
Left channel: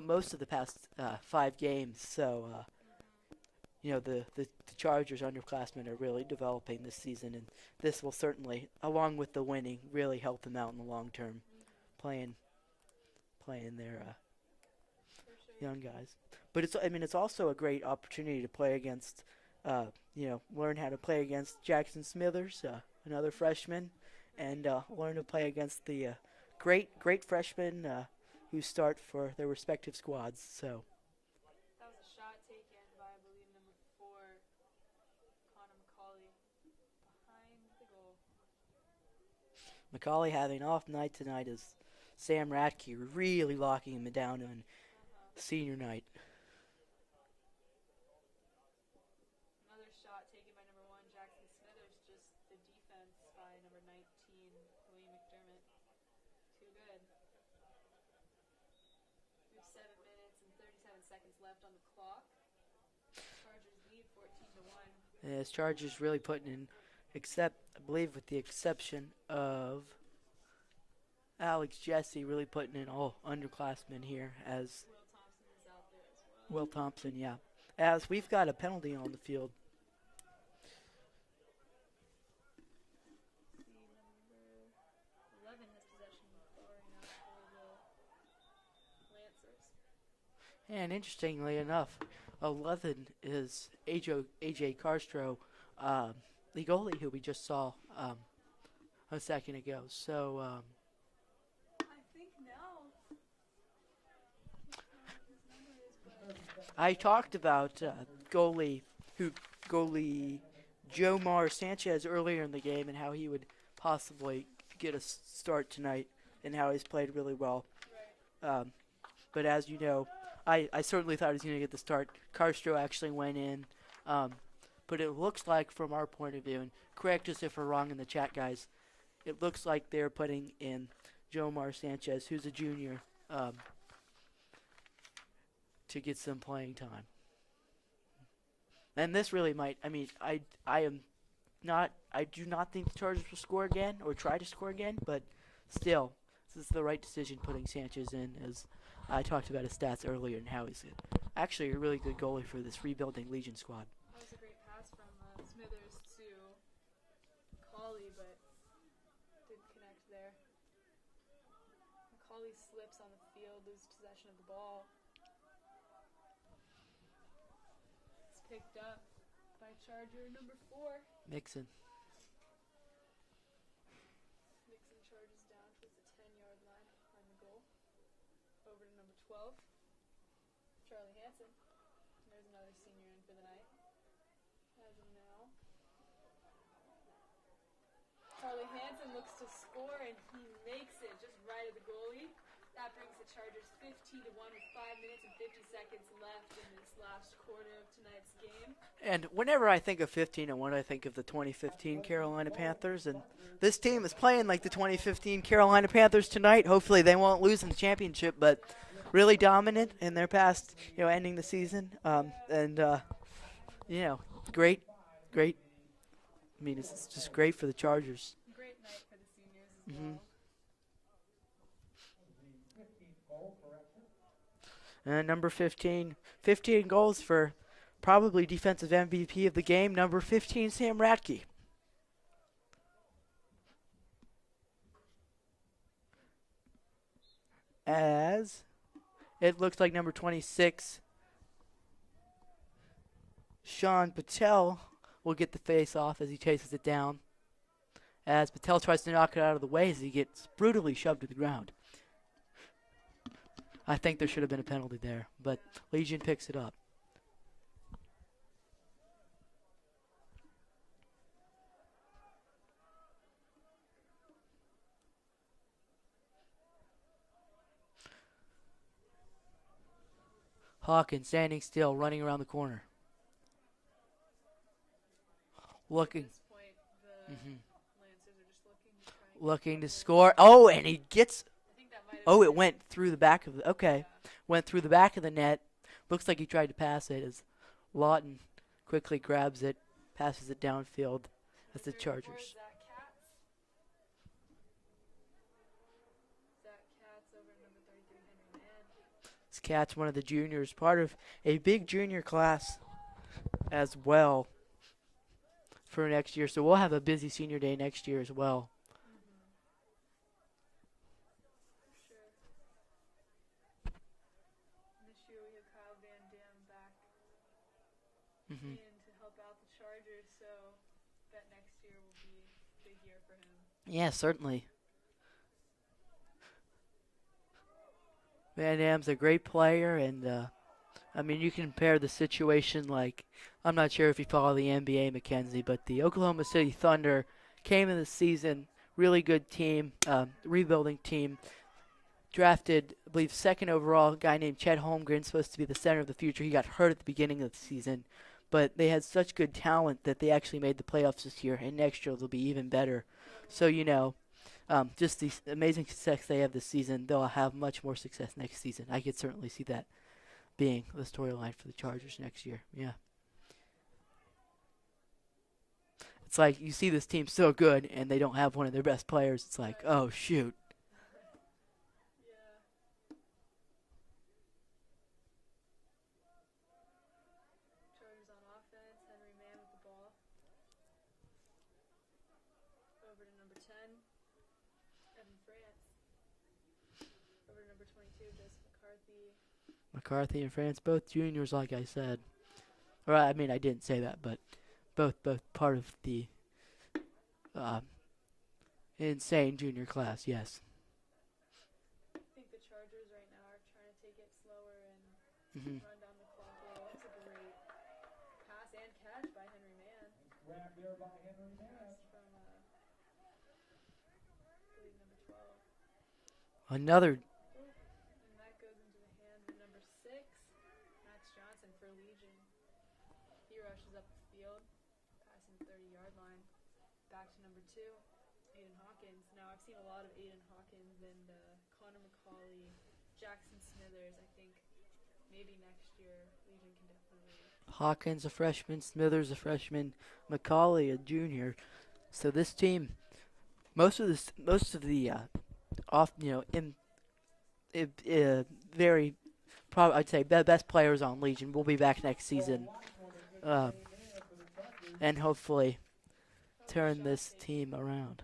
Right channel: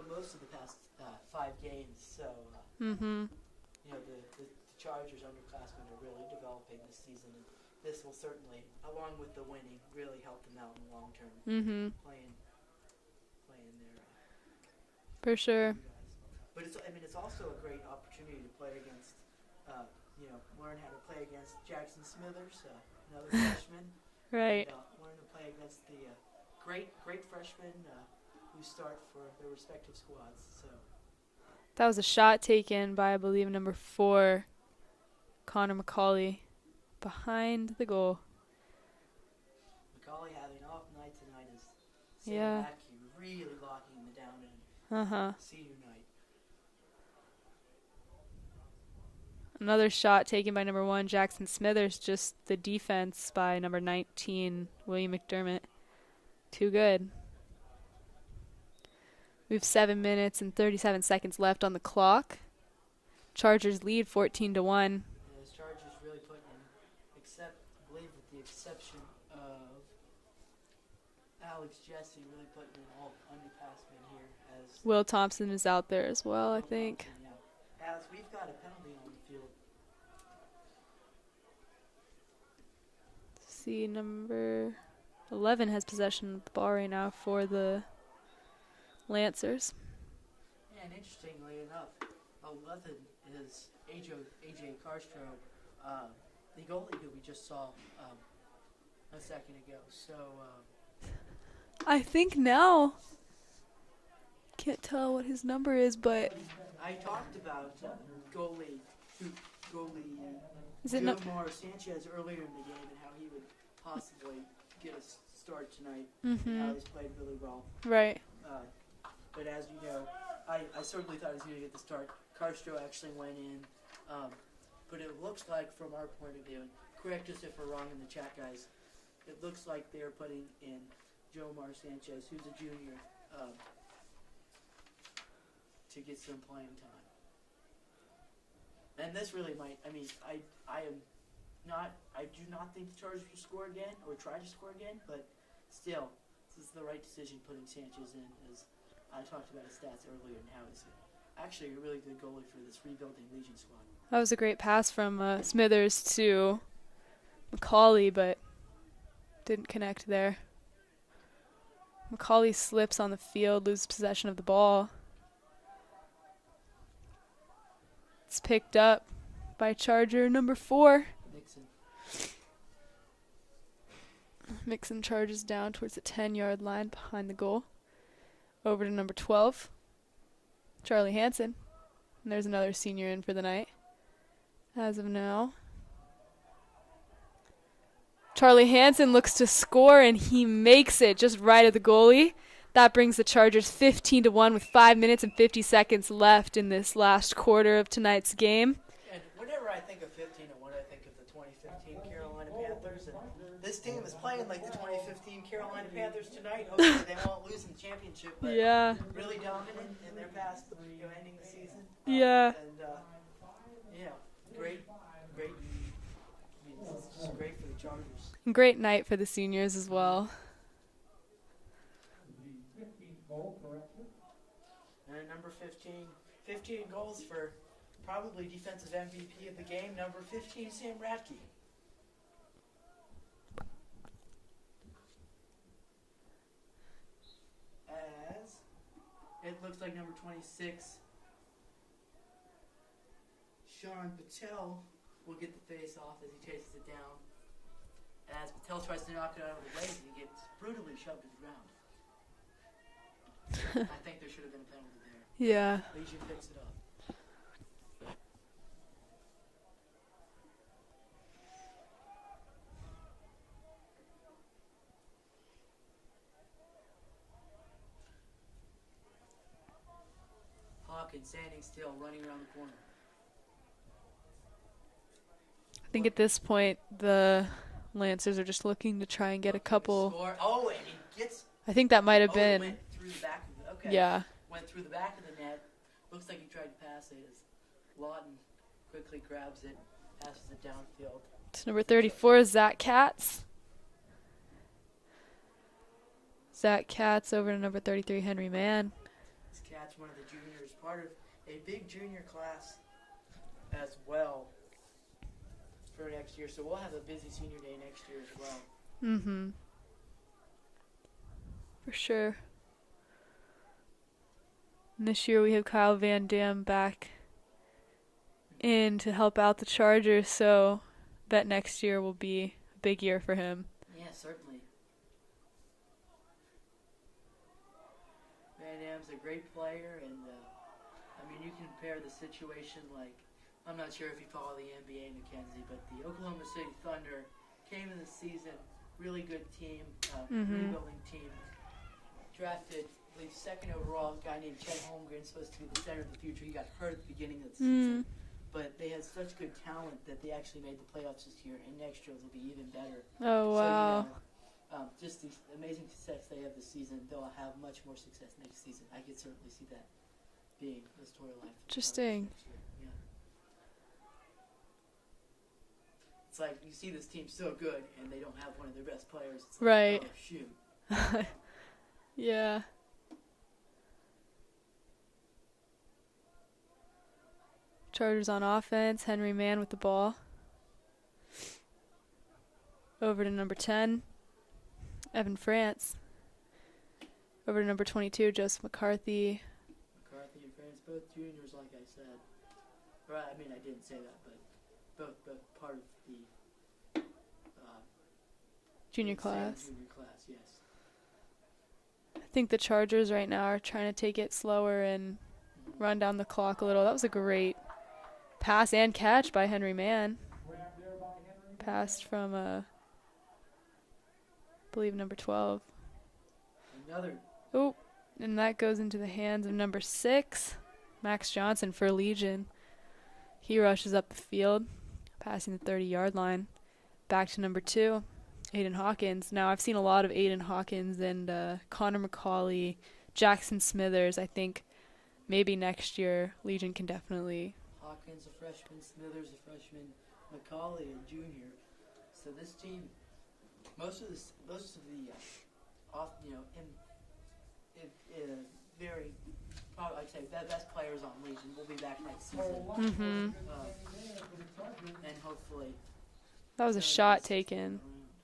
most of the past 5 games. So, the Chargers underclassmen are really developing this season, and this will certainly, along with the winning, really help them out in the long term. Playing their For sure. young guys. But it's also a great opportunity to play against, learn how to play against Jackson Smithers, another freshman, Right. and learn to play against the great freshmen who start for their respective squads. So. That was a shot taken by, I believe, number 4, Connor McCauley, behind the goal. McCauley having off night tonight is Sam Yeah. Radke really locking him down on senior night. Another shot taken by number 1, Jackson Smithers, just the defense by number 19, William McDermott. Too good. We have 7 minutes and 37 seconds left on the clock. Chargers lead 14-1. As Chargers really putting in, I believe with the exception of Alex Jesse, really putting in all underclassmen here as Will Thompson is out there as well, Will I think. Thompson, yeah. As we've got a penalty on the field. See, number 11 has possession of the ball right now for the Lancers. And interestingly enough, 11 is AJ Carstro, the goalie who we just saw a second ago. So I think now, can't tell what his number is, but I talked about goalie is it Jomar Sanchez earlier in the game and how he would possibly get a start tonight and how he's played really well. right. But as you know, I certainly thought he was going to get the start. Carstro actually went in. But it looks like, from our point of view, and correct us if we're wrong in the chat, guys, it looks like they're putting in Jomar Sanchez, who's a junior, to get some playing time. And this really might, I do not think the Chargers will score again or try to score again, but still, this is the right decision putting Sanchez in, as I talked about his stats earlier and how he's actually a really good goalie for this rebuilding Legion squad. That was a great pass from Smithers to McCauley, but didn't connect there. McCauley slips on the field, loses possession of the ball. It's picked up by Charger number 4. Mixon. Mixon charges down towards the 10-yard line behind the goal. Over to number 12, Charlie Hansen. And there's another senior in for the night as of now. Charlie Hansen looks to score, and he makes it just right at the goalie. That brings the Chargers 15-1 with 5 minutes and 50 seconds left in this last quarter of tonight's game. And whenever I think of 15-1, I think of the 2015 Carolina Panthers. And this team is playing like the 2015 Carolina Panthers tonight. Hopefully they won't lose in the championship, but Yeah. really dominant in their past, ending the season. Yeah. And, great. I mean, it's just great for the Chargers. Great night for the seniors as well. And number 15 goals for probably defensive MVP of the game, number 15, Sam Ratke. As it looks like number 26, Sean Patel, will get the face off as he chases it down. As Patel tries to knock it out of the way as he gets brutally shoved to the ground. I think there should have been a penalty there. But Yeah. Legion picks it up. Hawkins standing still, running around the corner. I think at this point, the Lancers are just looking to try and get a couple. To score. Oh, and he gets. I think that might have been. Oh, it went through the back of the. Okay. Yeah. Went through the back of the net. Looks like he tried to pass it as Lawton quickly grabs it, passes it downfield. It's number 34, Zach Katz. Zach Katz over to number 33, Henry Mann. This Katz, one of the juniors, part of a big junior class as well for next year. So we'll have a busy senior day next year as well. Mm-hmm. For sure. And this year we have Kyle Van Dam back in to help out the Chargers, so bet next year will be a big year for him. Yeah, certainly. Van Dam's a great player, and I mean, you can compare the situation like, I'm not sure if you follow the NBA, Mackenzie, but the Oklahoma City Thunder came in the season, really good team, rebuilding team, drafted, I believe, second overall, a guy named Chet Holmgren, supposed to be the center of the future. He got hurt at the beginning of the season, but they had such good talent that they actually made the playoffs this year, and next year they'll be even better. Oh, wow. So, just the amazing success they have this season, they'll have much more success next season. I could certainly see that being the storyline for the Chargers next year. Yeah. It's like you see this team so good, and they don't have one of their best players. It's like, oh, shoot. Yeah. Chargers on offense. Henry Mann with the ball. Over to number 10, Evan France. Over to number 22, Joseph McCarthy. McCarthy and France, both juniors, like I said. Or, I mean, I didn't say that, but both part of the Junior class, yes. I think the Chargers right now are trying to take it slower and run down the clock a little. That was a great pass and catch by Henry Mann. Passed from, I believe, number 12. Another. Oh, and that goes into the hands of number 6, Max Johnson for Legion. He rushes up the field, passing the 30-yard line. Back to number 2, Aiden Hawkins. Now, I've seen a lot of Aiden Hawkins and Connor McCauley, Jackson Smithers. I think maybe next year Legion can definitely. Hawkins a freshman, Smithers a freshman, McCauley a junior. So this team, most of the I'd say the best players on Legion will be back next season. And hopefully that was a turn shot this team around.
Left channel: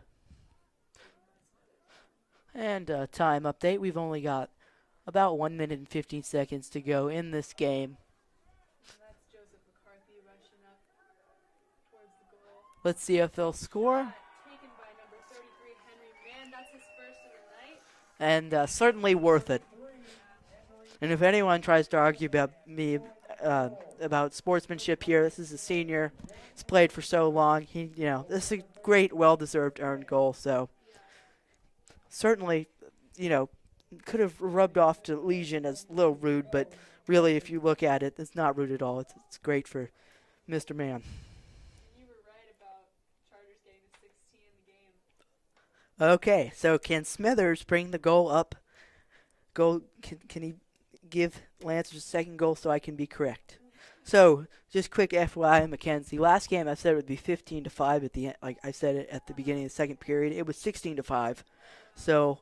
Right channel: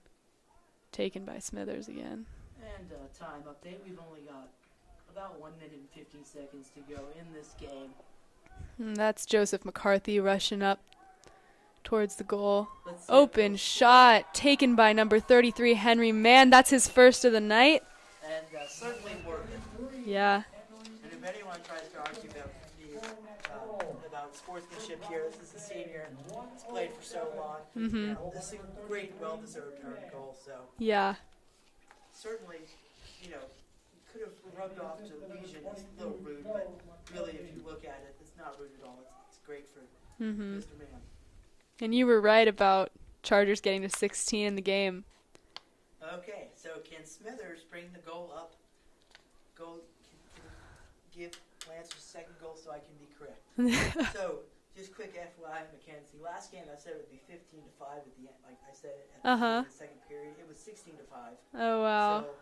taken by Smithers again. And time update. We've only got about 1 minute and 15 seconds to go in this game. And that's Joseph McCarthy rushing up towards the goal. Let's see if Open they'll score. shot taken by number 33, Henry Mann. That's his first of the night. And certainly worth it. Yeah. And if anyone tries to argue about me about sportsmanship here, this is a senior. He's played for so long. He, you know, this is a great, well-deserved earned goal. So Yeah. certainly, you know, could have rubbed off to Legion as a little rude, but really, if you look at it, it's not rude at all. It's great for Mr. Mann. And you were right about Chargers getting to 16 in the game. Okay, so can Smithers bring the goal up? Can he give Lance a second goal so I can be correct? So just quick FYI, Mackenzie. Last game I said it would be 15-5 at the end. Like I said it at the beginning of the second period. It was 16-5. Oh, wow. So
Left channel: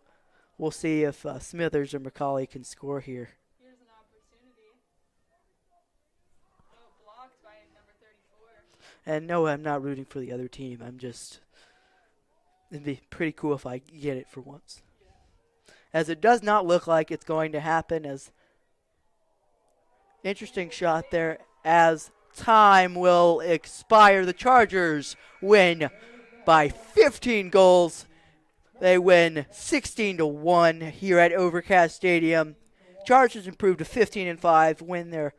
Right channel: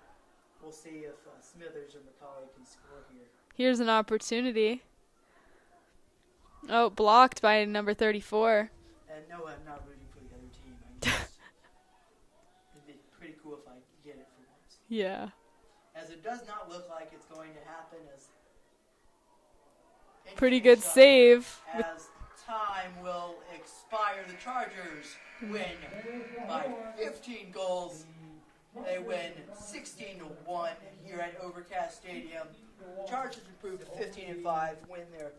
we'll see if Smithers or McCauley can score here. Here's an opportunity. Oh, blocked by number 34. And no, I'm not rooting for the other team. I'm just. It'd be pretty cool if I get it for once. Yeah. As it does not look like it's going to happen. As Pretty interesting good shot there save. as time will expire. The Chargers win by 15 goals. They win 16-1 here at Overcast Stadium. Chargers improved to 15-5, win their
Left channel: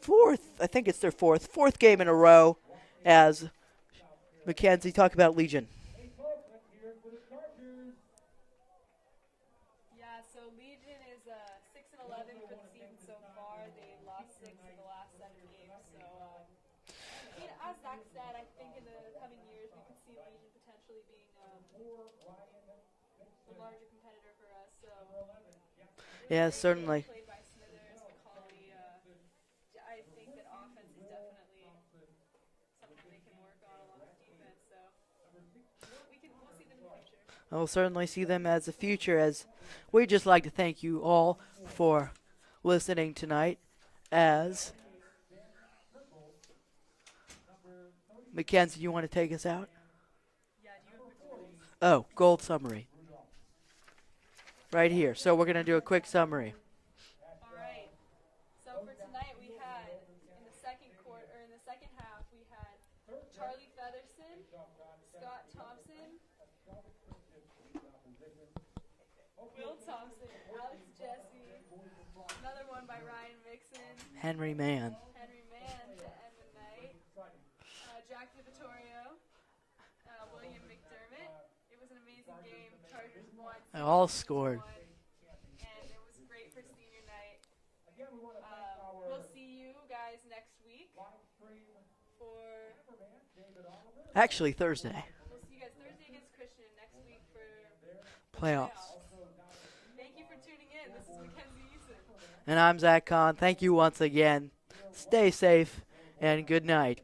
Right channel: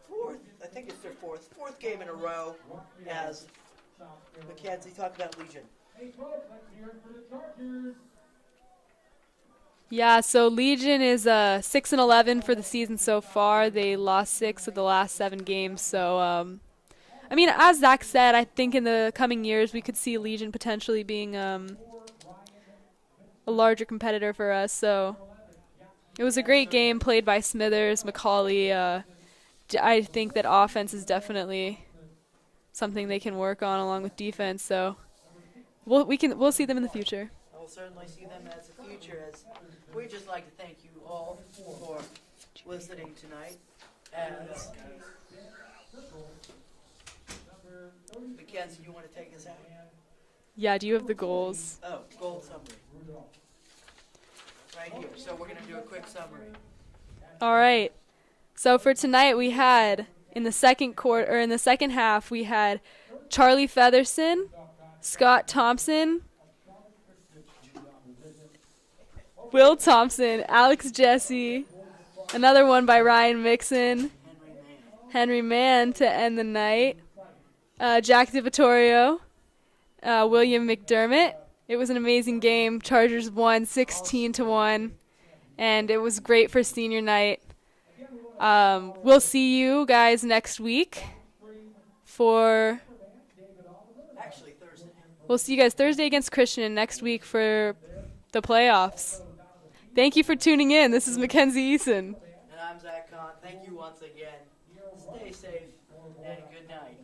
fourth game in a row. As Mackenzie talk about Legion. Yeah, so Legion is 6-11 for the season so far. They lost 6 of the last 7 games. So, I mean, as Zach said, I think in the coming years we could see Legion potentially being a larger competitor for us. So it was a great game certainly. played by Smithers, McCauley. I think that offense is definitely something they can work on along with defense. So we'll see them in the future. I'll certainly see them as the future. As we'd just like to thank you all for listening tonight. As Mackenzie, you want to take us out? Yeah, do you have the goals? Oh, gold summary. Right here. So we're going to do a quick summary. All right. So for tonight we had in the second half we had Charlie Featherson, Scott Thompson, Will Thompson, Alex Jesse, another one by Ryan Mixon, Henry Mann to end the night, Jack DiVittorio, William McDermott. It was an amazing game. Chargers won 16-1, and it was great for senior night. We'll see you guys next week for... Actually, Thursday. We'll see you guys Thursday against Christian and next week for the playoffs. Thank you for tuning in. This is Mackenzie Eason. And I'm Zach Kahn. Thank you once again. Stay safe and good night.